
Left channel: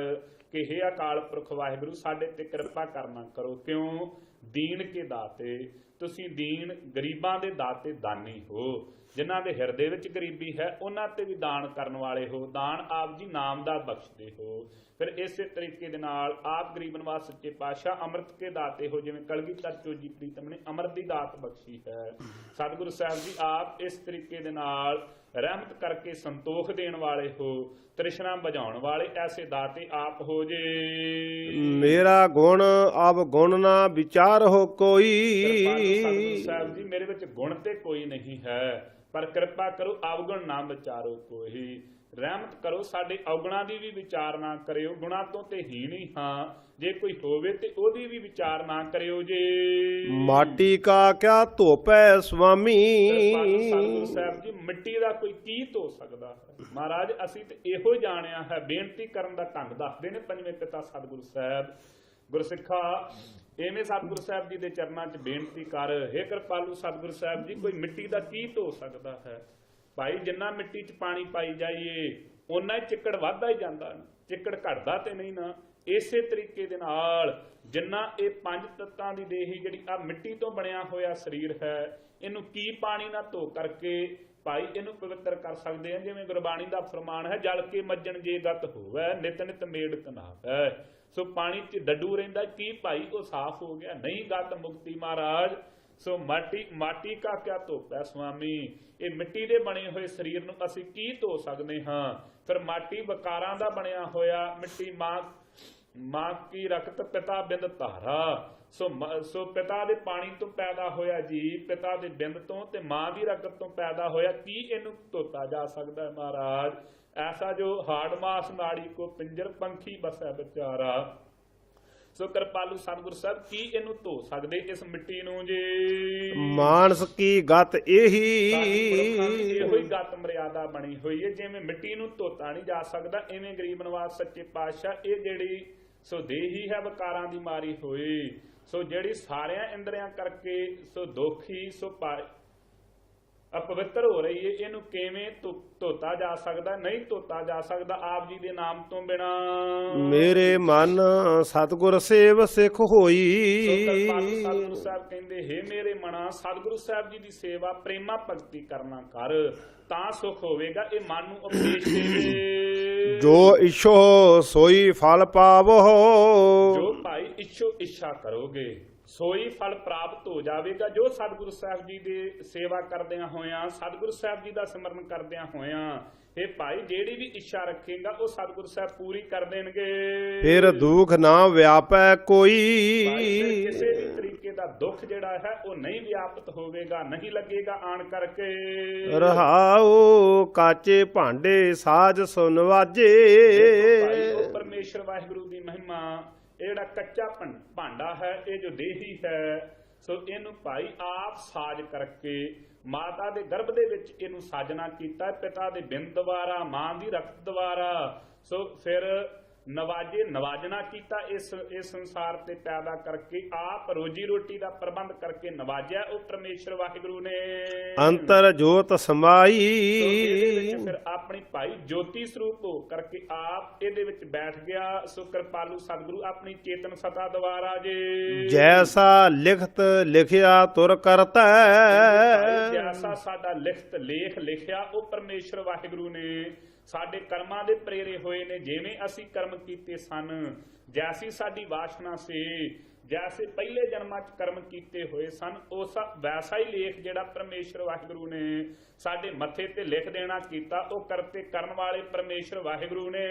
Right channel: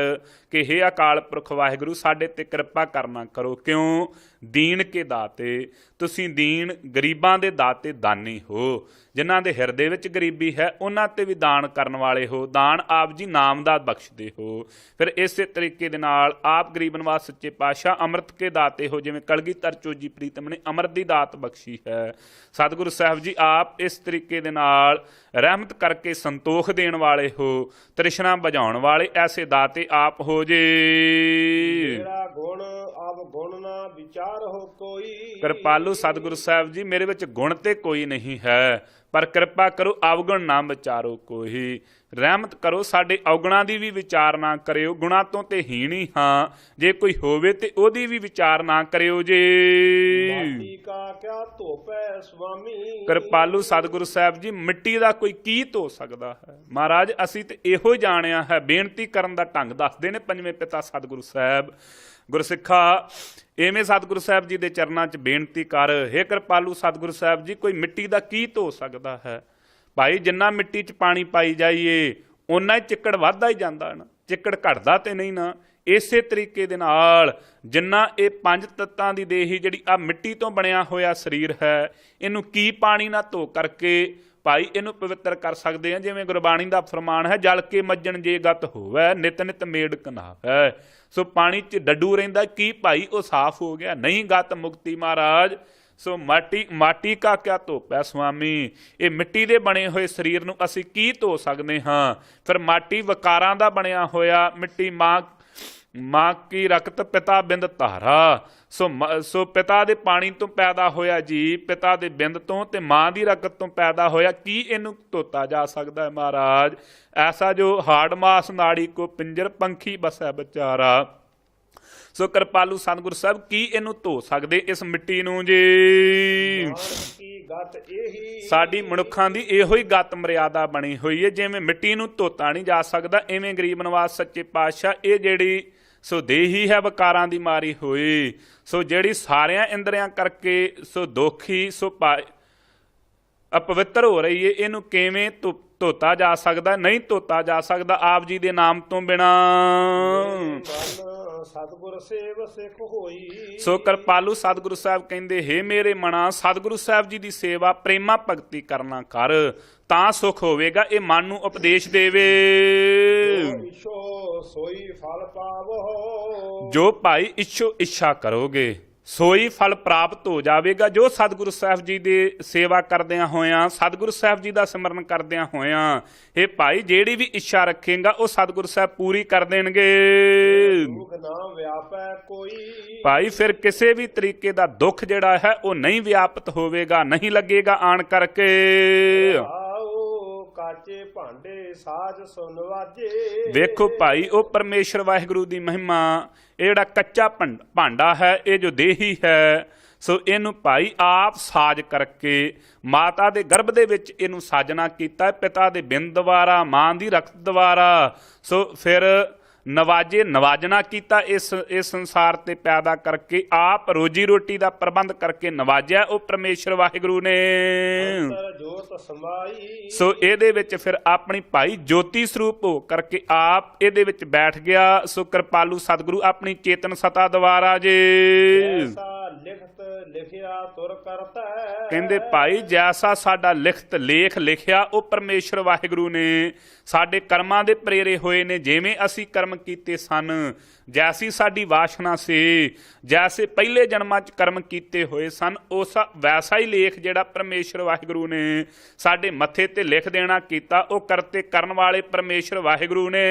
ਕਿ ਹੇ ਅਕਾਲ ਪੁਰਖ ਵਾਹਿਗੁਰੂ ਸਾਡੇ ਤੇ ਕਿਰਪਾ ਕਰਨਾ ਕਰੋ। ਕਿਉਂ? ਦੀਨ ਕੇ ਦਾਤੇ, ਤੁਸੀਂ ਦੀਨ ਗਰੀਬਾਂ ਦੇ ਦਾਤੇ ਦਾਨੀ ਹੋ। ਜਿਨ੍ਹਾਂ ਦੇ ਹਿਰਦੇ ਵਿੱਚ ਗਰੀਬੀ ਹੈ ਉਹਨਾਂ ਤੇ ਵੀ ਦਾਨ ਕਰਨ ਵਾਲੇ ਹੋ। ਦਾਨ ਆਪ ਜੀ ਨਾਮ ਦਾ ਬਖਸ਼ਦੇ ਹੋ। ਫਿਰ ਇਸੇ ਤਰੀਕੇ ਦੇ ਨਾਲ ਆਪ ਗਰੀਬ ਨਵਾਜ਼ ਸੱਚੇ ਪਾਤਸ਼ਾਹ ਅੰਮ੍ਰਿਤ ਕੇ ਦਾਤੇ ਹੋ। ਜਿਵੇਂ ਕਲਗੀਧਰ ਚੋਜੀ ਪ੍ਰੀਤਮ ਨੇ ਅੰਮ੍ਰਿਤ ਦੀ ਦਾਤ ਬਖਸ਼ੀ ਹੈ, ਸਤਿਗੁਰੂ ਸਾਹਿਬ ਜੀ ਆਪ ਇਸ ਤਰੀਕੇ ਦੇ ਨਾਲ ਰਹਿਮਤ ਕਰਕੇ ਸੰਤੋਖ ਦੇਣ ਵਾਲੇ ਹੋ, ਤ੍ਰਿਸ਼ਨਾ ਬੁਝਾਉਣ ਵਾਲੇ ਐਸੇ ਦਾਤੇ ਆਪ ਹੋ ਜੇ। ਮੇਰਾ ਗੁਣ ਅਬ ਗੁਣ ਨਾ ਵਿਚਾਰ ਹੋ ਕੋਈ। ਕਿਰਪਾਲੂ ਸਤਿਗੁਰੂ ਸਾਹਿਬ ਜੀ ਮੇਰੇ ਵਿੱਚ ਗੁਣ ਤੇ ਕੋਈ ਨਹੀਂ ਹੈ, ਪਰ ਕਿਰਪਾ ਕਰੋ ਅਵਗੁਣ ਨਾ ਵਿਚਾਰੋ ਕੋਈ। ਰਹਿਮਤ ਕਰੋ ਸਾਡੇ ਔਗੁਣਾਂ ਦੀ ਵੀ ਵਿਚਾਰ ਨਾ ਕਰਿਓ। ਗੁਣਾਂ ਤੋਂ ਤੇ ਹੀਣ ਹੀ ਹਾਂ, ਜੇ ਕੋਈ ਹੋਵੇ ਤੇ ਉਹਦੀ ਵੀ ਵਿਚਾਰ ਨਾ ਕਰਿਓ ਜੇ। ਮਾਟੀ ਕਾ ਕਿਆ ਧੋਪੈ ਸੁਆਮੀ। ਕਿਰਪਾਲੂ ਸਤਿਗੁਰੂ ਸਾਹਿਬ ਜੀ ਮਿੱਟੀ ਦਾ ਕੋਈ ਕੀ ਧੋ ਸਕਦਾ ਹੈ? ਮਹਾਰਾਜ ਅਸੀਂ ਤੇ ਇਹੋ ਜਾਣਿਆ ਹੈ। ਬੇਨਤੀ ਕਰਨ ਦਾ ਢੰਗ ਦੱਸਦੇ ਨੇ ਪੰਜਵੇਂ ਪਿਤਾ ਸਤਿਗੁਰੂ ਸਾਹਿਬ। ਗੁਰਸਿੱਖਾ ਐਵੇਂ ਸਤਿਗੁਰੂ ਸਾਹਿਬ ਜੀ ਦੇ ਚਰਨਾਂ 'ਚ ਬੇਨਤੀ ਕਰ, ਹੇ ਕਿਰਪਾਲੂ ਸਤਿਗੁਰੂ ਸਾਹਿਬ ਜੀ ਕੋਈ ਮਿੱਟੀ ਦਾ ਕੀ ਧੋ ਸਕਦਾ ਹੈ? ਭਾਈ ਜਿੰਨਾ ਮਿੱਟੀ 'ਚ ਪਾਣੀ ਪਾਈ ਜਾਈਏ ਓਨਾ ਹੀ ਚਿੱਕੜ ਵੱਧਦਾ ਹੀ ਜਾਂਦਾ ਨਾ, ਚਿੱਕੜ ਘਟਦਾ ਤੇ ਨਹੀਂ ਨਾ। ਇਸੇ ਤਰੀਕੇ ਦੇ ਨਾਲ ਜਿੰਨਾ ਇਹ ਪੰਜ ਤੱਤਾਂ ਦੀ ਦੇਹੀ ਜਿਹੜੀ ਆ ਮਿੱਟੀ ਤੋਂ ਬਣਿਆ ਹੋਇਆ ਸਰੀਰ ਹੈ, ਇਹਨੂੰ ਕੀ ਪਾਣੀ ਨਾਲ ਧੋ ਕਰਕੇ ਭਾਈ ਇਹਨੂੰ ਪਵਿੱਤਰ ਕਰ ਸਕਦੇ ਆ। ਜਿਵੇਂ ਗੁਰਬਾਣੀ ਦਾ ਫਰਮਾਨ ਹੈ, ਜਲ ਕੇ ਮੱਜਣ ਜੇ ਗਤ ਹੋਵੇ ਨਿਤ ਨਿਤ ਮੇੜ ਕਨਾਵੈ। ਸੋ ਪਾਣੀ 'ਚ ਡੱਡੂ ਰਹਿੰਦਾ ਕੀ ਭਾਈ ਉਹ ਸਾਫ਼ ਹੋ ਗਿਆ? ਨਹੀਂ, ਗਤ ਮੁਕਤੀ ਮਹਾਰਾਜ ਸੋ ਮਾਟੀ ਕਾ ਕਿਆ ਧੋਪ ਹੈ ਸੁਆਮੀ। ਇਹ ਮਿੱਟੀ ਦੇ ਬਣੇ ਹੋਏ ਸਰੀਰ ਨੂੰ ਅਸੀਂ ਕੀ ਧੋ ਸਕਦੇ ਹਾਂ। ਫਿਰ ਮਾਟੀ ਵਿਕਾਰਾਂ ਦਾ ਬਣਿਆ ਹੋਇਆ, ਮਿੱਟੀ ਮਾਂ ਕੀ ਰਕਤ ਪਿਤਾ ਬਿੰਦ ਧਾਰਾ। ਸੋ ਪਿਤਾ ਦੇ ਪਾਣੀ ਤੋਂ ਪੈਦਾ ਹੋਇਆ ਜੀ, ਪਿਤਾ ਦੇ ਬਿੰਦ ਤੋਂ ਤੇ ਮਾਂ ਦੀ ਰਕਤ ਤੋਂ ਪੈਦਾ ਹੋਇਆ, ਕੀ ਇਹਨੂੰ ਧੋਤਾ ਜਾ ਸਕਦਾ ਹੈ ਮਹਾਰਾਜ। ਐਸਾ ਜੋ ਹਾੜ ਮਾਸ ਨਾੜੀ ਕੋ ਪਿੰਜਰ ਪੰਖੀ ਬਸੈ ਵਿਚਾਰਾ। ਸੋ ਕਿਰਪਾਲੂ ਸਤਿਗੁਰ ਸਾਹਿਬ ਕੀ ਇਹਨੂੰ ਧੋ ਸਕਦੇ ਇਸ ਮਿੱਟੀ ਨੂੰ ਜੀ। ਮਾਨਸ ਕੀ ਗਤ ਇਹੀ, ਸਾਡੀ ਮਨੁੱਖਾਂ ਦੀ ਇਹੋ ਹੀ ਗਤ ਮਰਿਆਦਾ ਬਣੀ ਹੋਈ ਹੈ। ਜਿਵੇਂ ਮਿੱਟੀ ਨੂੰ ਧੋਤਾ ਨਹੀਂ ਜਾ ਸਕਦਾ, ਇਵੇਂ ਗਰੀਬ ਨਿਵਾਸ ਸੱਚੇ ਪਾਤਸ਼ਾਹ ਇਹ ਜਿਹੜੀ ਸੋ ਦੇਹੀ ਹੈ ਵਿਕਾਰਾਂ ਦੀ ਮਾਰੀ ਹੋਈ, ਸੋ ਜਿਹੜੀ ਸਾਰਿਆਂ ਇੰਦਰੀਆਂ ਕਰਕੇ ਸੋ ਦੋਖੀ ਸੋ ਅਪਵਿੱਤਰ ਹੋ ਰਹੀ ਹੈ, ਇਹਨੂੰ ਕਿਵੇਂ ਧੋਤਾ ਜਾ ਸਕਦਾ? ਨਹੀਂ ਧੋਤਾ ਜਾ ਸਕਦਾ ਆਪ ਜੀ ਦੇ ਨਾਮ ਤੋਂ ਬਿਨਾ। ਮੇਰੇ ਮਨ ਸਤਿਗੁਰ ਸੇਵ ਸਿੱਖ ਹੋਈ। ਸੋ ਕਿਰਪਾਲੂ ਸਤਿਗੁਰੂ ਸਾਹਿਬ ਕਹਿੰਦੇ, ਹੇ ਮੇਰੇ ਮਨਾ ਸਤਿਗੁਰੂ ਸਾਹਿਬ ਜੀ ਦੀ ਸੇਵਾ ਪ੍ਰੇਮਾ ਭਗਤੀ ਕਰਨਾ ਕਰ, ਤਾਂ ਸੁਖ ਹੋਵੇਗਾ। ਇਹ ਮਨ ਨੂੰ ਉਪਦੇਸ਼ ਦੇਵੇ। ਜੋ ਇਛੋ ਸੋਈ ਫਲ ਪਾਵੋ, ਜੋ ਭਾਈ ਇੱਛਾ ਕਰੋਗੇ ਸੋਈ ਫਲ ਪ੍ਰਾਪਤ ਹੋ ਜਾਵੇਗਾ। ਜੋ ਸਤਿਗੁਰੂ ਸਾਹਿਬ ਜੀ ਦੀ ਸੇਵਾ ਕਰਦਿਆਂ ਹੋਇਆਂ, ਸਤਿਗੁਰੂ ਸਾਹਿਬ ਜੀ ਦਾ ਸਿਮਰਨ ਕਰਦਿਆਂ ਹੋਇਆਂ, ਇਹ ਭਾਈ ਜਿਹੜੀ ਵੀ ਇੱਛਾ ਰੱਖੇਗਾ ਉਹ ਸਤਿਗੁਰੂ ਸਾਹਿਬ ਪੂਰੀ ਕਰ ਦੇਣਗੇ। ਫਿਰ ਦੁੱਖ ਨਾ ਵਿਆਪੈ ਕੋਈ, ਭਾਈ ਫਿਰ ਕਿਸੇ ਵੀ ਤਰੀਕੇ ਦਾ ਦੁੱਖ ਜਿਹੜਾ ਹੈ ਉਹ ਨਹੀਂ ਵਿਆਪਤ ਹੋਵੇਗਾ, ਨਹੀਂ ਲੱਗੇਗਾ ਆਣ ਕਰਕੇ। ਰਹਾਉ ਕਾਚੇ ਭਾਂਡੇ ਸਾਜ ਸੁਨਵਾਜੇ। ਵੇਖੋ ਭਾਈ ਉਹ ਪਰਮੇਸ਼ਰ ਵਾਹਿਗੁਰੂ ਦੀ ਮਹਿਮਾ, ਇਹ ਜਿਹੜਾ ਕੱਚਾ ਭਾਂਡਾ ਹੈ, ਇਹ ਜੋ ਦੇਹੀ ਹੈ, ਸੋ ਇਹਨੂੰ ਭਾਈ ਆਪ ਸਾਜ ਕਰਕੇ ਮਾਤਾ ਦੇ ਗਰਭ ਦੇ ਵਿੱਚ ਇਹਨੂੰ ਸਾਜਣਾ ਕੀਤਾ, ਪਿਤਾ ਦੇ ਬਿੰਦ ਦੁਆਰਾ, ਮਾਂ ਦੀ ਰਕਤ ਦੁਆਰਾ। ਸੋ ਫਿਰ ਨਵਾਜਣਾ ਕੀਤਾ ਇਸ ਸੰਸਾਰ ਤੇ ਪੈਦਾ ਕਰਕੇ, ਆਪ ਰੋਜੀ ਰੋਟੀ ਦਾ ਪ੍ਰਬੰਧ ਕਰਕੇ ਨਵਾਜਿਆ ਉਹ ਪਰਮੇਸ਼ਰ ਵਾਹਿਗੁਰੂ ਨੇ। ਅੰਤਰ ਜੋਤ ਸਮਾਈ। ਸੋ ਇਹਦੇ ਵਿੱਚ ਫਿਰ ਆਪਣੀ ਭਾਈ ਜੋਤੀ ਸਰੂਪ ਹੋ ਕਰਕੇ ਆਪ ਇਹਦੇ ਵਿੱਚ ਬੈਠ ਗਿਆ। ਸੋ ਕਿਰਪਾਲੂ ਸਤਿਗੁਰੂ ਆਪਣੀ ਚੇਤਨ ਸਤਾ ਦੁਆਰਾ ਜੇ ਜੈਸਾ ਲਿਖਤ ਲਿਖਿਆ ਤੁਰ ਕਰਤਾ। ਕਹਿੰਦੇ ਭਾਈ ਜੈਸਾ ਸਾਡਾ ਲਿਖਤ ਲੇਖ ਲਿਖਿਆ ਉਹ ਪਰਮੇਸ਼ਰ ਵਾਹਿਗੁਰੂ ਨੇ। ਸਾਡੇ ਕਰਮਾਂ ਦੇ ਪ੍ਰੇਰੇ ਹੋਏ ਨੇ, ਜਿਵੇਂ ਅਸੀਂ ਕਰਮ ਕੀਤੇ ਸਨ, ਜੈਸੀ ਸਾਡੀ ਵਾਸ਼ਨਾ ਸੀ, ਜੈਸੇ ਪਹਿਲੇ ਜਨਮਾਂ 'ਚ ਕਰਮ ਕੀਤੇ ਹੋਏ ਸਨ, ਉਸ ਵੈਸਾ ਹੀ ਲੇਖ ਜਿਹੜਾ ਪਰਮੇਸ਼ਰ ਵਾਹਿਗੁਰੂ ਨੇ ਸਾਡੇ ਮੱਥੇ ਤੇ ਲਿਖ ਦੇਣਾ ਕੀਤਾ। ਉਹ ਕਰਤੇ ਕਰਨ ਵਾਲੇ ਪਰਮੇਸ਼ਰ ਵਾਹਿਗੁਰੂ ਨੇ।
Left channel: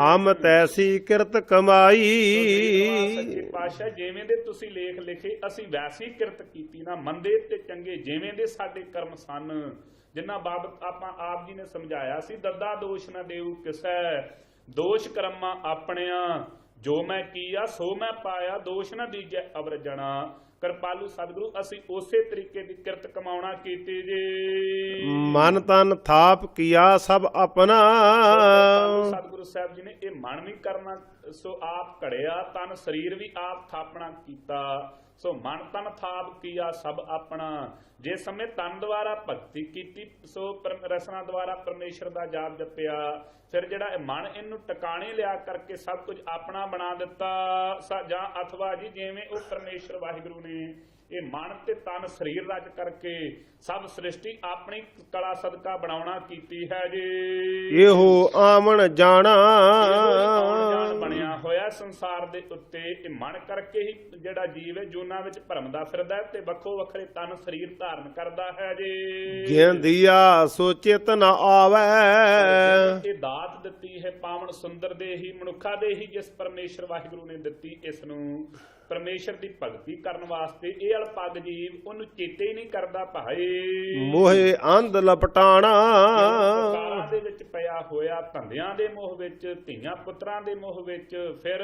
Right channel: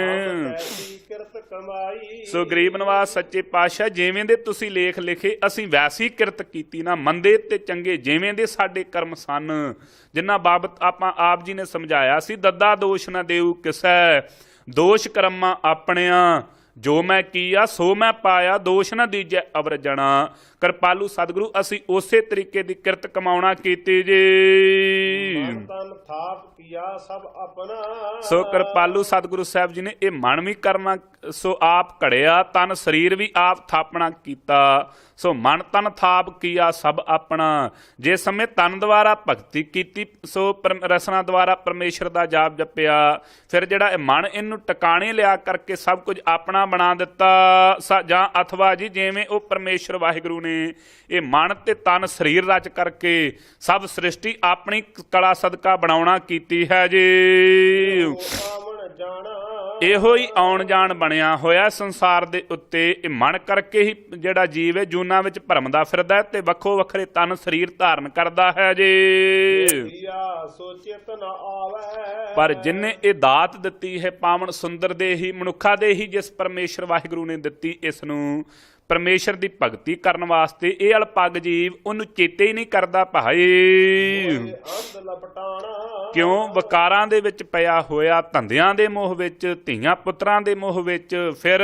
ਹਮ ਤੈਸੀ ਕਿਰਤ ਕਮਾਈ। ਸੋ ਗਰੀਬ ਨਿਵਾਸ ਸੱਚੇ ਪਾਤਸ਼ਾਹ ਜਿਵੇਂ ਦੇ ਤੁਸੀਂ ਲੇਖ ਲਿਖੇ, ਅਸੀਂ ਵੈਸੀ ਕਿਰਤ ਕੀਤੀ ਨਾ। ਮੰਦੇ ਤੇ ਚੰਗੇ ਜਿਵੇਂ ਦੇ ਸਾਡੇ ਕਰਮ ਸਨ, ਜਿਨ੍ਹਾਂ ਬਾਬਤ ਆਪਾਂ ਆਪ ਜੀ ਨੇ ਸਮਝਾਇਆ ਸੀ, ਦੱਦਾ ਦੋਸ਼ ਨਾ ਦੇਊ ਕਿਸੈ, ਦੋਸ਼ ਕਰਮਾਂ ਆਪਣਿਆਂ, ਜੋ ਮੈਂ ਕੀਆ ਸੋ ਮੈਂ ਪਾਇਆ, ਦੋਸ਼ ਨਾ ਦੀਜੈ ਅਵਰ ਜਣਾ। ਕਿਰਪਾਲੂ ਸਤਿਗੁਰੂ ਅਸੀਂ ਉਸੇ ਤਰੀਕੇ ਦੀ ਕਿਰਤ ਕਮਾਉਣਾ ਕੀਤੀ ਜੀ। ਮਨ ਤਨ ਥਾਪ ਕੀਆ ਸਭ ਆਪਣਾ। ਸੋ ਕਿਰਪਾਲੂ ਸਤਿਗੁਰੂ ਸਾਹਿਬ ਜੀ ਨੇ ਇਹ ਮਨ ਵੀ ਕਰਨਾ ਸੋ ਆਪ ਘੜਿਆ, ਤਨ ਸਰੀਰ ਵੀ ਆਪ ਥਾਪਣਾ ਕੀਤਾ। ਸੋ ਮਨ ਤਨ ਥਾਪ ਕੀਆ ਸਭ ਆਪਣਾ। ਜੇ ਸਮੇਂ ਤਨ ਦੁਆਰਾ ਭਗਤੀ ਕੀਤੀ, ਸੋ ਰਸਨਾ ਦੁਆਰਾ ਪਰਮੇਸ਼ਰ ਦਾ ਜਾਪ ਜਪਿਆ, ਫਿਰ ਜਿਹੜਾ ਇਹ ਮਨ ਇਹਨੂੰ ਟਿਕਾਣੇ ਲਿਆ ਕਰਕੇ ਸਭ ਕੁਝ ਆਪਣਾ ਬਣਾ ਦਿੱਤਾ। ਜਾਂ ਅਥਵਾ ਜੀ ਜਿਵੇਂ ਉਹ ਪਰਮੇਸ਼ਰ ਵਾਹਿਗੁਰੂ ਨੇ ਇਹ ਮਨ ਤੇ ਤਨ ਸਰੀਰ ਰਚ ਕਰਕੇ ਸਭ ਸ੍ਰਿਸ਼ਟੀ ਆਪਣੀ ਕਲਾ ਸਦਕਾ ਬਣਾਉਣਾ ਕੀਤੀ ਹੈ ਜੀ। ਇਹੋ ਆਵਣ ਜਾਣਾ, ਇਹੋ ਹੀ ਆਉਣ ਜਾਣ ਬਣਿਆ ਹੋਇਆ ਸੰਸਾਰ ਦੇ ਉੱਤੇ। ਇਹ ਮਨ ਕਰਕੇ ਹੀ ਜਿਹੜਾ ਜੀਵ ਹੈ ਜੂਨਾਂ ਵਿੱਚ ਭਰਮਦਾ ਫਿਰਦਾ ਤੇ ਵੱਖੋ ਵੱਖਰੇ ਤਨ ਸਰੀਰ ਧਾਰਨ ਕਰਦਾ ਹੈ ਜੀ। ਜਿਨ ਦੀਆ ਸੋ ਚਿਤ ਨ ਆਵੈ। ਪਰ ਜਿਨਨੇ ਇਹ ਦਾਤ ਦਿੱਤੀ ਹੈ ਪਾਵਨ ਸੁੰਦਰ ਦੇ ਹੀ ਮਨੁੱਖਾ ਦੇ ਹੀ, ਜਿਸ ਪਰਮੇਸ਼ਰ ਵਾਹਿਗੁਰੂ ਨੇ ਦਿੱਤੀ ਇਸ ਨੂੰ ਪਰਮੇਸ਼ਰ ਦੀ ਭਗਤੀ ਕਰਨ ਵਾਸਤੇ, ਇਹ ਅਲਪੱਗ ਜੀਵ ਉਹਨੂੰ ਚੇਤੇ ਹੀ ਨਹੀਂ ਕਰਦਾ ਭਾਈ। ਮੋਹੇ ਅੰਧ ਲਪਟਾਣਾ। ਕਿਉਂ? ਵਿਕਾਰਾਂ ਦੇ ਵਿੱਚ ਪਿਆ ਹੋਇਆ, ਧੰਦਿਆਂ ਦੇ ਮੋਹ ਵਿੱਚ, ਧੀਆਂ ਪੁੱਤਰਾਂ ਦੇ ਮੋਹ ਵਿੱਚ, ਫਿਰ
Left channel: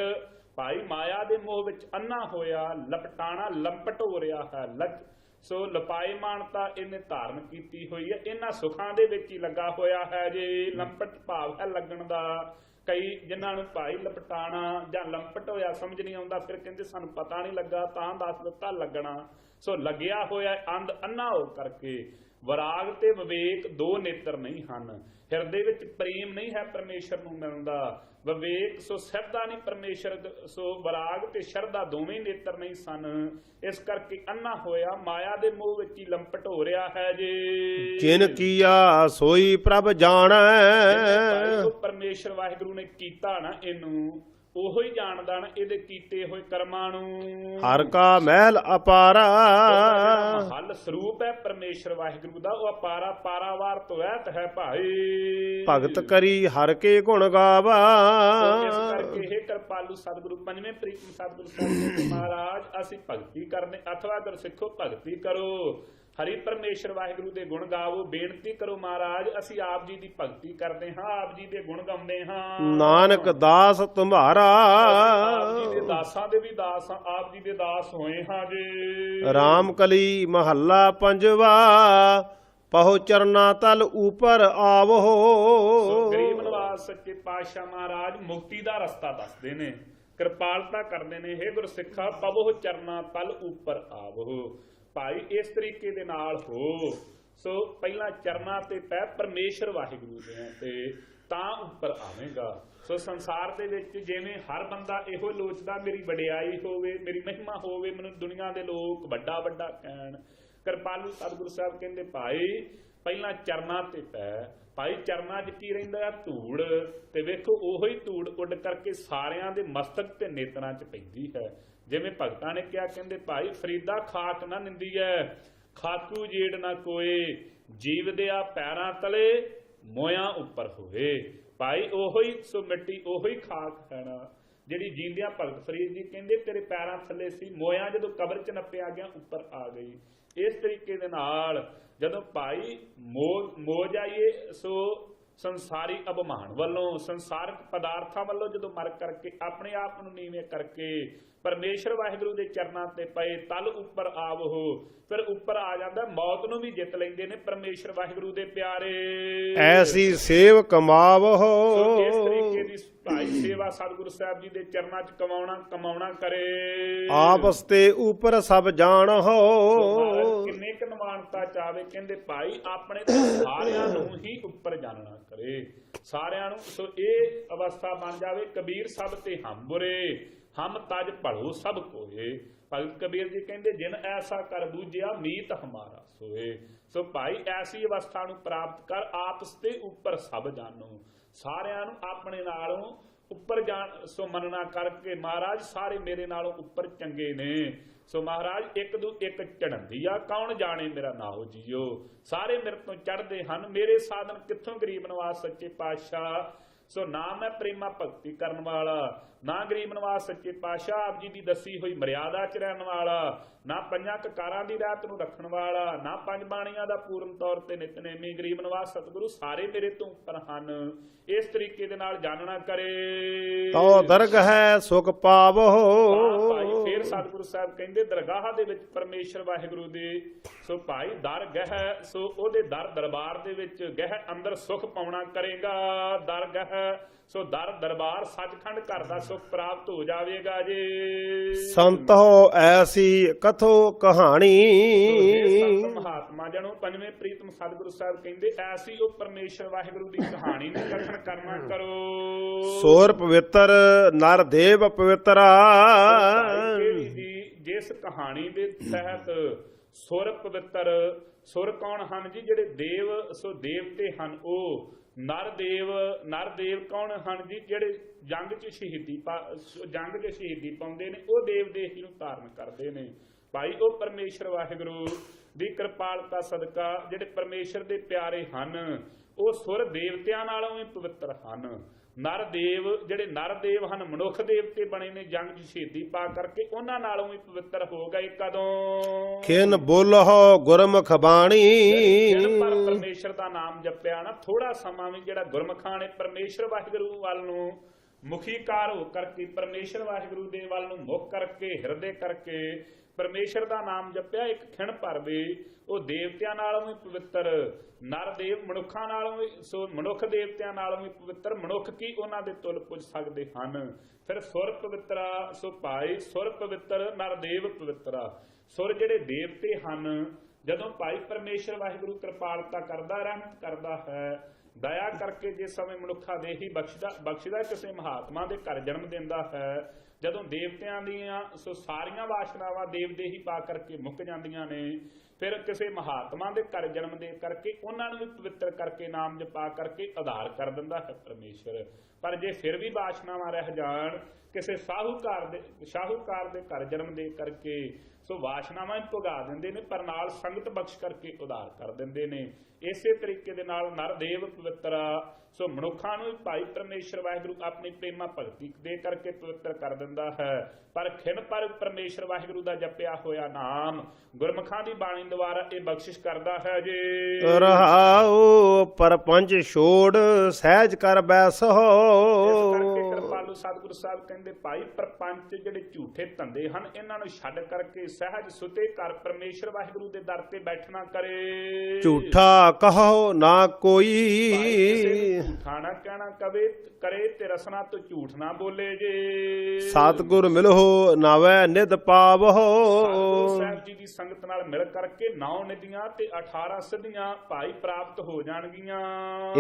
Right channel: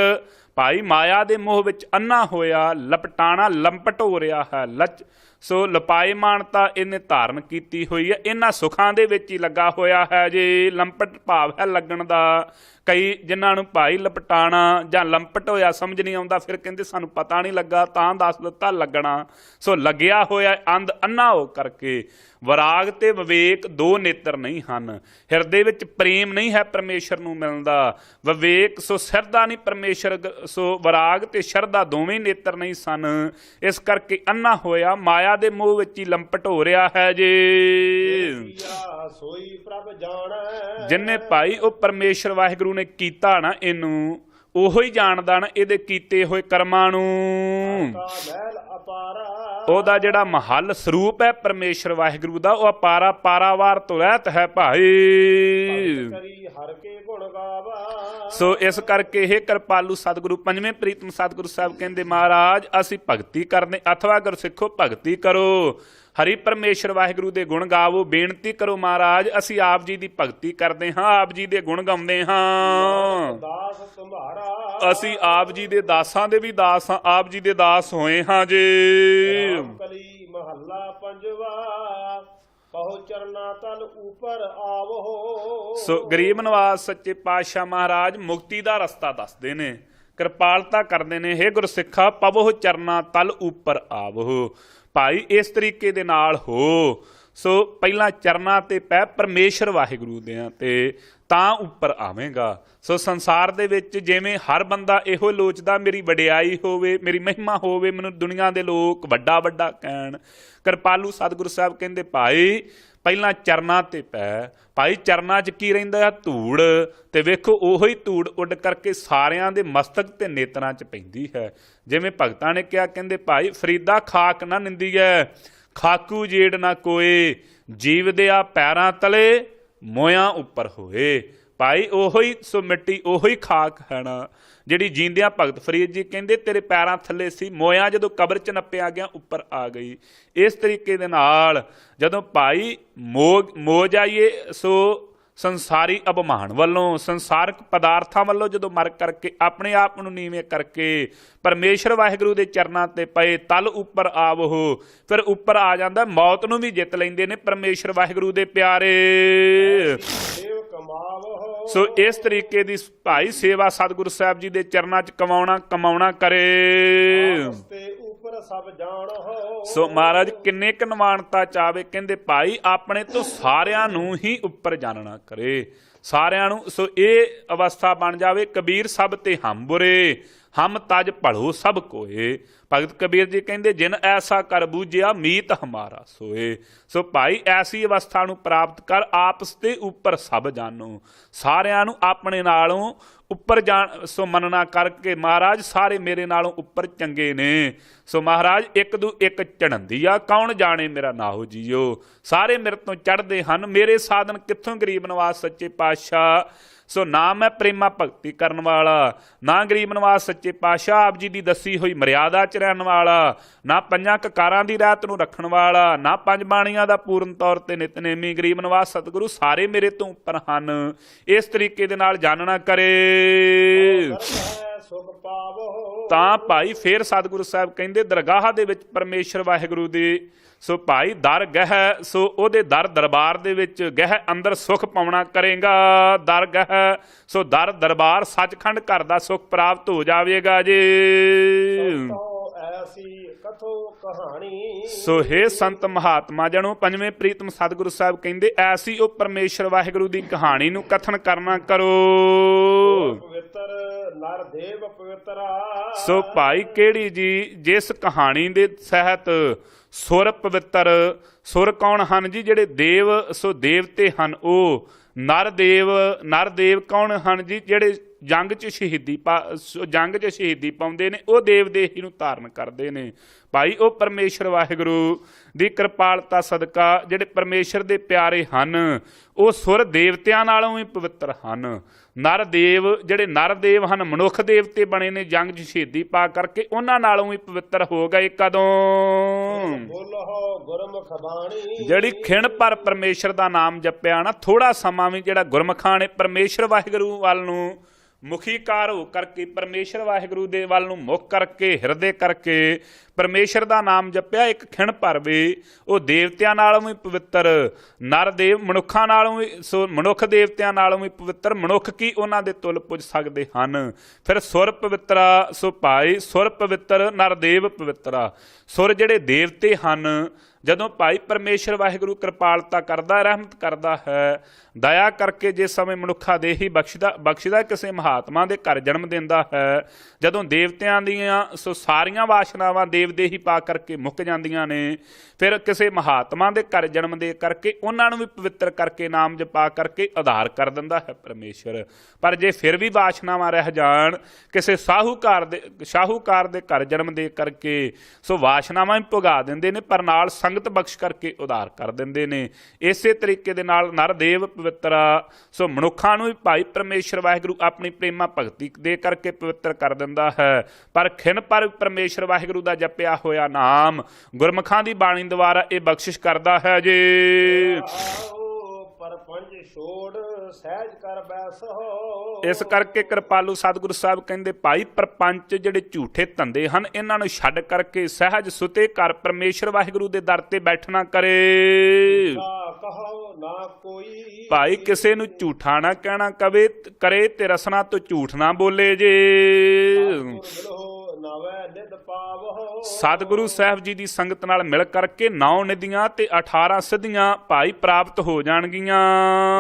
ਭਾਈ ਮਾਇਆ ਦੇ ਮੋਹ ਵਿੱਚ ਅੰਨਾ ਹੋਇਆ, ਲਪਟਾਣਾ ਲੰਪਟ ਹੋ ਰਿਹਾ ਹੈ। ਸੋ ਲਪਾਇਮਾਨਤਾ ਇਹਨੇ ਧਾਰਨ ਕੀਤੀ ਹੋਈ ਹੈ, ਇਹਨਾਂ ਸੁੱਖਾਂ ਦੇ ਵਿੱਚ ਹੀ ਲੱਗਾ ਹੋਇਆ ਹੈ ਜੀ। ਲੰਪਟ ਭਾਵ ਹੈ ਲੱਗਣ ਦਾ। ਕਈ ਜਿਨ੍ਹਾਂ ਨੂੰ ਭਾਈ ਲਪਟਾਣਾ ਜਾਂ ਲੰਪਟ ਹੋਇਆ ਸਮਝ ਨਹੀਂ ਆਉਂਦਾ, ਫਿਰ ਕਹਿੰਦੇ ਸਾਨੂੰ ਪਤਾ ਨਹੀਂ ਲੱਗਾ ਤਾਂ ਦੱਸ ਦਿੱਤਾ ਲੱਗਣਾ। ਸੋ ਲੱਗਿਆ ਹੋਇਆ ਅੰਨਾ ਹੋ ਕਰਕੇ। ਵਿਰਾਗ ਤੇ ਵਿਵੇਕ ਦੋ ਨੇਤਰ ਨਹੀਂ ਹਨ। ਹਿਰਦੇ ਵਿੱਚ ਪ੍ਰੇਮ ਨਹੀਂ ਹੈ ਪਰਮੇਸ਼ਰ ਨੂੰ ਮਿਲਦਾ। ਵਿਵੇਕ ਸੋ ਸ਼ਰਧਾ ਨਹੀਂ ਪਰਮੇਸ਼ਰ, ਸੋ ਵਿਰਾਗ ਤੇ ਸ਼ਰਧਾ ਦੋਵੇਂ ਨੇਤਰ ਨਹੀਂ ਸਨ। ਇਸ ਕਰਕੇ ਅੰਨਾ ਹੋਇਆ, ਮਾਇਆ ਦੇ ਮੋਹ ਵਿੱਚ ਹੀ ਲੰਪਟ ਹੋ ਰਿਹਾ ਹੈ ਜੀ। ਜਿਨ ਕੀਆ ਸੋਈ ਪ੍ਰਭ ਜਾਣੈ। ਜਿਨਨੇ ਭਾਈ ਉਹ ਪਰਮੇਸ਼ਰ ਵਾਹਿਗੁਰੂ ਨੇ ਕੀਤਾ ਨਾ ਇਹਨੂੰ, ਉਹੋ ਹੀ ਜਾਣਦਾ ਨਾ ਇਹਦੇ ਕੀਤੇ ਹੋਏ ਕਰਮਾਂ ਨੂੰ। ਹਰ ਕਾ ਮਹਿਲ ਅਪਾਰਾ, ਉਹਦਾ ਜਿਹੜਾ ਮਹੱਲ ਸਰੂਪ ਹੈ ਪਰਮੇਸ਼ਰ ਵਾਹਿਗੁਰੂ ਦਾ, ਉਹ ਅਪਾਰਾ ਪਾਰਾਵਾਰ ਤੋਂ ਰਹਿਤ ਹੈ ਭਾਈ। ਭਗਤ ਕਰੀ ਹਰ ਕੇ ਗੁਣ ਗਾਵਾ। ਸੋ ਇਸ ਕਰਕੇ ਇਹ ਕਿਰਪਾਲੂ ਸਤਿਗੁਰੂ ਪੰਜਵੇਂ ਪ੍ਰੀਤਮ ਸਤਿਗੁਰੂ ਸਾਹਿਬ ਕਹਿੰਦੇ ਮਹਾਰਾਜ ਅਸੀਂ ਭਗਤੀ ਕਰਦੇ, ਅਥਵਾ ਗੁਰਸਿੱਖੋ ਭਗਤੀ ਕਰੋ, ਹਰੀ ਪਰਮੇਸ਼ਰ ਵਾਹਿਗੁਰੂ ਦੇ ਗੁਣ ਗਾਵੋ, ਬੇਨਤੀ ਕਰੋ ਮਹਾਰਾਜ ਅਸੀਂ ਆਪ ਜੀ ਦੀ ਭਗਤੀ ਕਰਦੇ ਹਾਂ, ਆਪ ਜੀ ਦੇ ਗੁਣ ਗਾਉਂਦੇ ਹਾਂ। ਨਾਨਕ ਦਾਸ ਤੁਮਹਾਰਾ, ਅਸੀਂ ਆਪ ਜੀ ਦੇ ਦਾਸਾਂ ਦੇ ਵੀ ਦਾਸ ਹਾਂ, ਆਪ ਜੀ ਦੇ ਦਾਸ ਹੋਏ ਹਾਂ ਜੀ। ਰਾਮ ਕਲੀ ਮਹੱਲਾ ਪੰਜਵਾ, ਪਹੁ ਚਰਨਾ ਤਲ ਉਪਰ ਆਵੋ। ਸੋ ਗਰੀਬ ਨਵਾਜ਼ ਸੱਚੇ ਪਾਤਸ਼ਾਹ ਮਹਾਰਾਜ ਮੁਕਤੀ ਦਾ ਰਸਤਾ ਦੱਸਦੇ ਨੇ, ਕਿਰਪਾਲਤਾ ਕਰਦੇ ਨੇ। ਹੇ ਗੁਰਸਿੱਖਾ ਪਵਹੁ ਚਰਨਾ ਤਲ ਉਪਰ ਆਵੋ, ਭਾਈ ਇਸ ਤਰੀਕੇ ਦੇ ਨਾਲ ਹੋ। ਸੋ ਪਹਿਲਾਂ ਚਰਨਾਂ ਤੇ ਪੈ ਪਰਮੇਸ਼ਰ ਵਾਹਿਗੁਰੂ ਦੇ ਤੇ ਤਾਂ ਉੱਪਰ ਆਵੇਂਗਾ। ਸੋ ਸੰਸਾਰ ਦੇ ਵਿੱਚ ਜਿਵੇਂ ਹਰ ਬੰਦਾ ਇਹੋ ਲੋਚਦਾ ਮੇਰੀ ਵਡਿਆਈ ਹੋਵੇ, ਮੇਰੀ ਮਹਿਮਾ ਹੋਵੇ, ਮੈਨੂੰ ਦੁਨੀਆ ਦੇ ਲੋਕ ਵੱਡਾ ਵੱਡਾ ਕਹਿਣ, ਕਿਰਪਾਲੂ ਸਤਿਗੁਰੂ ਸਾਹਿਬ ਕਹਿੰਦੇ ਭਾਈ ਪਹਿਲਾਂ ਚਰਨਾਂ ਤੇ ਪੈ। ਭਾਈ ਚਰਨਾਂ 'ਚ ਕੀ ਰਹਿੰਦਾ? ਧੂੜ। ਤੇ ਵੇਖੋ ਉਹੀ ਹੀ ਧੂੜ ਉੱਡ ਕਰਕੇ ਸਾਰਿਆਂ ਦੇ ਮਸਤਕ ਤੇ ਨੇਤਰਾਂ 'ਚ ਪੈਂਦੀ ਹੈ। ਜਿਵੇਂ ਭਗਤਾਂ ਨੇ ਕਿਹਾ, ਕਹਿੰਦੇ ਭਾਈ ਫਰੀਦਾ ਖਾਕ ਨਾ ਨਿੰਦੀਐ, ਖਾਕੂ ਜੇੜ ਨਾ ਕੋਏ, ਜੀਵਦਿਆ ਪੈਰਾਂ ਤਲੇ ਮੋਇਆਂ ਉੱਪਰ ਹੋਏ। ਭਾਈ ਉਹੀ ਸੋ ਮਿੱਟੀ ਉਹੀ ਖਾਕ ਹੈ ਨਾ ਜਿਹੜੀ ਜੀਂਦਿਆਂ ਭਗਤ ਫਰੀਦ ਜੀ ਕਹਿੰਦੇ ਤੇਰੇ ਪੈਰਾਂ ਥੱਲੇ ਸੀ, ਮੋਇਆਂ ਜਦੋਂ ਕਬਰ 'ਚ ਨੱਪਿਆ ਗਿਆ ਉੱਪਰ ਆ ਗਈ। ਇਸ ਤਰੀਕੇ ਦੇ ਨਾਲ ਜਦੋਂ ਭਾਈ ਮੋ ਜਾਈਏ ਸੋ ਸੰਸਾਰੀ ਅਭਿਮਾਨ ਵੱਲੋਂ, ਸੰਸਾਰਕ ਪਦਾਰਥਾਂ ਵੱਲੋਂ ਜਦੋਂ ਮਰ ਕਰਕੇ ਆਪਣੇ ਆਪ ਨੂੰ ਨੀਵੇਂ ਕਰਕੇ ਪਰਮੇਸ਼ਰ ਵਾਹਿਗੁਰੂ ਦੇ ਚਰਨਾਂ ਤੇ ਪਏ, ਤਲ ਉੱਪਰ ਆਵੋ, ਫਿਰ ਉੱਪਰ ਆ ਜਾਂਦਾ। ਮੌਤ ਨੂੰ ਵੀ ਜਿੱਤ ਲੈਂਦੇ ਨੇ ਪਰਮੇਸ਼ਰ ਵਾਹਿਗੁਰੂ ਦੇ ਪਿਆਰੇ। ਐਸੀ ਸੇਵ ਕਮਾਵੋ। ਸੋ ਇਸ ਤਰੀਕੇ ਦੀ ਭਾਈ ਸੇਵਾ ਸਤਿਗੁਰੂ ਸਾਹਿਬ ਜੀ ਦੇ ਚਰਨਾਂ 'ਚ ਕਮਾਉਣਾ ਕਰੇ। ਆਪਸ ਤੇ ਉੱਪਰ ਸਭ ਜਾਣੋ। ਸੋ ਮਹਾਰਾਜ ਕਿੰਨੇ ਕੁ ਨਿਮਾਣਤਾ ਚਾਵੇ, ਕਹਿੰਦੇ ਭਾਈ ਆਪਣੇ ਤੋਂ ਸਾਰਿਆਂ ਨੂੰ ਹੀ ਉੱਪਰ ਜਾਣਨਾ ਕਰੇ, ਸਾਰਿਆਂ ਨੂੰ। ਸੋ ਇਹ ਅਵਸਥਾ ਬਣ ਜਾਵੇ। ਕਬੀਰ ਸਭ ਤੇ ਹਮ ਬੁਰੇ, ਹਮ ਤਜ ਭਲੋ ਸਭ ਕੋਏ। ਭਗਤ ਕਬੀਰ ਜੀ ਕਹਿੰਦੇ ਜਿਨ ਐਸਾ ਕਰ ਬੂਝਿਆ ਮੀਤ ਹਮਾਰਾ ਸੋਏ। ਸੋ ਭਾਈ ਐਸੀ ਅਵਸਥਾ ਨੂੰ ਪ੍ਰਾਪਤ ਕਰ, ਆਪਸ ਦੇ ਉੱਪਰ ਸਭ ਜਾਣੋ, ਸਾਰਿਆਂ ਨੂੰ ਆਪਣੇ ਨਾਲੋਂ ਉੱਪਰ ਜਾਣ। ਸੋ ਮੰਨਣਾ ਕਰਕੇ ਮਹਾਰਾਜ ਸਾਰੇ ਮੇਰੇ ਨਾਲੋਂ ਉੱਪਰ ਚੰਗੇ ਨੇ। ਸੋ ਮਹਾਰਾਜ ਇੱਕ ਦੂ ਇੱਕ ਚੜ੍ਹੰਦੀ ਆ, ਕੌਣ ਜਾਣੇ ਮੇਰਾ ਨਾਹੋ ਜੀਓ। ਸਾਰੇ ਮੇਰੇ ਤੋਂ ਚੜ੍ਹਦੇ ਹਨ, ਮੇਰੇ ਸਾਧਨ ਕਿੱਥੋਂ ਗਰੀਬ ਨਵਾਜ਼ ਸੱਚੇ ਪਾਤਸ਼ਾਹ। ਸੋ ਨਾ ਮੈਂ ਪ੍ਰੇਮਾ ਭਗਤੀ ਕਰਨ ਵਾਲਾ, ਨਾ ਗਰੀਬ ਨਵਾਜ਼ ਸੱਚੇ ਪਾਤਸ਼ਾਹ ਆਪ ਜੀ ਦੀ ਦੱਸੀ ਹੋਈ ਮਰਿਆਦਾ 'ਚ ਰਹਿਣ ਵਾਲਾ, ਨਾ ਪੰਜਾਂ ਕਕਾਰਾਂ ਦੀ ਰਾਤ ਨੂੰ ਰੱਖਣ ਵਾਲਾ, ਨਾ ਪੰਜ ਬਾਣੀਆਂ ਦਾ ਪੂਰਨ ਤੌਰ ਤੇ ਨਿਤਨੇਮੀ। ਗਰੀਬ ਨਵਾਜ਼ ਸਤਿਗੁਰੂ ਸਾਰੇ ਮੇਰੇ ਤੋਂ ਉੱਪਰ ਹਨ। ਇਸ ਤਰੀਕੇ ਦੇ ਨਾਲ ਜਾਣਨਾ ਕਰੇ ਤੋ ਦਰਗਹਿ ਸੁਖ ਪਾਵੋ। ਤਾਂ ਭਾਈ ਫੇਰ ਸਤਿਗੁਰੂ ਸਾਹਿਬ ਕਹਿੰਦੇ ਦਰਗਾਹ ਦੇ ਵਿੱਚ ਪਰਮੇਸ਼ਰ ਵਾਹਿਗੁਰੂ ਦੀ ਸੋ ਭਾਈ ਦਰ ਗਹਿ, ਸੋ ਉਹਦੇ ਦਰ ਦਰਬਾਰ ਦੇ ਵਿੱਚ ਗਹਿ ਅੰਦਰ ਸੁਖ ਪਾਉਣਾ ਕਰੇਗਾ। ਦਰ ਗਹਿ ਸੋ ਦਰ ਦਰਬਾਰ ਸੱਚਖੰਡ ਘਰ ਦਾ ਸੁਖ ਪ੍ਰਾਪਤ ਹੋ ਜਾਵੇਗਾ ਜੀ। ਸੰਤੋ ਐਸੀ ਕਥੋ ਕਹਾਣੀ। ਸੋ ਹੇ ਸੰਤ ਮਹਾਤਮਾ ਜਣੋ ਪੰਜਵੇਂ ਪ੍ਰੀਤਮ ਸਤਿਗੁਰੂ ਸਾਹਿਬ ਕਹਿੰਦੇ ਐਸੀ ਉਹ ਪਰਮੇਸ਼ਰ ਵਾਹਿਗੁਰੂ ਦੀ ਕਹਾਣੀ ਨੂੰ ਕਥਨ ਕਰਨਾ ਕਰੋ। ਸੋਰ ਪਵਿੱਤਰ ਨਰ ਦੇਵ ਪਵਿੱਤਰਾ। ਸੋ ਭਾਈ ਕਿਹੜੀ ਜੀ ਜਿਸ ਕਹਾਣੀ ਦੇ ਸਹਿਤ ਸੁਰ ਪਵਿੱਤਰ। ਸੁਰ ਕੌਣ ਹਨ ਜੀ? ਜਿਹੜੇ ਦੇਵ ਸੋ ਦੇਵਤੇ ਹਨ ਉਹ। ਨਰ ਦੇਵ ਕੌਣ ਹਨ ਜੀ? ਜਿਹੜੇ ਜੰਗ 'ਚ ਸ਼ਹੀਦੀ ਪਾਉਂਦੇ ਨੇ, ਉਹ ਦੇਵ ਦੇਹੀ ਨੂੰ ਧਾਰਨ ਕਰਦੇ ਨੇ। ਭਾਈ ਉਹ ਪਰਮੇਸ਼ਰ ਵਾਹਿਗੁਰੂ ਦੀ ਕਿਰਪਾਲਤਾ ਸਦਕਾ ਜਿਹੜੇ ਪਰਮੇਸ਼ਰ ਦੇ ਪਿਆਰੇ ਹਨ ਉਹ ਸੁਰ ਦੇਵਤਿਆਂ ਨਾਲੋਂ ਵੀ ਪਵਿੱਤਰ ਹਨ। ਨਰ ਦੇਵ ਜਿਹੜੇ ਨਰ ਦੇਵ ਹਨ, ਮਨੁੱਖ ਦੇਵਤੇ ਬਣੇ ਨੇ ਜੰਗ 'ਚ ਸ਼ਹੀਦੀ ਪਾ ਕਰਕੇ, ਉਹਨਾਂ ਨਾਲੋਂ ਵੀ ਪਵਿੱਤਰ ਹੋ ਗਏ। ਕਦੋਂ? ਖਿਨ ਬੋਲਹੁ ਗੁਰਮੁਖ ਬਾਣੀ। ਜਿਹੜੀ ਖਿਣ ਪਰ ਪਰਮੇਸ਼ਰ ਦਾ ਨਾਮ ਜਪਿਆ ਨਾ, ਥੋੜਾ ਸਮਾਂ ਵੀ ਜਿਹੜਾ ਗੁਰਮੁਖਾਂ ਨੇ ਪਰਮੇਸ਼ਰ ਵਾਹਿਗੁਰੂ ਵੱਲ ਨੂੰ ਮੁਖੀਕਾਰ ਹੋ ਕਰਕੇ, ਪਰਮੇਸ਼ਰ ਵਾਹਿਗੁਰੂ ਦੇ ਵੱਲ ਨੂੰ ਮੁਖ ਕਰਕੇ, ਹਿਰਦੇ ਕਰਕੇ ਪਰਮੇਸ਼ਰ ਦਾ ਨਾਮ ਜਪਿਆ, ਇੱਕ ਖਿਣ ਭਰ ਵੀ ਉਹ ਦੇਵਤਿਆਂ ਨਾਲੋਂ ਵੀ ਪਵਿੱਤਰ, ਨਰ ਦੇਵ ਮਨੁੱਖਾਂ ਨਾਲੋਂ ਵੀ, ਸੋ ਮਨੁੱਖ ਦੇਵਤਿਆਂ ਨਾਲੋਂ ਵੀ ਪਵਿੱਤਰ। ਮਨੁੱਖ ਕੀ ਉਹਨਾਂ ਦੇ ਤੁਲ ਪੁੱਜ ਸਕਦੇ ਹਨ। ਫਿਰ ਸੁਰ ਪਵਿੱਤਰਾ। ਸੋ ਭਾਈ ਸੁਰ ਪਵਿੱਤਰ, ਨਰ ਦੇਵ ਪਵਿੱਤਰਾ। ਸੁਰ ਜਿਹੜੇ ਦੇਵਤੇ ਹਨ, ਜਦੋਂ ਭਾਈ ਪਰਮੇਸ਼ਰ ਵਾਹਿਗੁਰੂ ਕਿਰਪਾਲਤਾ ਕਰਦਾ, ਰਹਿਮਤ ਕਰਦਾ ਹੈ, ਦਇਆ ਕਰਕੇ ਜਿਸ ਸਮੇਂ ਮਨੁੱਖਾ ਦੇ ਹੀ ਬਖਸ਼ਦਾ ਕਿਸੇ ਮਹਾਤਮਾ ਦੇ ਘਰ ਜਨਮ ਦਿੰਦਾ ਹੈ, ਜਦੋਂ ਦੇਵਤਿਆਂ ਦੀਆਂ ਸੋ ਸਾਰੀਆਂ ਵਾਸ਼ਨਾਵਾਂ ਦੇਵਦੇ ਹੀ ਪਾ ਕਰਕੇ ਮੁੱਕ ਜਾਂਦੀਆਂ ਨੇ, ਫਿਰ ਕਿਸੇ ਮਹਾਤਮਾ ਦੇ ਘਰ ਜਨਮ ਦੇ ਕਰਕੇ ਉਹਨਾਂ ਨੂੰ ਵੀ ਪਵਿੱਤਰ ਕਰਕੇ ਨਾਮ ਜਪਾ ਕਰਕੇ ਉਧਾਰ ਕਰ ਦਿੰਦਾ ਹੈ ਪਰਮੇਸ਼ਰ। ਪਰ ਜੇ ਫਿਰ ਵੀ ਵਾਸ਼ਨਾਵਾਂ ਰਹਿ ਜਾਣ ਕਿਸੇ ਸ਼ਾਹੂਕਾਰ ਦੇ ਘਰ ਜਨਮ ਦੇ ਕਰਕੇ, ਸੋ ਵਾਸ਼ਨਾਵਾਂ ਵੀ ਭੁਗਾ ਦਿੰਦੇ ਨੇ, ਪਰ ਨਾਲ ਸੰਗਤ ਬਖਸ਼ ਕਰਕੇ ਉਧਾਰ ਕਰ ਦਿੰਦੇ ਨੇ। ਇਸੇ ਤਰੀਕੇ ਦੇ ਨਾਲ ਨਰ ਦੇਵ ਪਵਿੱਤਰ, ਸੋ ਮਨੁੱਖਾਂ ਨੂੰ ਵੀ ਭਾਈ ਪਰਮੇਸ਼ਰ ਵਾਹਿਗੁਰੂ ਆਪਣੀ ਪ੍ਰੇਮਾ ਭਗਤੀ ਦੇ ਕਰਕੇ ਪਵਿੱਤਰ ਕਰ ਦਿੰਦਾ ਹੈ। ਪਰ ਖਿਨ ਪਰ ਪਰਮੇਸ਼ਰ ਵਾਹਿਗੁਰੂ ਦਾ ਜਪਿਆ ਹੋਇਆ ਨਾਮ ਗੁਰਮੁਖਾਂ ਦੀ ਬਾਣੀ ਦੁਆਰਾ ਇਹ ਬਖਸ਼ਿਸ਼ ਕਰਦਾ ਹੈ ਜੀ। ਰਹਾਉ ਪਰਪੰਚ ਛੋੜ ਸਹਿਜ ਕਰ ਬੈਸੋ। ਇਸ ਕਰਕੇ ਕਿਰਪਾਲੂ ਸਤਿਗੁਰੂ ਸਾਹਿਬ ਕਹਿੰਦੇ ਭਾਈ ਪਰਪੰਚ ਜਿਹੜੇ ਝੂਠੇ ਧੰਦੇ ਹਨ ਇਹਨਾਂ ਨੂੰ ਛੱਡ ਕਰਕੇ ਸਹਿਜ ਸੁਤੇ ਘਰ ਪਰਮੇਸ਼ਰ ਵਾਹਿਗੁਰੂ ਦੇ ਦਰ ਤੇ ਬੈਠਣਾ ਕਰੇ। ਝੂਠਾ ਕਹੋ ਨਾ ਕੋਈ, ਭਾਈ ਕਿਸੇ ਨੂੰ ਝੂਠਾ ਨਾ ਕਹਿਣਾ ਕਰੇ ਤੇ ਰਸਨਾ ਤੋਂ ਝੂਠ ਨਾ ਬੋਲੇ ਜੇ। ਸਤਿਗੁਰ ਮਿਲੋ ਨਾਵੈ ਨਿਧ ਪਾਵੋ। ਸਤਿਗੁਰੂ ਸਾਹਿਬ ਜੀ ਦੀ ਸੰਗਤ ਨਾਲ ਮਿਲ ਕਰਕੇ 9 ਨਿਧੀਆਂ ਤੇ 18 ਸਿੱਧੀਆਂ ਭਾਈ ਪ੍ਰਾਪਤ ਹੋ ਜਾਣਗੀਆਂ।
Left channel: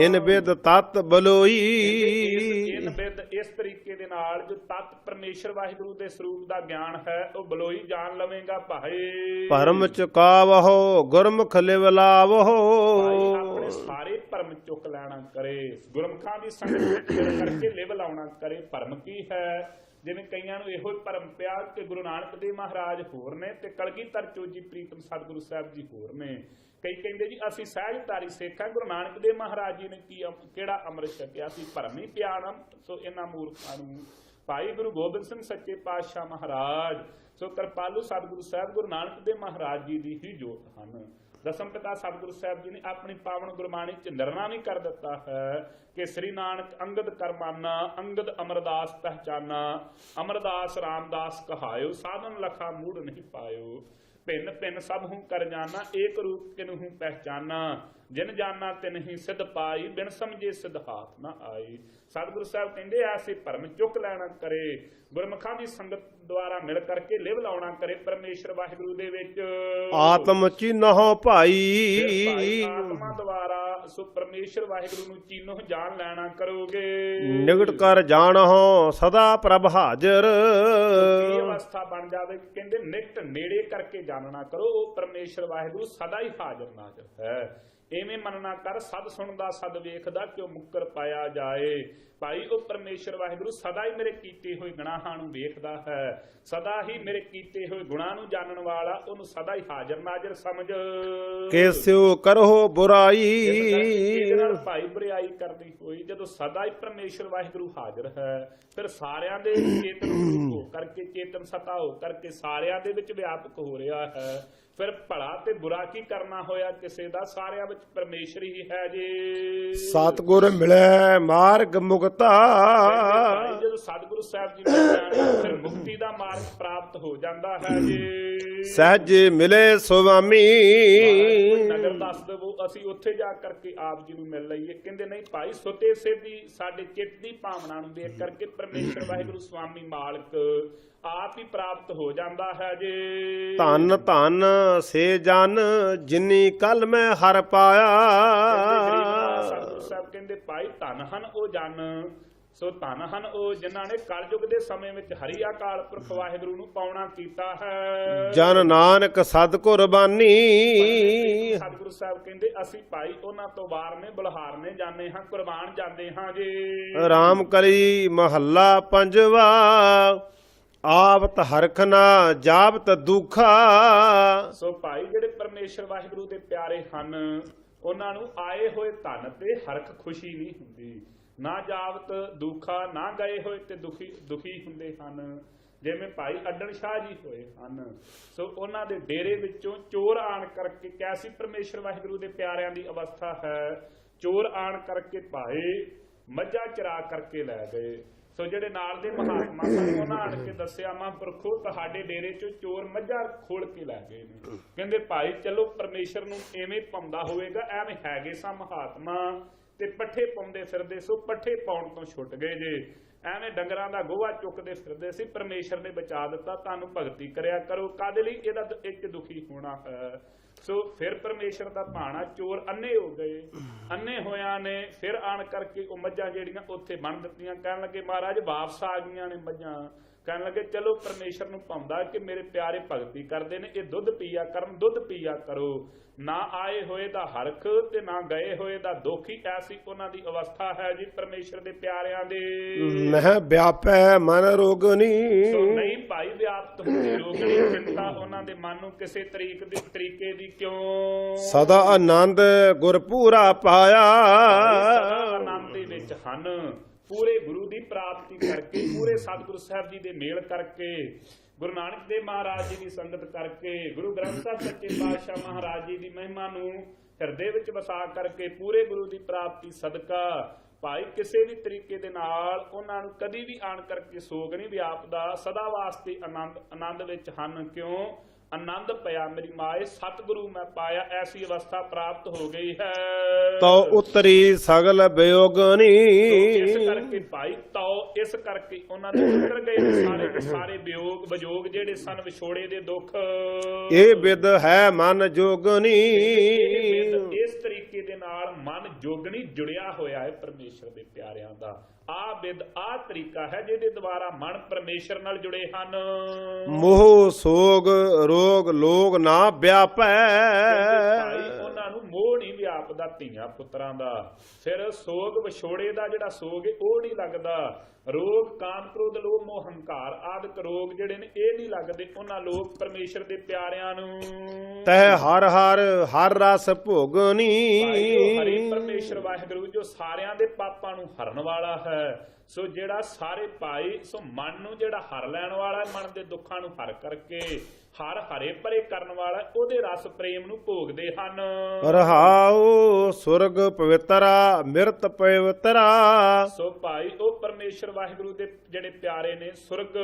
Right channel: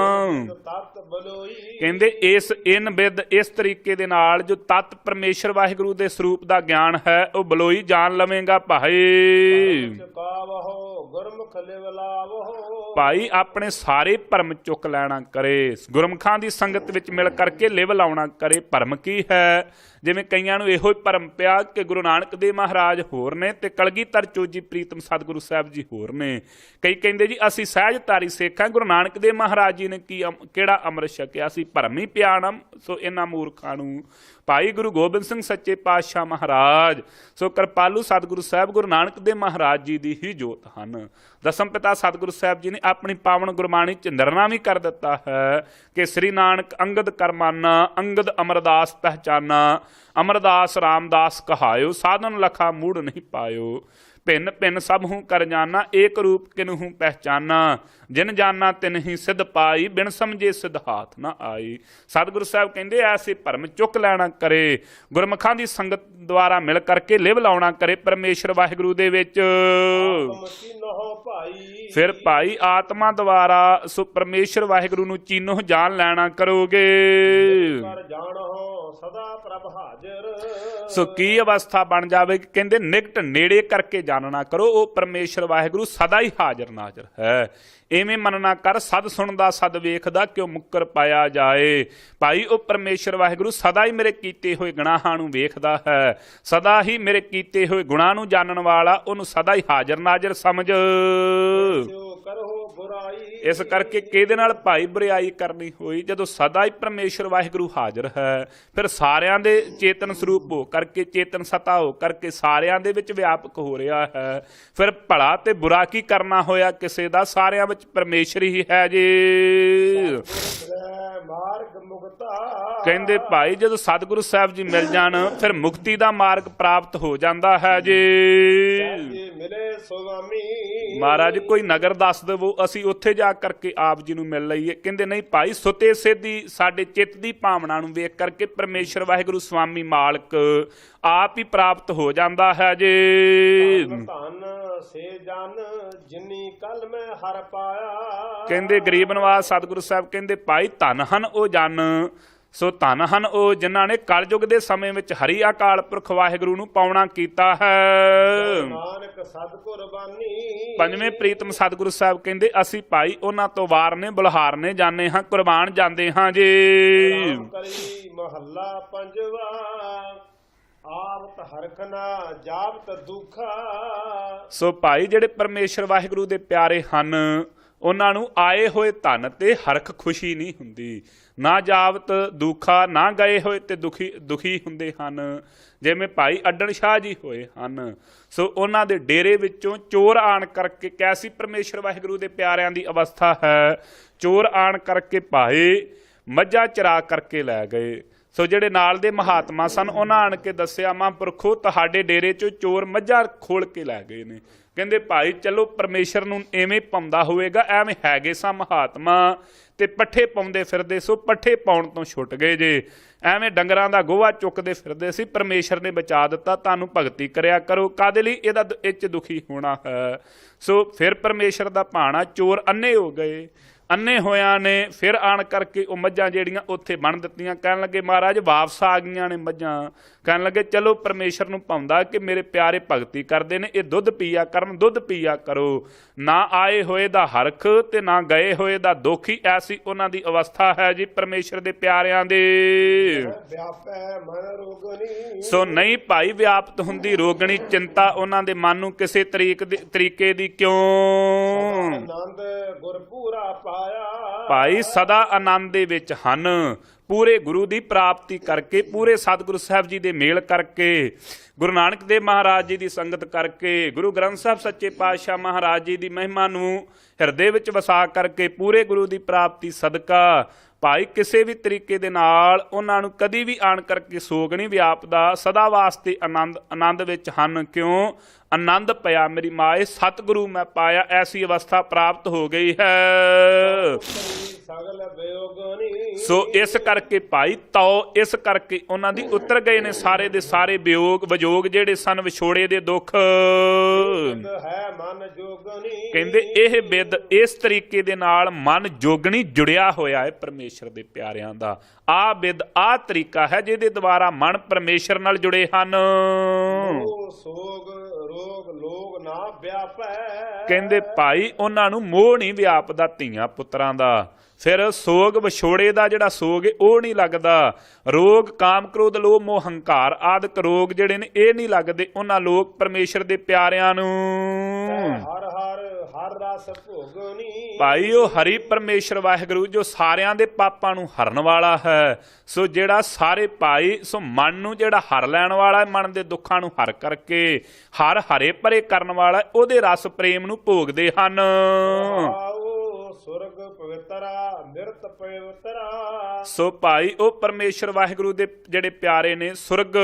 ਇਨ ਬਿਦ ਤਤ ਬਲੋਈ, ਕਹਿੰਦੇ ਇਨ ਬਿਦ ਇਸ ਤਰੀਕੇ ਦੇ ਨਾਲ ਜੋ ਤਤ ਪਰਮੇਸ਼ਰ ਵਾਹਿਗੁਰੂ ਦੇ ਸਰੂਪ ਦਾ ਗਿਆਨ ਹੈ ਉਹ ਬਲੋਈ ਜਾਣ ਲਵੇਂਗਾ ਭਾਈ। ਭਰਮ ਚੁਕਾਵੋ ਗੁਰਮੁਖ ਲਿਵ ਲਾਵੋ। ਭਾਈ ਆਪਣੇ ਸਾਰੇ ਭਰਮ ਚੁੱਕ ਲੈਣਾ ਕਰੇ, ਗੁਰਮੁਖਾਂ ਦੀ ਸੰਗਤ ਵਿੱਚ ਮਿਲ ਕਰਕੇ ਲਿਵ ਲਾਉਣਾ ਕਰੇ। ਭਰਮ ਕੀ ਹੈ? ਜਿਵੇਂ ਕਈਆਂ ਨੂੰ ਇਹੋ ਹੀ ਭਰਮ ਪਿਆ ਕਿ ਗੁਰੂ ਨਾਨਕ ਦੇਵ ਮਹਾਰਾਜ ਹੋਰ ਨੇ ਤੇ ਕਲਗੀਧਰ ਚੋਜੀ ਪ੍ਰੀਤਮ ਸਤਿਗੁਰੂ ਸਾਹਿਬ ਜੀ ਹੋਰ ਨੇ। ਕਈ ਕਹਿੰਦੇ ਜੀ ਅਸੀਂ ਸਹਿਜਧਾਰੀ ਸਿੱਖ ਹਾਂ, ਗੁਰੂ ਨਾਨਕ ਦੇਵ ਮਹਾਰਾਜ ਜੀ ਨੇ ਕਿਹੜਾ ਅੰਮ੍ਰਿਤ ਛਕਿਆ, ਅਸੀਂ ਭਰਮ ਹੀ ਪਿਆਣਮ। ਸੋ ਇਹਨਾਂ ਮੂਰਖਾਂ ਨੂੰ ਭਾਈ ਗੁਰੂ ਗੋਬਿੰਦ ਸਿੰਘ ਸੱਚੇ ਪਾਤਸ਼ਾਹ ਮਹਾਰਾਜ, ਸੋ ਕਿਰਪਾਲੂ ਸਤਿਗੁਰੂ ਸਾਹਿਬ ਗੁਰੂ ਨਾਨਕ ਦੇਵ ਮਹਾਰਾਜ ਜੀ ਦੀ ਹੀ ਜੋਤ ਹਨ। ਦਸਮ ਪਿਤਾ ਸਤਿਗੁਰੂ ਸਾਹਿਬ ਜੀ ਨੇ ਆਪਣੀ ਪਾਵਨ ਗੁਰਬਾਣੀ ਚੰਦਰਨਾ ਵੀ ਕਰ ਦਿੱਤਾ ਹੈ ਕਿ ਸ੍ਰੀ ਨਾਨਕ ਅੰਗਦ ਕਰਮਾਨਾ, ਅੰਗਦ ਅਮਰਦਾਸ ਪਹਿਚਾਨਾ, ਅਮਰਦਾਸ ਰਾਮਦਾਸ ਕਹਾਇਓ, ਸਾਧਨ ਲਖਾ ਮੂੜ ਨਹੀਂ ਪਾਇਓ। ਭਿੰਨ ਭਿੰਨ ਸਭ ਹੂੰ ਕਰ ਜਾਨਾ, ਏਕ ਰੂਪ ਕਿਨਹੂ ਪਹਿਚਾਨਾ, ਜਿਨ ਜਾਨਾ ਤਿਨ ਹੀ ਸਿੱਧ ਪਾਈ, ਬਿਨ ਸਮਝੇ ਸਿੱਧ ਹਾਥ ਨਾ ਆਈ। ਸਤਿਗੁਰੂ ਸਾਹਿਬ ਕਹਿੰਦੇ ਐਸੇ ਭਰਮ ਚੁੱਕ ਲੈਣਾ ਕਰੇ, ਗੁਰਮੁਖਾਂ ਦੀ ਸੰਗਤ ਦੁਆਰਾ ਮਿਲ ਕਰਕੇ ਲਿਵ ਲਾਉਣਾ ਕਰੇ ਪਰਮੇਸ਼ਰ ਵਾਹਿਗੁਰੂ ਦੇ ਵਿੱਚ। ਆਤਮ ਚੀਨਹੁ ਭਾਈ, ਫਿਰ ਭਾਈ ਆਤਮਾ ਦੁਆਰਾ ਸੋ ਪਰਮੇਸ਼ਰ ਵਾਹਿਗੁਰੂ ਨੂੰ ਚੀਨੋ ਜਾਣ ਲੈਣਾ ਕਰੋਗੇ। ਨਿਗਟ ਕਰ ਜਾਣਹੁ ਸਦਾ ਪ੍ਰਭ ਹਾਜ਼ਰ। ਸੋ ਕੀ ਅਵਸਥਾ ਬਣ ਜਾਵੇ? ਕਹਿੰਦੇ ਨਿਕਟ ਨੇੜੇ ਕਰਕੇ ਜਾਣਨਾ ਕਰੋ, ਉਹ ਪਰਮੇਸ਼ਰ ਵਾਹਿਗੁਰੂ ਸਦਾ ਹੀ ਹਾਜ਼ਰ ਨਾਜ਼ਰ ਹੈ। ਇਵੇਂ ਮੰਨਣਾ ਕਰ ਸਦ ਸੁਣਦਾ ਸਦ ਵੇਖਦਾ, ਕਿਉਂ ਮੁੱਕਰ ਪਾਇਆ ਜਾਏ। ਭਾਈ ਉਹ ਪਰਮੇਸ਼ਰ ਵਾਹਿਗੁਰੂ ਸਦਾ ਹੀ ਮੇਰੇ ਕੀਤੇ ਹੋਏ ਗੁਨਾਹਾਂ ਨੂੰ ਵੇਖਦਾ ਹੈ, ਸਦਾ ਹੀ ਮੇਰੇ ਕੀਤੇ ਹੋਏ ਗੁਨਾਹ ਨੂੰ ਜਾਣਨ ਵਾਲਾ, ਉਹਨੂੰ ਸਦਾ ਹੀ ਹਾਜ਼ਰ ਨਾਜ਼ਰ ਸਮਝ। ਕੇਸਿਓ ਕਰੋ ਬੁਰਾਈ, ਇਸ ਕਰਕੇ ਕਿਹਦੇ ਨਾਲ ਭਾਈ ਬੁਰਾਈ ਕਰਨੀ ਹੋਈ? ਜਦੋਂ ਸਦਾ ਹੀ ਪਰਮੇਸ਼ਰ ਵਾਹਿਗੁਰੂ ਹਾਜ਼ਰ ਹੈ, ਫਿਰ ਸਾਰਿਆਂ ਦੇ ਚੇਤਨ ਸਰੂਪ ਹੋ ਕਰਕੇ, ਚੇਤਨ ਸਤਾ ਹੋ ਕਰਕੇ ਸਾਰਿਆਂ ਦੇ ਵਿੱਚ ਵਿਆਪਕ ਹੋ ਰਿਹਾ ਹੈ। ਫਿਰ ਭਲਾ ਤੇ ਬੁਰਾ ਕੀ ਕਰਨਾ ਹੋਇਆ ਕਿਸੇ ਦਾ? ਸਾਰਿਆਂ ਵਿੱਚ ਪਰਮੇਸ਼ਰ ਹੀ ਹੈ ਜੀ। ਸਤਿਗੁਰ ਮਿਲੇ ਮਾਰਗ ਮੁਕਤਾ, ਕਹਿੰਦੇ ਭਾਈ ਜਦੋਂ ਸਤਿਗੁਰੂ ਸਾਹਿਬ ਜੀ ਮਿਲ ਜਾਣ ਫਿਰ ਮੁਕਤੀ ਦਾ ਮਾਰਗ ਪ੍ਰਾਪਤ ਹੋ ਜਾਂਦਾ ਹੈ ਜੀ। ਸਹਿਜ ਮਿਲੇ ਸੁਆਮੀ, ਮਹਾਰਾਜ ਕੋਈ ਨਗਰ ਦੱਸ ਦੇਵੋ ਅਸੀਂ ਉੱਥੇ ਜਾ ਕਰਕੇ ਆਪ ਜੀ ਨੂੰ ਮਿਲ ਲਈਏ। ਕਹਿੰਦੇ ਨਹੀਂ ਭਾਈ, ਸੁਤੇ ਸਿੱਧੀ ਸਾਡੇ ਚਿੱਤ ਦੀ ਭਾਵਨਾ ਨੂੰ ਵੇਖ ਕਰਕੇ ਪਰਮੇਸ਼ਰ ਵਾਹਿਗੁਰੂ ਸੁਆਮੀ ਮਾਲਕ ਆਪ ਹੀ ਪ੍ਰਾਪਤ ਹੋ ਜਾਂਦਾ ਹੈ ਜੀ। ਧੰਨ ਧੰਨ ਸੇ ਜਨ ਜਿਨੀ ਕਲ ਮੈਂ ਹਰ ਪਾਇਆ। ਕਹਿੰਦੇ ਗਰੀਬ ਨਵਾਜ਼ ਸਤਿਗੁਰੂ ਸਾਹਿਬ ਕਹਿੰਦੇ ਭਾਈ ਧੰਨ ਹਨ ਉਹ ਜਨ, ਸੋ ਧੰਨ ਹਨ ਉਹ ਜਿਨ੍ਹਾਂ ਨੇ ਕਲਯੁਗ ਦੇ ਸਮੇਂ ਵਿੱਚ ਹਰੀ ਅਕਾਲ ਪੁਰਖ ਵਾਹਿਗੁਰੂ ਨੂੰ ਪਾਉਣਾ ਕੀਤਾ ਹੈ। ਜਨ ਨਾਨਕ ਸਦ ਕੁਰਬਾਨੀ। ਪੰਜਵੇਂ ਪ੍ਰੀਤਮ ਸਤਿਗੁਰੂ ਸਾਹਿਬ ਕਹਿੰਦੇ ਅਸੀਂ ਭਾਈ ਉਹਨਾਂ ਤੋਂ ਵਾਰਨੇ ਬੁਲਹਾਰਨੇ ਜਾਂਦੇ ਹਾਂ, ਕੁਰਬਾਨ ਜਾਂਦੇ ਹਾਂ ਜੀ। ਰਾਮ ਕਲੀ ਮਹੱਲਾ ਪੰਜਵਾ, ਆਵਤ ਹਰਖ ਨਾ ਜਾਵਤ ਦੁਖਾ। ਸੋ ਭਾਈ ਜਿਹੜੇ ਪਰਮੇਸ਼ਰ ਵਾਹਿਗੁਰੂ ਦੇ ਪਿਆਰੇ ਹਨ ਉਹਨਾਂ ਨੂੰ ਆਏ ਹੋਏ ਧਨ ਤੇ ਹਰਖ ਖੁਸ਼ੀ ਨਹੀਂ ਹੁੰਦੀ, ਨਾ ਜਾਵਤ ਦੁਖਾ, ਨਾ ਗਏ ਹੋਏ ਤੇ ਦੁਖੀ ਹੁੰਦੇ ਹਨ। ਜਿਵੇਂ ਭਾਈ ਅੱਡਣ ਸ਼ਾਹ ਜੀ ਹੋਏ ਹਨ, ਸੋ ਉਹਨਾਂ ਦੇ ਡੇਰੇ ਵਿੱਚੋਂ ਚੋਰ ਆਣ ਕਰਕੇ, ਕੈਸੀ ਪਰਮੇਸ਼ਰ ਵਾਹਿਗੁਰੂ ਦੇ ਪਿਆਰਿਆਂ ਦੀ ਅਵਸਥਾ ਹੈ, ਚੋਰ ਆਣ ਕਰਕੇ ਭਾਈ ਮੱਝਾਂ ਚਰਾ ਕਰਕੇ ਲੈ ਗਏ। ਸੋ ਜਿਹੜੇ ਨਾਲ ਦੇ ਮਹਾਤਮਾ ਸਨ ਉਹਨਾਂ ਆਣ ਕੇ ਦੱਸਿਆ, ਮਹਾਂਪੁਰਖੋ ਤੁਹਾਡੇ ਡੇਰੇ 'ਚੋਂ ਚੋਰ ਮੱਝਾਂ ਖੋਲ ਕੇ ਲੈ ਗਏ ਨੇ। ਕਹਿੰਦੇ ਭਾਈ ਚਲੋ ਪਰਮੇਸ਼ਰ ਨੂੰ ਐਵੇਂ ਪਾਉਂਦਾ ਹੋਵੇਗਾ, ਐਵੇਂ ਹੈਗੇ ਸਾਂ ਮਹਾਤਮਾ ਤੇ ਪੱਠੇ ਪਾਉਂਦੇ ਫਿਰਦੇ, ਸੋ ਪੱਠੇ ਪਾਉਣ ਤੋਂ ਛੁੱਟ ਗਏ ਜੇ। ਐਵੇਂ ਡੰਗਰਾਂ ਦਾ ਗੋਹਾ ਚੁੱਕਦੇ ਫਿਰਦੇ ਸੀ, ਪਰਮੇਸ਼ਰ ਨੇ ਬਚਾ ਦਿੱਤਾ। ਤੁਹਾਨੂੰ ਭਗਤੀ ਕਰਿਆ ਕਰੋ, ਕਾਹਦੇ ਲਈ? ਇਹਦਾ ਇਹ 'ਚ ਦੁਖੀ ਹੋਣਾ ਹੈ। ਸੋ ਫਿਰ ਪਰਮੇਸ਼ਰ ਦਾ ਭਾਣਾ, ਚੋਰ ਅੰਨੇ ਹੋ ਗਏ। ਅੰਨੇ ਹੋਇਆਂ ਨੇ ਫਿਰ ਆਣ ਕਰਕੇ ਉਹ ਮੱਝਾਂ ਜਿਹੜੀਆਂ ਉੱਥੇ ਬੰਨ ਦਿੱਤੀਆਂ। ਕਹਿਣ ਲੱਗੇ ਮਹਾਰਾਜ ਵਾਪਸ ਆ ਗਈਆਂ ਨੇ ਮੱਝਾਂ। ਕਹਿਣ ਲੱਗੇ ਚਲੋ ਪਰਮੇਸ਼ਰ ਨੂੰ ਭਾਉਂਦਾ ਕਿ ਮੇਰੇ ਪਿਆਰੇ ਭਗਤੀ ਕਰਦੇ ਨੇ, ਇਹ ਦੁੱਧ ਪੀਆ ਕਰਨ, ਦੁੱਧ ਪੀਆ ਕਰੋ। ਨਾ ਆਏ ਹੋਏ ਦਾ ਹਰਖ ਤੇ ਨਾ ਗਏ ਹੋਏ ਦਾ ਦੁੱਖ ਹੀ ਐਸੀ ਉਹਨਾਂ ਦੀ ਅਵਸਥਾ ਹੈ ਜੀ ਪਰਮੇਸ਼ਰ ਦੇ ਪਿਆਰਿਆਂ ਦੇ। ਨਹਿ ਵਿਆਪੈ ਮਨ ਰੋਗਣੀ। ਸੋ ਨਹੀਂ ਭਾਈ ਵਿਆਪਤ ਹੁੰਦੀ ਰੋਗਣੀ ਚਿੰਤਾ ਉਹਨਾਂ ਦੇ ਮਨ ਨੂੰ ਕਿਸੇ ਤਰੀਕੇ ਦੀ ਕਿਉਂ? ਸਦਾ ਆਨੰਦ ਗੁਰ ਪੂਰਾ ਪਾਇਆ। ਭਾਈ ਸਦਾ ਆਨੰਦ ਦੇ ਵਿੱਚ ਹਨ, ਪੂਰੇ ਗੁਰੂ ਦੀ ਪ੍ਰਾਪਤੀ ਕਰਕੇ, ਪੂਰੇ ਸਤਿਗੁਰੂ ਸਾਹਿਬ ਜੀ ਦੇ ਮੇਲ ਕਰਕੇ, ਗੁਰੂ ਨਾਨਕ ਦੇਵ ਮਹਾਰਾਜ ਜੀ ਦੀ ਸੰਗਤ ਕਰਕੇ, ਗੁਰੂ ਗ੍ਰੰਥ ਸਾਹਿਬ ਸੱਚੇ ਪਾਤਸ਼ਾਹ ਮਹਾਰਾਜ ਜੀ ਦੀ ਮਹਿਮਾ ਨੂੰ ਹਿਰਦੇ ਵਿੱਚ ਵਸਾ ਕਰਕੇ, ਪੂਰੇ ਗੁਰੂ ਦੀ ਪ੍ਰਾਪਤੀ ਸਦਕਾ ਭਾਈ ਕਿਸੇ ਵੀ ਤਰੀਕੇ ਦੇ ਨਾਲ ਉਹਨਾਂ ਨੂੰ ਕਦੀ ਵੀ ਆਣ ਕਰਕੇ ਸੋਗ ਨਹੀਂ ਵਿਆਪਦਾ। ਸਦਾ ਵਾਸਤੇ ਆਨੰਦ ਵਿੱਚ ਹਨ। ਕਿਉਂ? ਆਨੰਦ ਪਿਆ ਮੇਰੀ ਮਾਏ, ਸਤਿਗੁਰੂ ਮੈਂ ਪਾਇਆ, ਐਸੀ ਅਵਸਥਾ ਪ੍ਰਾਪਤ ਹੋ ਗਈ ਹੈ। ਤਉ ਉਤਰੀ ਸਗਲ ਵਿਯੋਗਨੀ। ਸੋ ਇਸ ਕਰਕੇ ਭਾਈ ਇਸ ਕਰਕੇ ਉਹਨਾਂ ਦੀ ਉਤਰ ਗਏ ਨੇ ਸਾਰੇ ਦੇ ਸਾਰੇ ਵਿਯੋਗ ਜਿਹੜੇ ਸਨ, ਵਿਛੋੜੇ ਦੇ ਦੁੱਖ। ਇਹ ਬਿਦ ਹੈ ਮਨ ਜੋਗਨੀ। ਕਹਿੰਦੇ ਇਹ ਬਿਦ ਇਸ ਤਰੀਕੇ ਦੇ ਨਾਲ ਮਨ ਜੋਗਣੀ ਜੁੜਿਆ ਹੋਇਆ ਹੈ ਪਰਮੇਸ਼ਰ ਦੇ ਪਿਆਰਿਆਂ ਦਾ। ਆ ਬਿਦ ਆ ਤਰੀਕਾ ਹੈ ਜਿਹਦੇ ਦੁਆਰਾ ਮਨ ਪਰਮੇਸ਼ਰ ਨਾਲ ਜੁੜੇ ਹਨ। ਮੋਹ ਸੋਗ ਰੋਗ ਲੋਗ ਨਾ ਵਿਆਪੈ। ਕਹਿੰਦੇ ਭਾਈ ਉਹਨਾਂ ਨੂੰ ਮੋਹ ਨਹੀਂ ਵਿਆਪਦਾ ਧੀਆਂ ਪੁੱਤਰਾਂ ਦਾ। ਫਿਰ ਸੋਗ ਵਿਛੋੜੇ ਦਾ ਜਿਹੜਾ ਸੋਗ ਹੈ ਉਹ ਨਹੀਂ ਲੱਗਦਾ। ਰੋਗ ਕਾਮ ਕ੍ਰੋਧ ਲੋਭ ਮੋਹ ਹੰਕਾਰ ਆਦਿਕ ਰੋਗ ਜਿਹੜੇ ਨੇ ਇਹ ਨਹੀਂ ਲੱਗਦੇ ਉਹਨਾਂ ਲੋਕ ਪਰਮੇਸ਼ਰ ਦੇ ਪਿਆਰਿਆਂ ਨੂੰ। ਤੈ ਹਰ ਰਸ ਭੋਗਨੀ। ਭਾਈ ਉਹ ਹਰੀ ਪਰਮੇਸ਼ਰ ਵਾਹਿਗੁਰੂ ਜੋ ਸਾਰਿਆਂ ਦੇ ਪਾਪਾਂ ਨੂੰ ਹਰਨ ਵਾਲਾ ਹੈ। ਸੋ ਜਿਹੜਾ ਸਾਰੇ ਭਾਈ ਸੋ ਮਨ ਨੂੰ ਜਿਹੜਾ ਹਰ ਲੈਣ ਵਾਲਾ, ਮਨ ਦੇ ਦੁੱਖਾਂ ਨੂੰ ਹਰ ਕਰਕੇ ਹਰ ਹਰੇ ਭਰੇ ਕਰਨ ਵਾਲਾ, ਉਹਦੇ ਰਸ ਪ੍ਰੇਮ ਨੂੰ ਭੋਗਦੇ ਹਨ। ਰਹਾਉ ਸੁਰਗ ਪਵਿੱਤਰਾ ਮਿਰਤ ਪਵਿੱਤਰਾ। ਸੋ ਭਾਈ ਉਹ ਪਰਮੇਸ਼ਰ ਵਾਹਿਗੁਰੂ ਦੇ ਜਿਹੜੇ ਪਿਆਰੇ ਨੇ ਸੁਰਗ,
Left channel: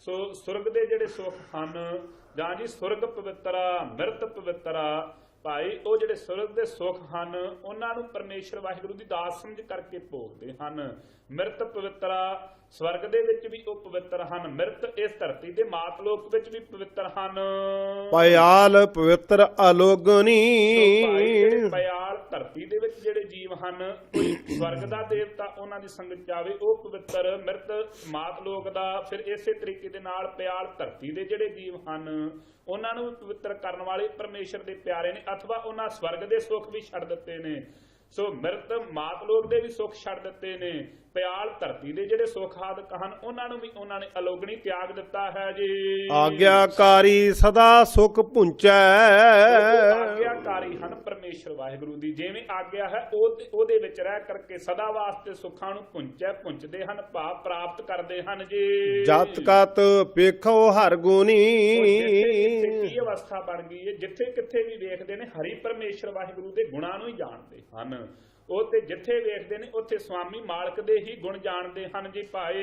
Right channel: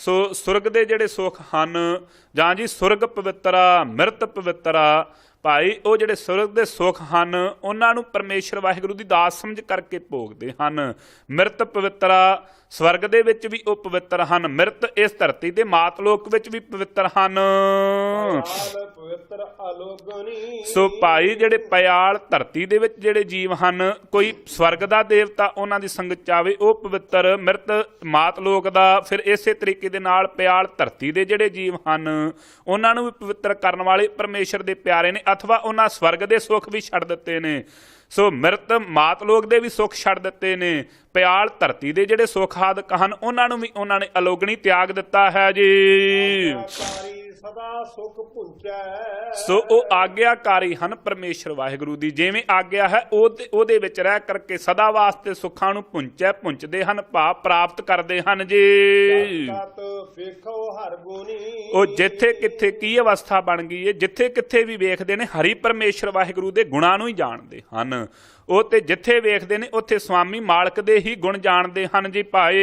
ਸੋ ਸੁਰਗ ਦੇ ਜਿਹੜੇ ਸੁੱਖ ਹਨ, ਜਾਂ ਜੀ ਸੁਰਗ ਪਵਿੱਤਰਾ ਮਿਰਤ ਪਵਿੱਤਰਾ। ਭਾਈ ਉਹ ਜਿਹੜੇ ਸੁਰਗ ਦੇ ਸੁੱਖ ਹਨ ਉਹਨਾਂ ਨੂੰ ਪਰਮੇਸ਼ਰ ਵਾਹਿਗੁਰੂ ਦੀ ਦਾਸ ਸਮਝ ਕਰਕੇ ਭੋਗਦੇ ਹਨ। ਮਿਰਤ ਪਵਿੱਤਰਾ ਸਵਰਗ ਦੇ ਵਿੱਚ ਵੀ ਉਹ ਪਵਿੱਤਰ ਹਨ, ਮਿਰਤ ਇਸ ਧਰਤੀ ਦੇ ਮਾਤਲੋਕ ਵਿੱਚ ਵੀ ਪਵਿੱਤਰ ਹਨ। ਪਿਆਲ ਪਵਿੱਤਰ ਅਲੋਗਨੀ। ਸੋ ਭਾਈ ਜਿਹੜੇ ਪਿਆਲ ਧਰਤੀ ਦੇ ਵਿੱਚ ਜਿਹੜੇ ਜੀਵ ਹਨ, ਕੋਈ ਸਵਰਗ ਦਾ ਦੇਵਤਾ ਉਹਨਾਂ ਦੀ ਸੰਗਤ ਚਾਵੇ ਉਹ ਪਵਿੱਤਰ, ਮਿਰਤ ਮਾਤਲੋਕ ਦਾ। ਫਿਰ ਇਸੇ ਤਰੀਕੇ ਦੇ ਨਾਲ ਪਿਆਲ ਧਰਤੀ ਦੇ ਜਿਹੜੇ ਜੀਵ ਹਨ ਉਹਨਾਂ ਨੂੰ ਵੀ ਪਵਿੱਤਰ ਕਰਨ ਵਾਲੇ ਪਰਮੇਸ਼ਰ ਦੇ ਪਿਆਰੇ ਨੇ, ਅਥਵਾ ਉਹਨਾਂ ਸਵਰਗ ਦੇ ਸੁੱਖ ਵੀ ਛੱਡ ਦਿੱਤੇ ਨੇ। ਸੋ ਮਿਰਤ ਮਾਤਲੋਕ ਦੇ ਵੀ ਸੁੱਖ ਛੱਡ ਦਿੱਤੇ ਨੇ। ਪਿਆਲ ਧਰਤੀ ਦੇ ਜਿਹੜੇ ਸੁੱਖ ਆਦਿਕ ਹਨ ਉਹਨਾਂ ਨੂੰ ਵੀ ਉਹਨਾਂ ਨੇ ਅਲੋਗਣੀ ਤਿਆਗ ਦਿੱਤਾ ਹੈ ਜੀ। ਆਗਿਆਕਾਰੀ ਸਦਾ ਸੁਖ ਪੁੰਚੈ। ਸੋ ਉਹ ਆਗਿਆਕਾਰੀ ਹਨ ਪਰਮੇਸ਼ਰ ਵਾਹਿਗੁਰੂ ਦੀ। ਜਿਵੇਂ ਆਗਿਆ ਹੈ ਉਹਦੇ ਵਿੱਚ ਰਹਿ ਕਰਕੇ ਸਦਾ ਵਾਸਤੇ ਸੁੱਖਾਂ ਨੂੰ ਪੁੰਚਦੇ ਹਨ, ਭਾਵ ਪ੍ਰਾਪਤ ਕਰਦੇ ਹਨ ਜੀ। ਜਤ ਕਤ ਵੇਖੋ ਹਰ ਗੁਣੀ। ਉਹ ਜਿੱਥੇ ਕਿੱਥੇ ਕੀ ਅਵਸਥਾ ਬਣ ਗਈ ਹੈ, ਜਿੱਥੇ ਕਿੱਥੇ ਵੀ ਵੇਖਦੇ ਨੇ ਹਰੀ ਪਰਮੇਸ਼ਰ ਵਾਹਿਗੁਰੂ ਦੇ ਗੁਣਾਂ ਨੂੰ ਹੀ ਜਾਣਦੇ ਹਨ। ਉਹ ਤੇ ਜਿੱਥੇ ਵੇਖਦੇ ਨੇ ਉੱਥੇ ਸਵਾਮੀ ਮਾਲਕ ਦੇ ਹੀ ਗੁਣ ਜਾਣਦੇ ਹਨ ਜੀ ਭਾਈ।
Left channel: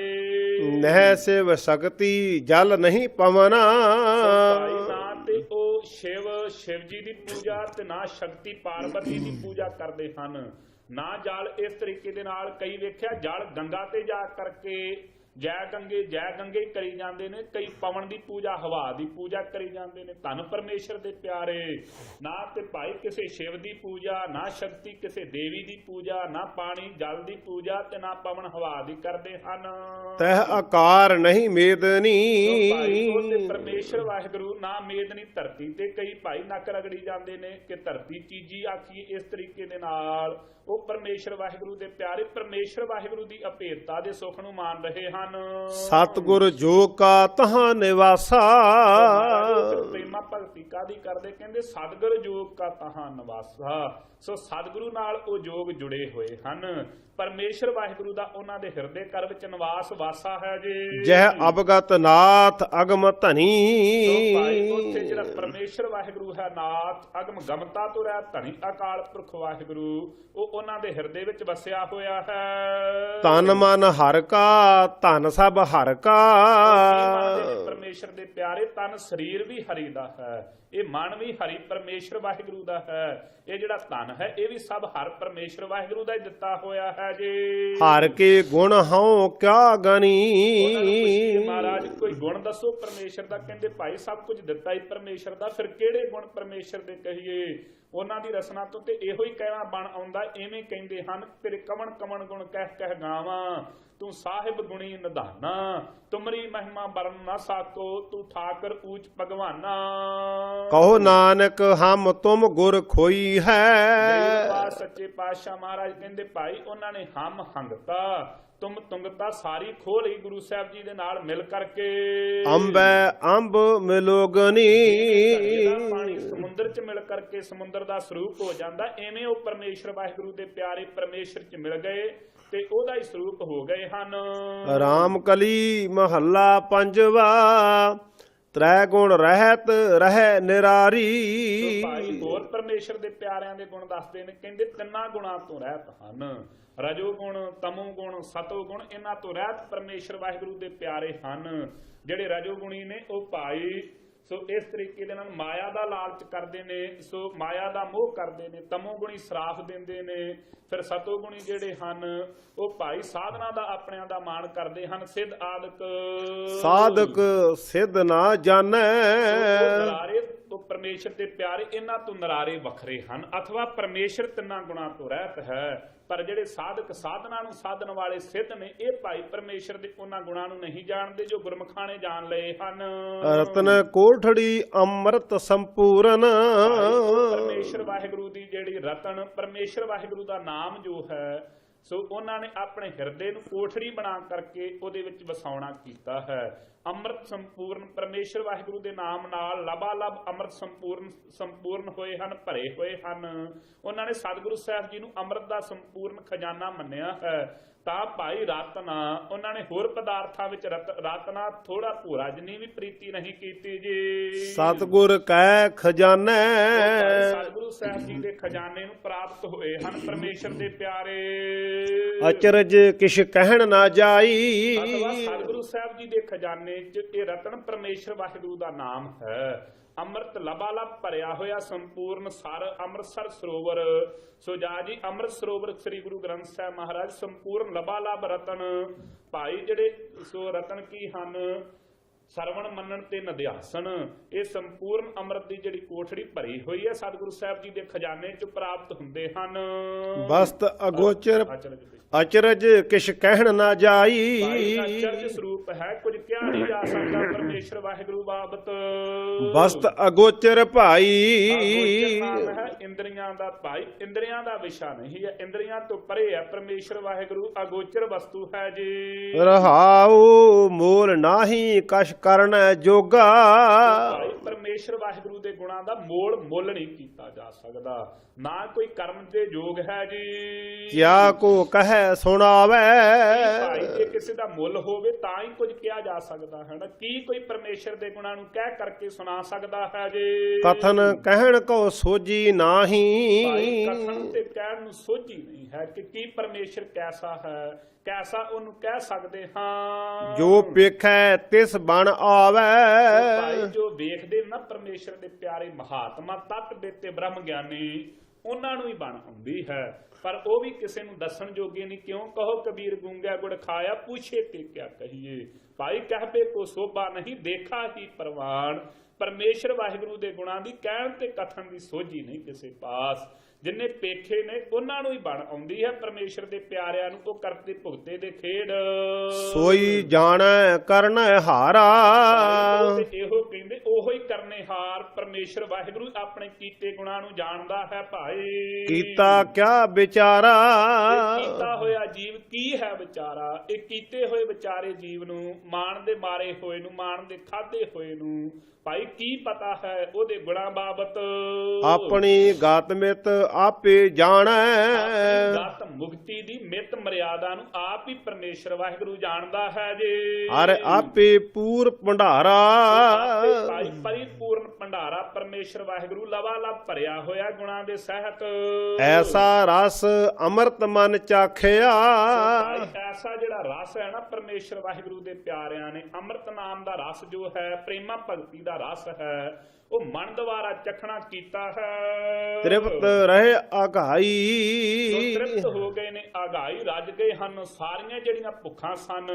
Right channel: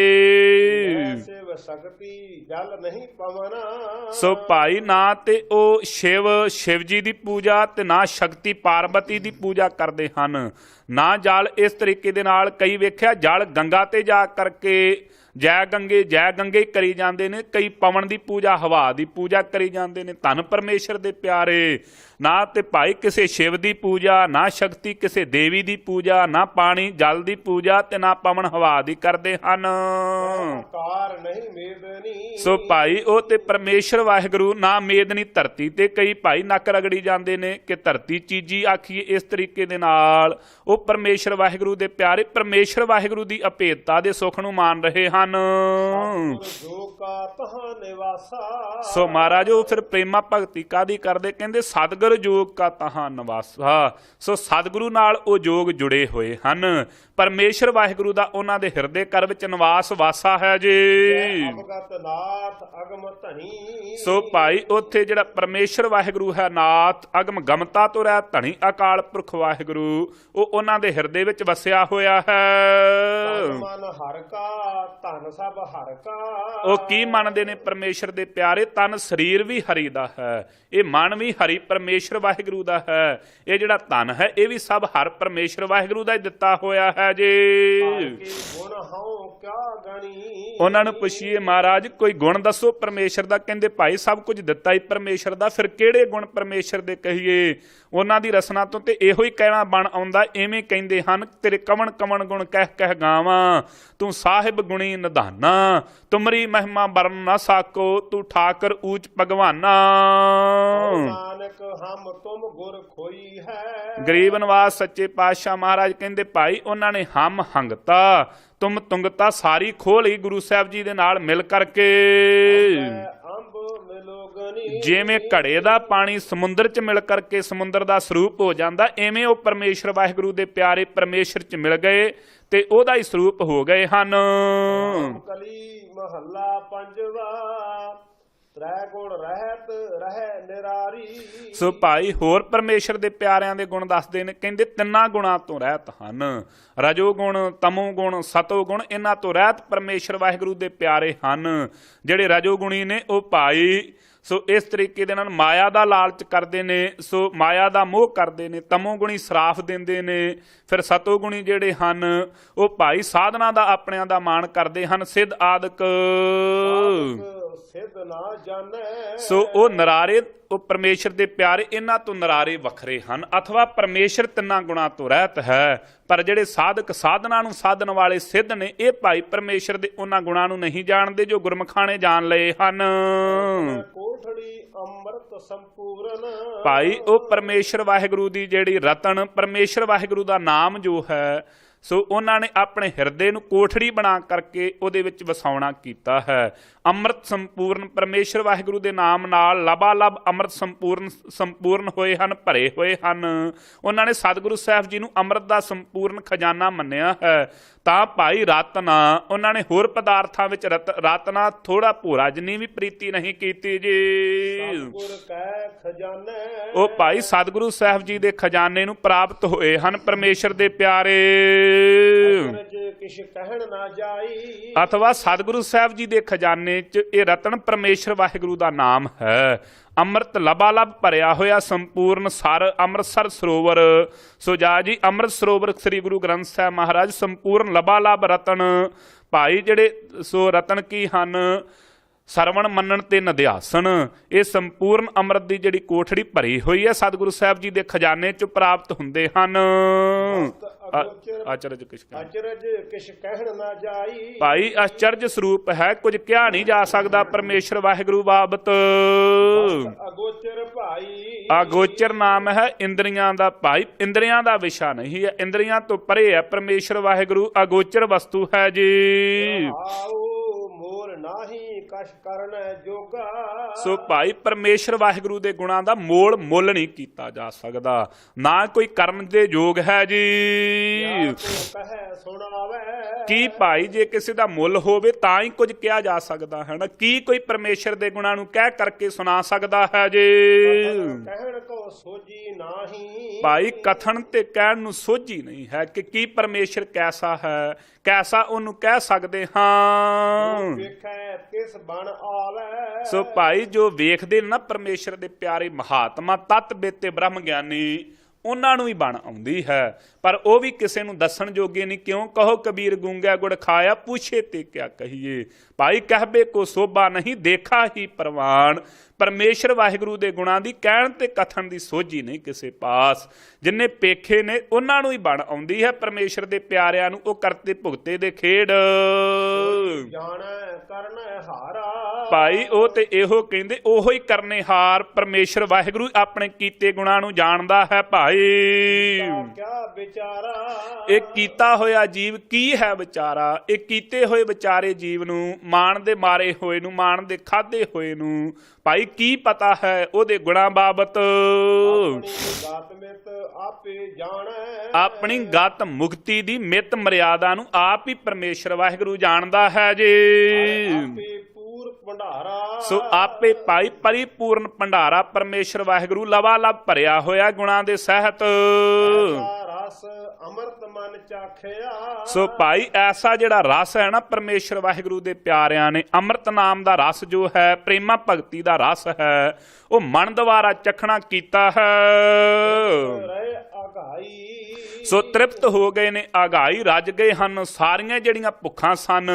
ਨਹਿ ਸਿਵ ਸ਼ਕਤੀ ਜਲ ਨਹੀਂ ਪਵਨਾ। ਸੋ ਭਾਈ ਨਾ ਤੇ ਉਹ ਸ਼ਿਵ ਜੀ ਦੀ ਪੂਜਾ ਤੇ ਨਾ ਸ਼ਕਤੀ ਪਾਰਵਤੀ ਦੀ ਪੂਜਾ ਕਰਦੇ ਹਨ, ਨਾ ਜਲ ਇਸ ਤਰੀਕੇ ਦੇ ਨਾਲ। ਕਈ ਵੇਖਿਆ ਜਲ ਗੰਗਾ ਤੇ ਜਾ ਕਰਕੇ ਜੈ ਗੰਗੇ ਕਰੀ ਜਾਂਦੇ ਨੇ, ਕਈ ਪਵਨ ਦੀ ਪੂਜਾ ਹਵਾ ਦੀ ਪੂਜਾ ਕਰੀ ਜਾਂਦੇ ਨੇ। ਧੰਨ ਪਰਮੇਸ਼ਰ ਦੇ ਪਿਆਰੇ, ਨਾ ਤੇ ਭਾਈ ਕਿਸੇ ਸ਼ਿਵ ਦੀ ਪੂਜਾ, ਨਾ ਸ਼ਕਤੀ ਕਿਸੇ ਦੇਵੀ ਦੀ ਪੂਜਾ, ਨਾ ਪਾਣੀ ਜਲ ਦੀ ਪੂਜਾ ਤੇ ਨਾ ਪਵਨ ਹਵਾ ਦੀ ਕਰਦੇ ਹਨ। ਤਹ ਆਕਾਰ ਨਹੀਂ ਮੇਦਨੀ। ਸੋ ਭਾਈ ਉਹ ਤੇ ਪਰਮੇਸ਼ਰ ਵਾਹਿਗੁਰੂ ਨਾ ਮੇਦਨੀ ਧਰਤੀ ਤੇ। ਕਈ ਭਾਈ ਨੱਕ ਰਗੜੀ ਜਾਂਦੇ ਨੇ ਕਿ ਧਰਤੀ ਚੀਜੀ ਆਖੀਏ, ਇਸ ਤਰੀਕੇ ਦੇ ਨਾਲ ਉਹ ਪਰਮੇਸ਼ਰ ਵਾਹਿਗੁਰੂ ਦੇ ਪਿਆਰੇ ਪਰਮੇਸ਼ਰ ਵਾਹਿਗੁਰੂ ਦੀ ਅਭੇਦਤਾ ਦੇ ਸੁੱਖ ਨੂੰ ਮਾਨ ਰਹੇ ਹਨ। ਸਤਿਗੁਰ ਜੋ ਕਾ ਤਹਾਂ ਨਿਵਾਸਾ। ਸੋ ਮਹਾਰਾਜ ਉਹ ਫਿਰ ਪ੍ਰੇਮਾ ਭਗਤੀ ਕਾਦੀ ਕਰਦੇ? ਕਹਿੰਦੇ ਸਤਿਗੁਰ ਜੋਗ ਕਾ ਤਹਾਂ ਨਿਵਾਸਾ। ਸੋ ਸਤਿਗੁਰੂ ਨਾਲ ਉਹ ਜੋਗ ਜੁੜੇ ਹੋਏ ਹਨ। ਪਰਮੇਸ਼ਰ ਵਾਹਿਗੁਰੂ ਦਾ ਉਹਨਾਂ ਦੇ ਹਿਰਦੇ ਘਰ ਵਿੱਚ ਨਿਵਾਸ ਵਾਸਾ ਹੈ ਜੀ। ਜਹ ਅਵਗਤ ਨਾਥ ਅਗਮ ਧਨੀ। ਸੋ ਭਾਈ ਉੱਥੇ ਜਿਹੜਾ ਪਰਮੇਸ਼ਰ ਵਾਹਿਗੁਰੂ ਹੈ ਨਾਥ, ਅਗਮ ਗਮਤਾ ਤੋਂ ਰਹਿ ਧਨੀ ਅਕਾਲ ਪੁਰਖ ਵਾਹਿਗੁਰੂ, ਉਹ ਉਹਨਾਂ ਦੇ ਹਿਰਦੇ ਵਿੱਚ ਵਸਿਆ ਹੋਇਆ ਹੈ। ਤਨ ਮਨ ਹਰ ਕਾ ਧਨ ਸਭ ਹਰ ਕਾ। ਉਹ ਕੀ ਮੰਨਦੇ ਨੇ ਪਰਮੇਸ਼ਰ ਦੇ ਪਿਆਰੇ? ਤਨ ਸਰੀਰ ਵੀ ਹਰੀ ਦਾ ਹੈ, ਇਹ ਮਨ ਵੀ ਹਰੀ ਪਰਮੇਸ਼ਰ ਵਾਹਿਗੁਰੂ ਦਾ ਹੈ, ਇਹ ਜਿਹੜਾ ਧਨ ਹੈ ਇਹ ਵੀ ਸਭ ਹਰ ਪਰਮੇਸ਼ਰ ਵਾਹਿਗੁਰੂ ਦਾ ਹੀ ਦਿੱਤਾ ਹੋਇਆ ਹੈ ਜੀ। ਹਰ ਕੇ ਗੁਣ ਹਉ ਕਿਆ ਗਣੀ। ਉਹਨਾਂ ਨੂੰ ਪੁੱਛੀਏ ਮਹਾਰਾਜ ਕੋਈ ਗੁਣ ਦੱਸੋ ਪਰਮੇਸ਼ਰ ਦਾ। ਕਹਿੰਦੇ ਭਾਈ ਸਭ ਕੁਝ ਦਿੱਤਾ ਹੀ ਪਰਮੇਸ਼ਰ ਦਾ, ਫਿਰ ਕਿਹੜੇ ਗੁਣ ਪਰਮੇਸ਼ਰ ਦੇ ਕਹੀਏ? ਉਹਨਾਂ ਦੀ ਰਸਨਾ ਤੋਂ ਤੇ ਇਹੋ ਹੀ ਕਹਿਣਾ ਬਣ ਆਉਂਦਾ, ਐਵੇਂ ਕਹਿੰਦੇ ਹਨ ਤੇਰੇ ਕਵਣ ਕਵਣ ਗੁਣ ਕਹਿ ਕਹਿ ਗਾਵਾਂ, ਤੂੰ ਸਾਹਿਬ ਗੁਣੀ ਨਿਧਾਨਾ, ਤੁਮਰੀ ਮਹਿਮਾ ਬਰਨ ਨਾ ਸਾਕੋ, ਤੂੰ ਠਾਕਰ ਊਚ ਭਗਵਾਨਾ। ਕਹੋ ਨਾਨਕ ਹਮ ਤੁਮ ਗੁਰ ਖੋਈ ਹੈ। ਗਰੀਬ ਨਿਵਾਸ ਸੱਚੇ ਪਾਤਸ਼ਾਹ ਮਹਾਰਾਜ ਕਹਿੰਦੇ ਭਾਈ ਉਹਨਾਂ ਨੇ ਹਮ ਹੰਗਤਾ ਤੁਮ ਤੁੰਗਤਾ ਸਾਰੀ ਖੋਹ ਲਈ ਗੁਰੂ ਸਾਹਿਬ ਜੀ ਦੇ ਨਾਲ ਮਿਲ ਕਰਕੇ। ਅੰਬੈ ਅੰਬ ਮਿਲੋਗਨੀ। ਜਿਵੇਂ ਘੜੇ ਦਾ ਪਾਣੀ ਸਮੁੰਦਰ 'ਚ ਮਿਲ ਕਰਕੇ ਸਮੁੰਦਰ ਦਾ ਸਰੂਪ ਹੋ ਜਾਂਦਾ, ਐਵੇਂ ਉਹ ਪਰਮੇਸ਼ਰ ਵਾਹਿਗੁਰੂ ਦੇ ਪਿਆਰੇ ਪਰਮੇਸ਼ਰ 'ਚ ਮਿਲ ਗਏ ਤੇ ਉਹਦਾ ਹੀ ਸਰੂਪ ਹੋ ਗਏ ਹਨ। ਰਾਮ ਕਲੀ ਮਹੱਲਾ ਪੰਜਵਾ। ਤ੍ਰੈ ਗੁਣ ਰਹਿਤ ਰਹਿ ਨਿਰਾਰੀ। ਸੋ ਭਾਈ ਹੋਰ ਪਰਮੇਸ਼ਰ ਦੇ ਪਿਆਰਿਆਂ ਦੇ ਗੁਣ ਦੱਸਦੇ ਨੇ, ਕਹਿੰਦੇ ਤਿੰਨਾਂ ਗੁਣਾਂ ਤੋਂ ਰਹਿਤ ਹਨ, ਰਜੋ ਗੁਣ, ਤਮੋ ਗੁਣ, ਸਤੋ ਗੁਣ, ਇਹਨਾਂ ਤੋਂ ਰਹਿਤ ਪਰਮੇਸ਼ਰ ਵਾਹਿਗੁਰੂ ਦੇ ਪਿਆਰੇ ਹਨ। ਜਿਹੜੇ ਰਜੋ ਗੁਣੀ ਨੇ ਉਹ ਭਾਈ ਸੋ ਇਸ ਤਰੀਕੇ ਦੇ ਨਾਲ ਮਾਇਆ ਦਾ ਲਾਲਚ ਕਰਦੇ ਨੇ, ਸੋ ਮਾਇਆ ਦਾ ਮੋਹ ਕਰਦੇ ਨੇ। ਤਮੋ ਗੁਣੀ ਸਰਾਫ ਦਿੰਦੇ ਨੇ। ਫਿਰ ਸਤੋ ਗੁਣੀ ਜਿਹੜੇ ਹਨ ਉਹ ਭਾਈ ਸਾਧਨਾ ਦਾ ਆਪਣਿਆਂ ਦਾ ਮਾਣ ਕਰਦੇ ਹਨ। ਸਿੱਧ ਆਦਿਕ ਸਾਧਕ ਸਿੱਧ ਨਾ ਜਾਣੈ। ਸੋ ਉਹ ਨਰਾਰੇ ਉਹ ਪਰਮੇਸ਼ਰ ਦੇ ਪਿਆਰੇ ਇਹਨਾਂ ਤੋਂ ਨਰਾਰੇ ਵੱਖਰੇ ਹਨ, ਅਥਵਾ ਪਰਮੇਸ਼ਰ ਤਿੰਨਾਂ ਗੁਣਾਂ ਤੋਂ ਰਹਿਤ ਹੈ। ਪਰ ਜਿਹੜੇ ਸਾਧਕ ਸਾਧਨਾ ਨੂੰ ਸਾਧਨ ਵਾਲੇ ਸਿੱਧ ਨੇ ਇਹ ਭਾਈ ਪਰਮੇਸ਼ਰ ਦੇ ਉਹਨਾਂ ਗੁਣਾਂ ਨੂੰ ਨਹੀਂ ਜਾਣਦੇ ਜੋ ਗੁਰਮੁਖਾਂ ਨੇ ਜਾਣ ਲਏ ਹਨ। ਰਤਨ ਕੋਠੜੀ ਅੰਮ੍ਰਿਤ ਸੰਪੂਰਨ। ਭਾਈ ਉਹ ਪਰਮੇਸ਼ਰ ਵਾਹਿਗੁਰੂ ਦੀ ਜਿਹੜੀ ਰਤਨ ਪਰਮੇਸ਼ਰ ਵਾਹਿਗੁਰੂ ਦਾ ਨਾਮ ਜੋ ਹੈ ਸੋ ਉਹਨਾਂ ਨੇ ਆਪਣੇ ਹਿਰਦੇ ਨੂੰ ਕੋਠੜੀ ਬਣਾ ਕਰਕੇ ਉਹਦੇ ਵਿੱਚ ਵਸਾਉਣਾ ਕੀਤਾ ਹੈ। ਅੰਮ੍ਰਿਤ ਸੰਪੂਰਨ ਪਰਮੇਸ਼ਰ ਵਾਹਿਗੁਰੂ ਦੇ ਨਾਮ ਨਾਲ ਲਬਾਲਬ ਅੰਮ੍ਰਿਤ ਸੰਪੂਰਨ ਹੋਏ ਹਨ, ਭਰੇ ਹੋਏ ਹਨ। ਉਹਨਾਂ ਨੇ ਸਤਿਗੁਰੂ ਸਾਹਿਬ ਜੀ ਨੂੰ ਅੰਮ੍ਰਿਤ ਦਾ ਸੰਪੂਰਨ ਖਜ਼ਾਨਾ ਮੰਨਿਆ ਹੈ। ਤਾਂ ਭਾਈ ਰਤਨਾ ਉਹਨਾਂ ਨੇ ਹੋਰ ਪਦਾਰਥਾਂ ਵਿੱਚ ਰਤਨਾ ਥੋੜਾ ਭੋਰਾ ਜਿੰਨੀ ਵੀ ਪ੍ਰੀਤੀ ਨਹੀਂ ਕੀਤੀ ਜੀ। ਸਤਿਗੁਰ ਕੈ ਖਜ਼ਾਨਾ। ਉਹ ਭਾਈ ਸਤਿਗੁਰੂ ਸਾਹਿਬ ਜੀ ਦੇ ਖਜ਼ਾਨੇ ਨੂੰ ਪ੍ਰਾਪਤ ਹੋਏ ਹਨ ਪਰਮੇਸ਼ਰ ਦੇ ਪਿਆਰੇ। ਅਚਰਜ ਕਿਛ ਕਹਿਣ ਨਾ ਜਾਈ। ਅਥਵਾ ਸਤਿਗੁਰੂ ਸਾਹਿਬ ਜੀ ਦੇ ਖਜ਼ਾਨੇ 'ਚ ਇਹ ਰਤਨ ਪਰਮੇਸ਼ਰ ਵਾਹਿਗੁਰੂ ਦਾ ਨਾਮ ਹੈ। ਅੰਮ੍ਰਿਤ ਲਬਾਲਬ ਭਰਿਆ ਹੋਇਆ ਸੰਪੂਰਨ ਸਰ ਅੰਮ੍ਰਿਤਸਰ ਸਰੋਵਰ। ਸੋ ਜਾ ਜੀ ਅੰਮ੍ਰਿਤ ਸਰੋਵਰ ਸ੍ਰੀ ਗੁਰੂ ਗ੍ਰੰਥ ਸਾਹਿਬ ਮਹਾਰਾਜ ਸੰਪੂਰਨ ਲਬਾਲਬ ਰਤਨ ਭਾਈ ਜਿਹੜੇ ਸੋ ਰਤਨ ਕੀ ਹਨ? ਸਰਵਣ ਮੰਨਣ ਤੇ ਨਿਧਿਆਸਨ। ਇਹ ਸੰਪੂਰਨ ਅੰਮ੍ਰਿਤ ਦੀ ਜਿਹੜੀ ਕੋਠੜੀ ਭਰੀ ਹੋਈ ਹੈ ਸਤਿਗੁਰੂ ਸਾਹਿਬ ਜੀ ਦੇ ਖਜ਼ਾਨੇ 'ਚ ਪ੍ਰਾਪਤ ਹੁੰਦੇ ਹਨ। ਮਸਤ ਅਗੋਚਰ ਅਚਰਜ ਕਿਛ ਕਹਿਣ ਨਾ ਜਾਈ। ਭਾਈ ਅਚਰਜ ਸਰੂਪ ਹੈ, ਕੁਝ ਕਿਹਾ ਨਹੀਂ ਜਾ ਸਕਦਾ ਪਰਮੇਸ਼ਰ ਵਾਹਿਗੁਰੂ ਬਾਬਤ। ਮਸਤ ਅਗੋਚਰ ਭਾਈ। ਅਗੋਚਰ ਨਾਮ ਹੈ ਇੰਦਰੀਆਂ ਦਾ ਭਾਈ, ਇੰਦਰੀਆਂ ਦਾ ਵਿਸ਼ਾ ਨਹੀਂ ਹੈ, ਇੰਦਰੀਆਂ ਤੋਂ ਪਰੇ ਹੈ ਪਰਮੇਸ਼ਰ ਵਾਹਿਗੁਰੂ, ਅਗੋਚਰ ਵਸਤੂ ਹੈ ਜੀ। ਰਹਾਉ ਮੋਲ ਨਾਹੀ ਕਛ ਕਰਨ ਜੋਗਾ। ਸੋ ਭਾਈ ਪਰਮੇਸ਼ਰ ਵਾਹਿਗੁਰੂ ਦੇ ਗੁਣਾਂ ਦਾ ਮੋਲ ਮੁੱਲ ਨਹੀਂ ਕੀਤਾ ਜਾ ਸਕਦਾ, ਨਾ ਕੋਈ ਕਰਨ ਦੇ ਯੋਗ ਹੈ ਜੀ। ਕਿਆ ਕੋ ਕਹੈ ਸੁਣਾਵੇ। ਕੀ ਭਾਈ ਜੇ ਕਿਸੇ ਦਾ ਮੁੱਲ ਹੋਵੇ ਤਾਂ ਹੀ ਕੁਝ ਕਿਹਾ ਜਾ ਸਕਦਾ ਹੈ ਨਾ। ਕੀ ਕੋਈ ਪਰਮੇਸ਼ਰ ਦੇ ਗੁਣਾਂ ਨੂੰ ਕਹਿ ਕਰਕੇ ਸੁਣਾ ਸਕਦਾ ਹੈ ਜੀ। ਕਥਨ ਕਹਿਣ ਕੋ ਸੋਝੀ ਨਾਹੀ। ਭਾਈ ਕਥਨ ਤੇ ਕਹਿਣ ਨੂੰ ਸੋਝੀ ਨਹੀਂ ਹੈ ਕਿ ਕੀ ਪਰਮੇਸ਼ਰ ਕੈਸਾ ਹੈ, ਕੈਸਾ ਉਹਨੂੰ ਕਹਿ ਸਕਦੇ ਹਾਂ। ਜੋ ਵੇਖੈ ਤਿਸ ਬਣ ਆਵੇ। ਸੋ ਭਾਈ ਜੋ ਵੇਖਦੇ ਨਾ ਪਰਮੇਸ਼ਰ ਦੇ ਪਿਆਰੇ ਮਹਾਤਮਾ ਤਤ ਬੇਤੇ ਬ੍ਰਹਮ ਗਿਆਨੀ ਉਹਨਾਂ ਨੂੰ ਹੀ ਬਣ ਆਉਂਦੀ ਹੈ, ਪਰ ਉਹ ਵੀ ਕਿਸੇ ਨੂੰ ਦੱਸਣ ਜੋਗੇ ਨਹੀਂ। ਕਿਉਂ? ਕਹੋ ਕਬੀਰ ਗੂੰਗਾ ਗੁੜ ਖਾਇਆ, ਪੁੱਛੇ ਤੇ ਕਿਆ ਕਹੀਏ। ਭਾਈ ਕਹਿਬੇ ਕੋ ਸੋਭਾ ਨਹੀਂ, ਦੇਖਾ ਹੀ ਪ੍ਰਵਾਨ। ਪਰਮੇਸ਼ਰ ਵਾਹਿਗੁਰੂ ਦੇ ਗੁਣਾਂ ਦੀ ਕਹਿਣ ਤੇ ਕਥਨ ਦੀ ਸੋਝੀ ਨਹੀਂ ਕਿਸੇ ਪਾਸ। ਜਿੰਨੇ ਪੇਖੇ ਨੇ ਉਹਨਾਂ ਨੂੰ ਹੀ ਬਣ ਆਉਂਦੀ ਹੈ ਪਰਮੇਸ਼ਰ ਦੇ ਪਿਆਰਿਆਂ ਨੂੰ, ਉਹ ਕਰਤੇ ਭੁਗਤੇ ਦੇ ਖੇਡ। ਸੋਈ ਜਾਣੈ ਕਰਨੈ ਹਾਰਾ। ਭਾਈ ਉਹ ਤੇ ਇਹੋ ਕਹਿੰਦੇ ਉਹੋ ਹੀ ਕਰਨੇ ਹਾਰ। ਪਰਮੇਸ਼ਰ ਵਾਹਿਗੁਰੂ ਆਪਣੇ ਕੀਤੇ ਗੁਣਾਂ ਨੂੰ ਜਾਣਦਾ ਹੈ ਭਾਈ। ਕੀਤਾ ਕਿਆ ਵਿਚਾਰਾ। ਇਹ ਕੀਤਾ ਹੋਇਆ ਜੀਵ ਕੀ ਹੈ ਵਿਚਾਰਾ। ਇਹ ਕੀਤੇ ਹੋਏ ਵਿਚਾਰੇ ਜੀਵ ਨੂੰ, ਮਾਣ ਦੇ ਮਾਰੇ ਹੋਏ ਨੂੰ, ਮਾਣ ਦੇ ਖਾਦੇ ਹੋਏ ਨੂੰ ਭਾਈ ਕੀ ਪਤਾ ਹੈ ਉਹਦੇ ਗੁਣਾਂ ਬਾਬਤ। ਆਪਣੀ ਗਤ ਮਿਤ ਆਪੇ ਜਾਣੈ। ਆਪਣੀ ਗਤ ਮੁਕਤੀ ਦੀ ਮਿਤ ਮਰਿਆਦਾ ਨੂੰ ਆਪ ਹੀ ਪਰਮੇਸ਼ਰ ਵਾਹਿਗੁਰੂ ਜਾਣਦਾ ਹੈ ਜੀ। ਹਰ ਆਪੇ ਪੂਰ ਭੰਡਾਰਾ। ਸੋ ਆਪੇ ਭਾਈ ਪਰਿਪੂਰਨ ਭੰਡਾਰਾ ਪਰਮੇਸ਼ਰ ਵਾਹਿਗੁਰੂ ਲਵਾਲਬ ਭਰਿਆ ਹੋਇਆ ਗੁਣਾਂ ਦੇ ਸਹਿਤ। ਐਸਾ ਰਸ ਰਸ ਅੰਮ੍ਰਿਤ ਮਨ ਚਾਖਿਆ। ਸੋ ਭਾਈ ਐਸਾ ਜਿਹੜਾ ਰਸ ਹੈ ਨਾ ਪਰਮੇਸ਼ਰ ਵਾਹਿਗੁਰੂ ਦੇ ਪਿਆਰਿਆਂ ਨੇ, ਅੰਮ੍ਰਿਤ ਨਾਮ ਦਾ ਰਸ ਜੋ ਹੈ, ਪ੍ਰੇਮਾ ਭਗਤੀ ਦਾ ਰਸ ਹੈ, ਉਹ ਮਨ ਦੁਆਰਾ ਚਖਣਾ ਕੀਤਾ ਤ੍ਰਿਪਤ ਹੈ। ਰਹੇ ਆਘਾਈ। ਸੋ ਤ੍ਰਿਪਤ ਹੋ ਗਏ ਨੇ, ਆਗਾਈ ਰੱਜ ਗਏ ਹਨ। ਸਾਰੀਆਂ ਜਿਹੜੀਆਂ ਭੁੱਖਾਂ ਸਨ,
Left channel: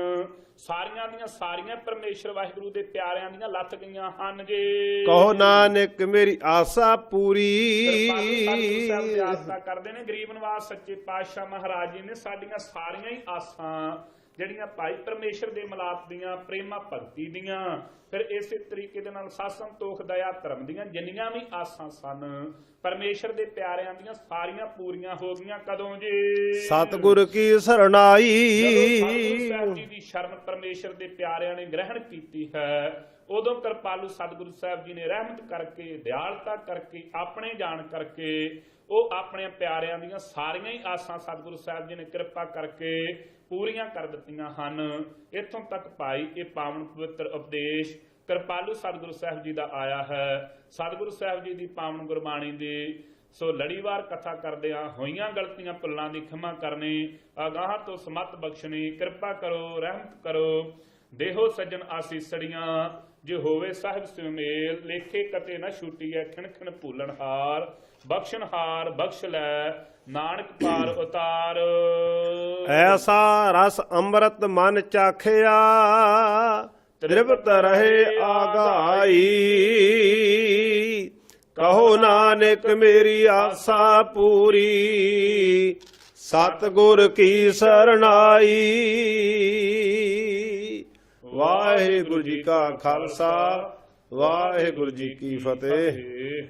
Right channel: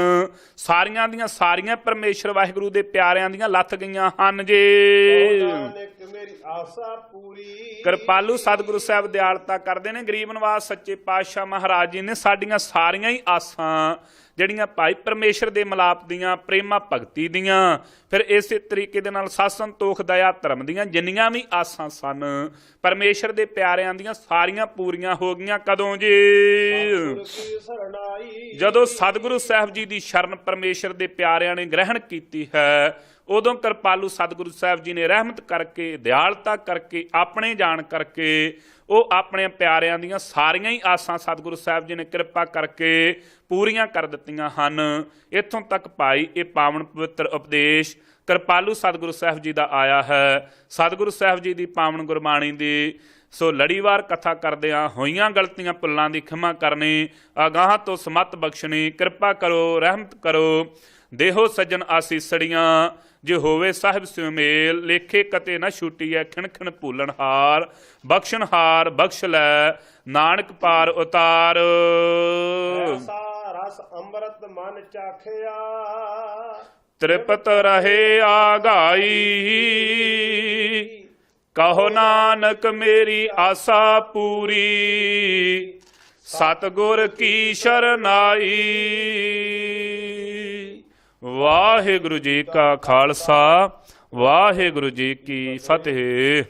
ਸਾਰੀਆਂ ਦੀਆਂ ਸਾਰੀਆਂ ਪਰਮੇਸ਼ਰ ਵਾਹਿਗੁਰੂ ਦੇ ਪਿਆਰਿਆਂ ਦੀਆਂ ਲੱਥ ਗਈਆਂ ਹਨ ਜੀ। ਕਹੋ ਨਾਨਕ ਮੇਰੀ ਆਸਾ ਪੂਰੀ। ਕਿਰਪਾਲੂ ਸਤਿਗੁਰੂ ਸਾਹਿਬ ਦਿਆਲਤਾ ਕਰਦੇ ਨੇ, ਗਰੀਬ ਨਿਵਾਸ ਸੱਚੇ ਪਾਤਸ਼ਾਹ ਮਹਾਰਾਜ ਜੀ ਨੇ ਸਾਡੀਆਂ ਸਾਰੀਆਂ ਹੀ ਆਸਾਂ ਜਿਹੜੀਆਂ ਭਾਈ ਪਰਮੇਸ਼ਰ ਦੇ ਮਿਲਾਪ ਦੀਆਂ, ਪ੍ਰੇਮਾ ਭਗਤੀ ਦੀਆਂ, ਫਿਰ ਇਸੇ ਤਰੀਕੇ ਦੇ ਨਾਲ ਸਤ ਸੰਤੋਖ ਦਇਆ ਧਰਮ ਦੀਆਂ ਜਿੰਨੀਆਂ ਵੀ ਆਸਾਂ ਸਨ ਪਰਮੇਸ਼ਰ ਦੇ ਪਿਆਰਿਆਂ ਦੀਆਂ ਸਾਰੀਆਂ ਪੂਰੀਆਂ ਹੋ ਗਈਆਂ। ਕਦੋਂ ਜੀ? ਸਤਿਗੁਰ ਕੀ ਸਰਣਾਈ। ਜਦੋਂ ਸਤਿਗੁਰੂ ਸਾਹਿਬ ਜੀ ਦੀ ਸ਼ਰਨ ਪਰਮੇਸ਼ਰ ਦੇ ਪਿਆਰਿਆਂ ਨੇ ਗ੍ਰਹਿਣ ਕੀਤੀ ਹੈ, ਉਦੋਂ ਕਿਰਪਾਲੂ ਸਤਿਗੁਰੂ ਸਾਹਿਬ ਜੀ ਨੇ ਰਹਿਮਤ ਕਰਕੇ, ਦਿਆਲਤਾ ਕਰਕੇ, ਆਪਣੇ ਜਾਣ ਕਰਕੇ ਉਹ ਆਪਣੇ ਪਿਆਰਿਆਂ ਦੀਆਂ ਸਾਰੀਆਂ ਹੀ ਆਸਾਂ ਸਤਿਗੁਰੂ ਸਾਹਿਬ ਜੀ ਨੇ ਕਿਰਪਾ ਕਰਕੇ ਪੂਰੀਆਂ ਕਰ ਦਿੱਤੀਆਂ ਹਨ। ਇੱਥੋਂ ਤੱਕ ਭਾਈ ਇਹ ਪਾਵਨ ਪਵਿੱਤਰ ਉਪਦੇਸ਼ ਕਿਰਪਾਲੂ ਸਤਿਗੁਰੂ ਸਾਹਿਬ ਜੀ ਦਾ ਆਇਆ ਹੈ। ਸਤਿਗੁਰੂ ਸਾਹਿਬ ਜੀ ਦੀ ਪਾਵਨ ਗੁਰਬਾਣੀ ਦੀ ਸੋ ਲੜੀਵਾਰ ਕਥਾ ਕਰਦਿਆਂ ਹੋਈਆਂ ਗਲਤੀਆਂ ਭੁੱਲਾਂ ਦੀ ਖਿਮਾ ਕਰਨੀ, ਅਗਾਹਾਂ ਤੋਂ ਸਮਤ ਬਖਸ਼ਣੀ, ਕਿਰਪਾ ਕਰੋ, ਰਹਿਮਤ ਕਰੋ। ਦੇਹੋ ਸੱਜਣ ਆਸੀਸੜੀਆਂ, ਜੇ ਹੋਵੇ ਸਾਹਿਬ ਸਿਉ ਮੇਲ, ਲੇਖੇ ਕਤੇ ਨਾ ਛੁੱਟੀਐ, ਖਿਣ ਖਿਣ ਭੂਲਣ ਹਾਰ, ਬਖਸ਼ਣ ਹਾਰ ਬਖਸ਼ ਲੈ, ਨਾਨਕ ਪਾਰ ਉਤਾਰ। ਐਸਾ ਰਸ ਅੰਮ੍ਰਿਤ ਮਨ ਚਾਖਿਆ, ਤ੍ਰਿਪਤ ਰਹੇ ਆਗਾਈ। ਕਹੋ ਨਾਨਕ ਮੇਰੀ ਆਸਾ ਪੂਰੀ, ਸਤਿਗੁਰ ਕੀ ਸਰਣਾਈ। ਵਾਹਿਗੁਰੂ ਜੀ ਕਾ ਖਾਲਸਾ, ਵਾਹਿਗੁਰੂ ਜੀ ਕੀ ਫਤਿਹ।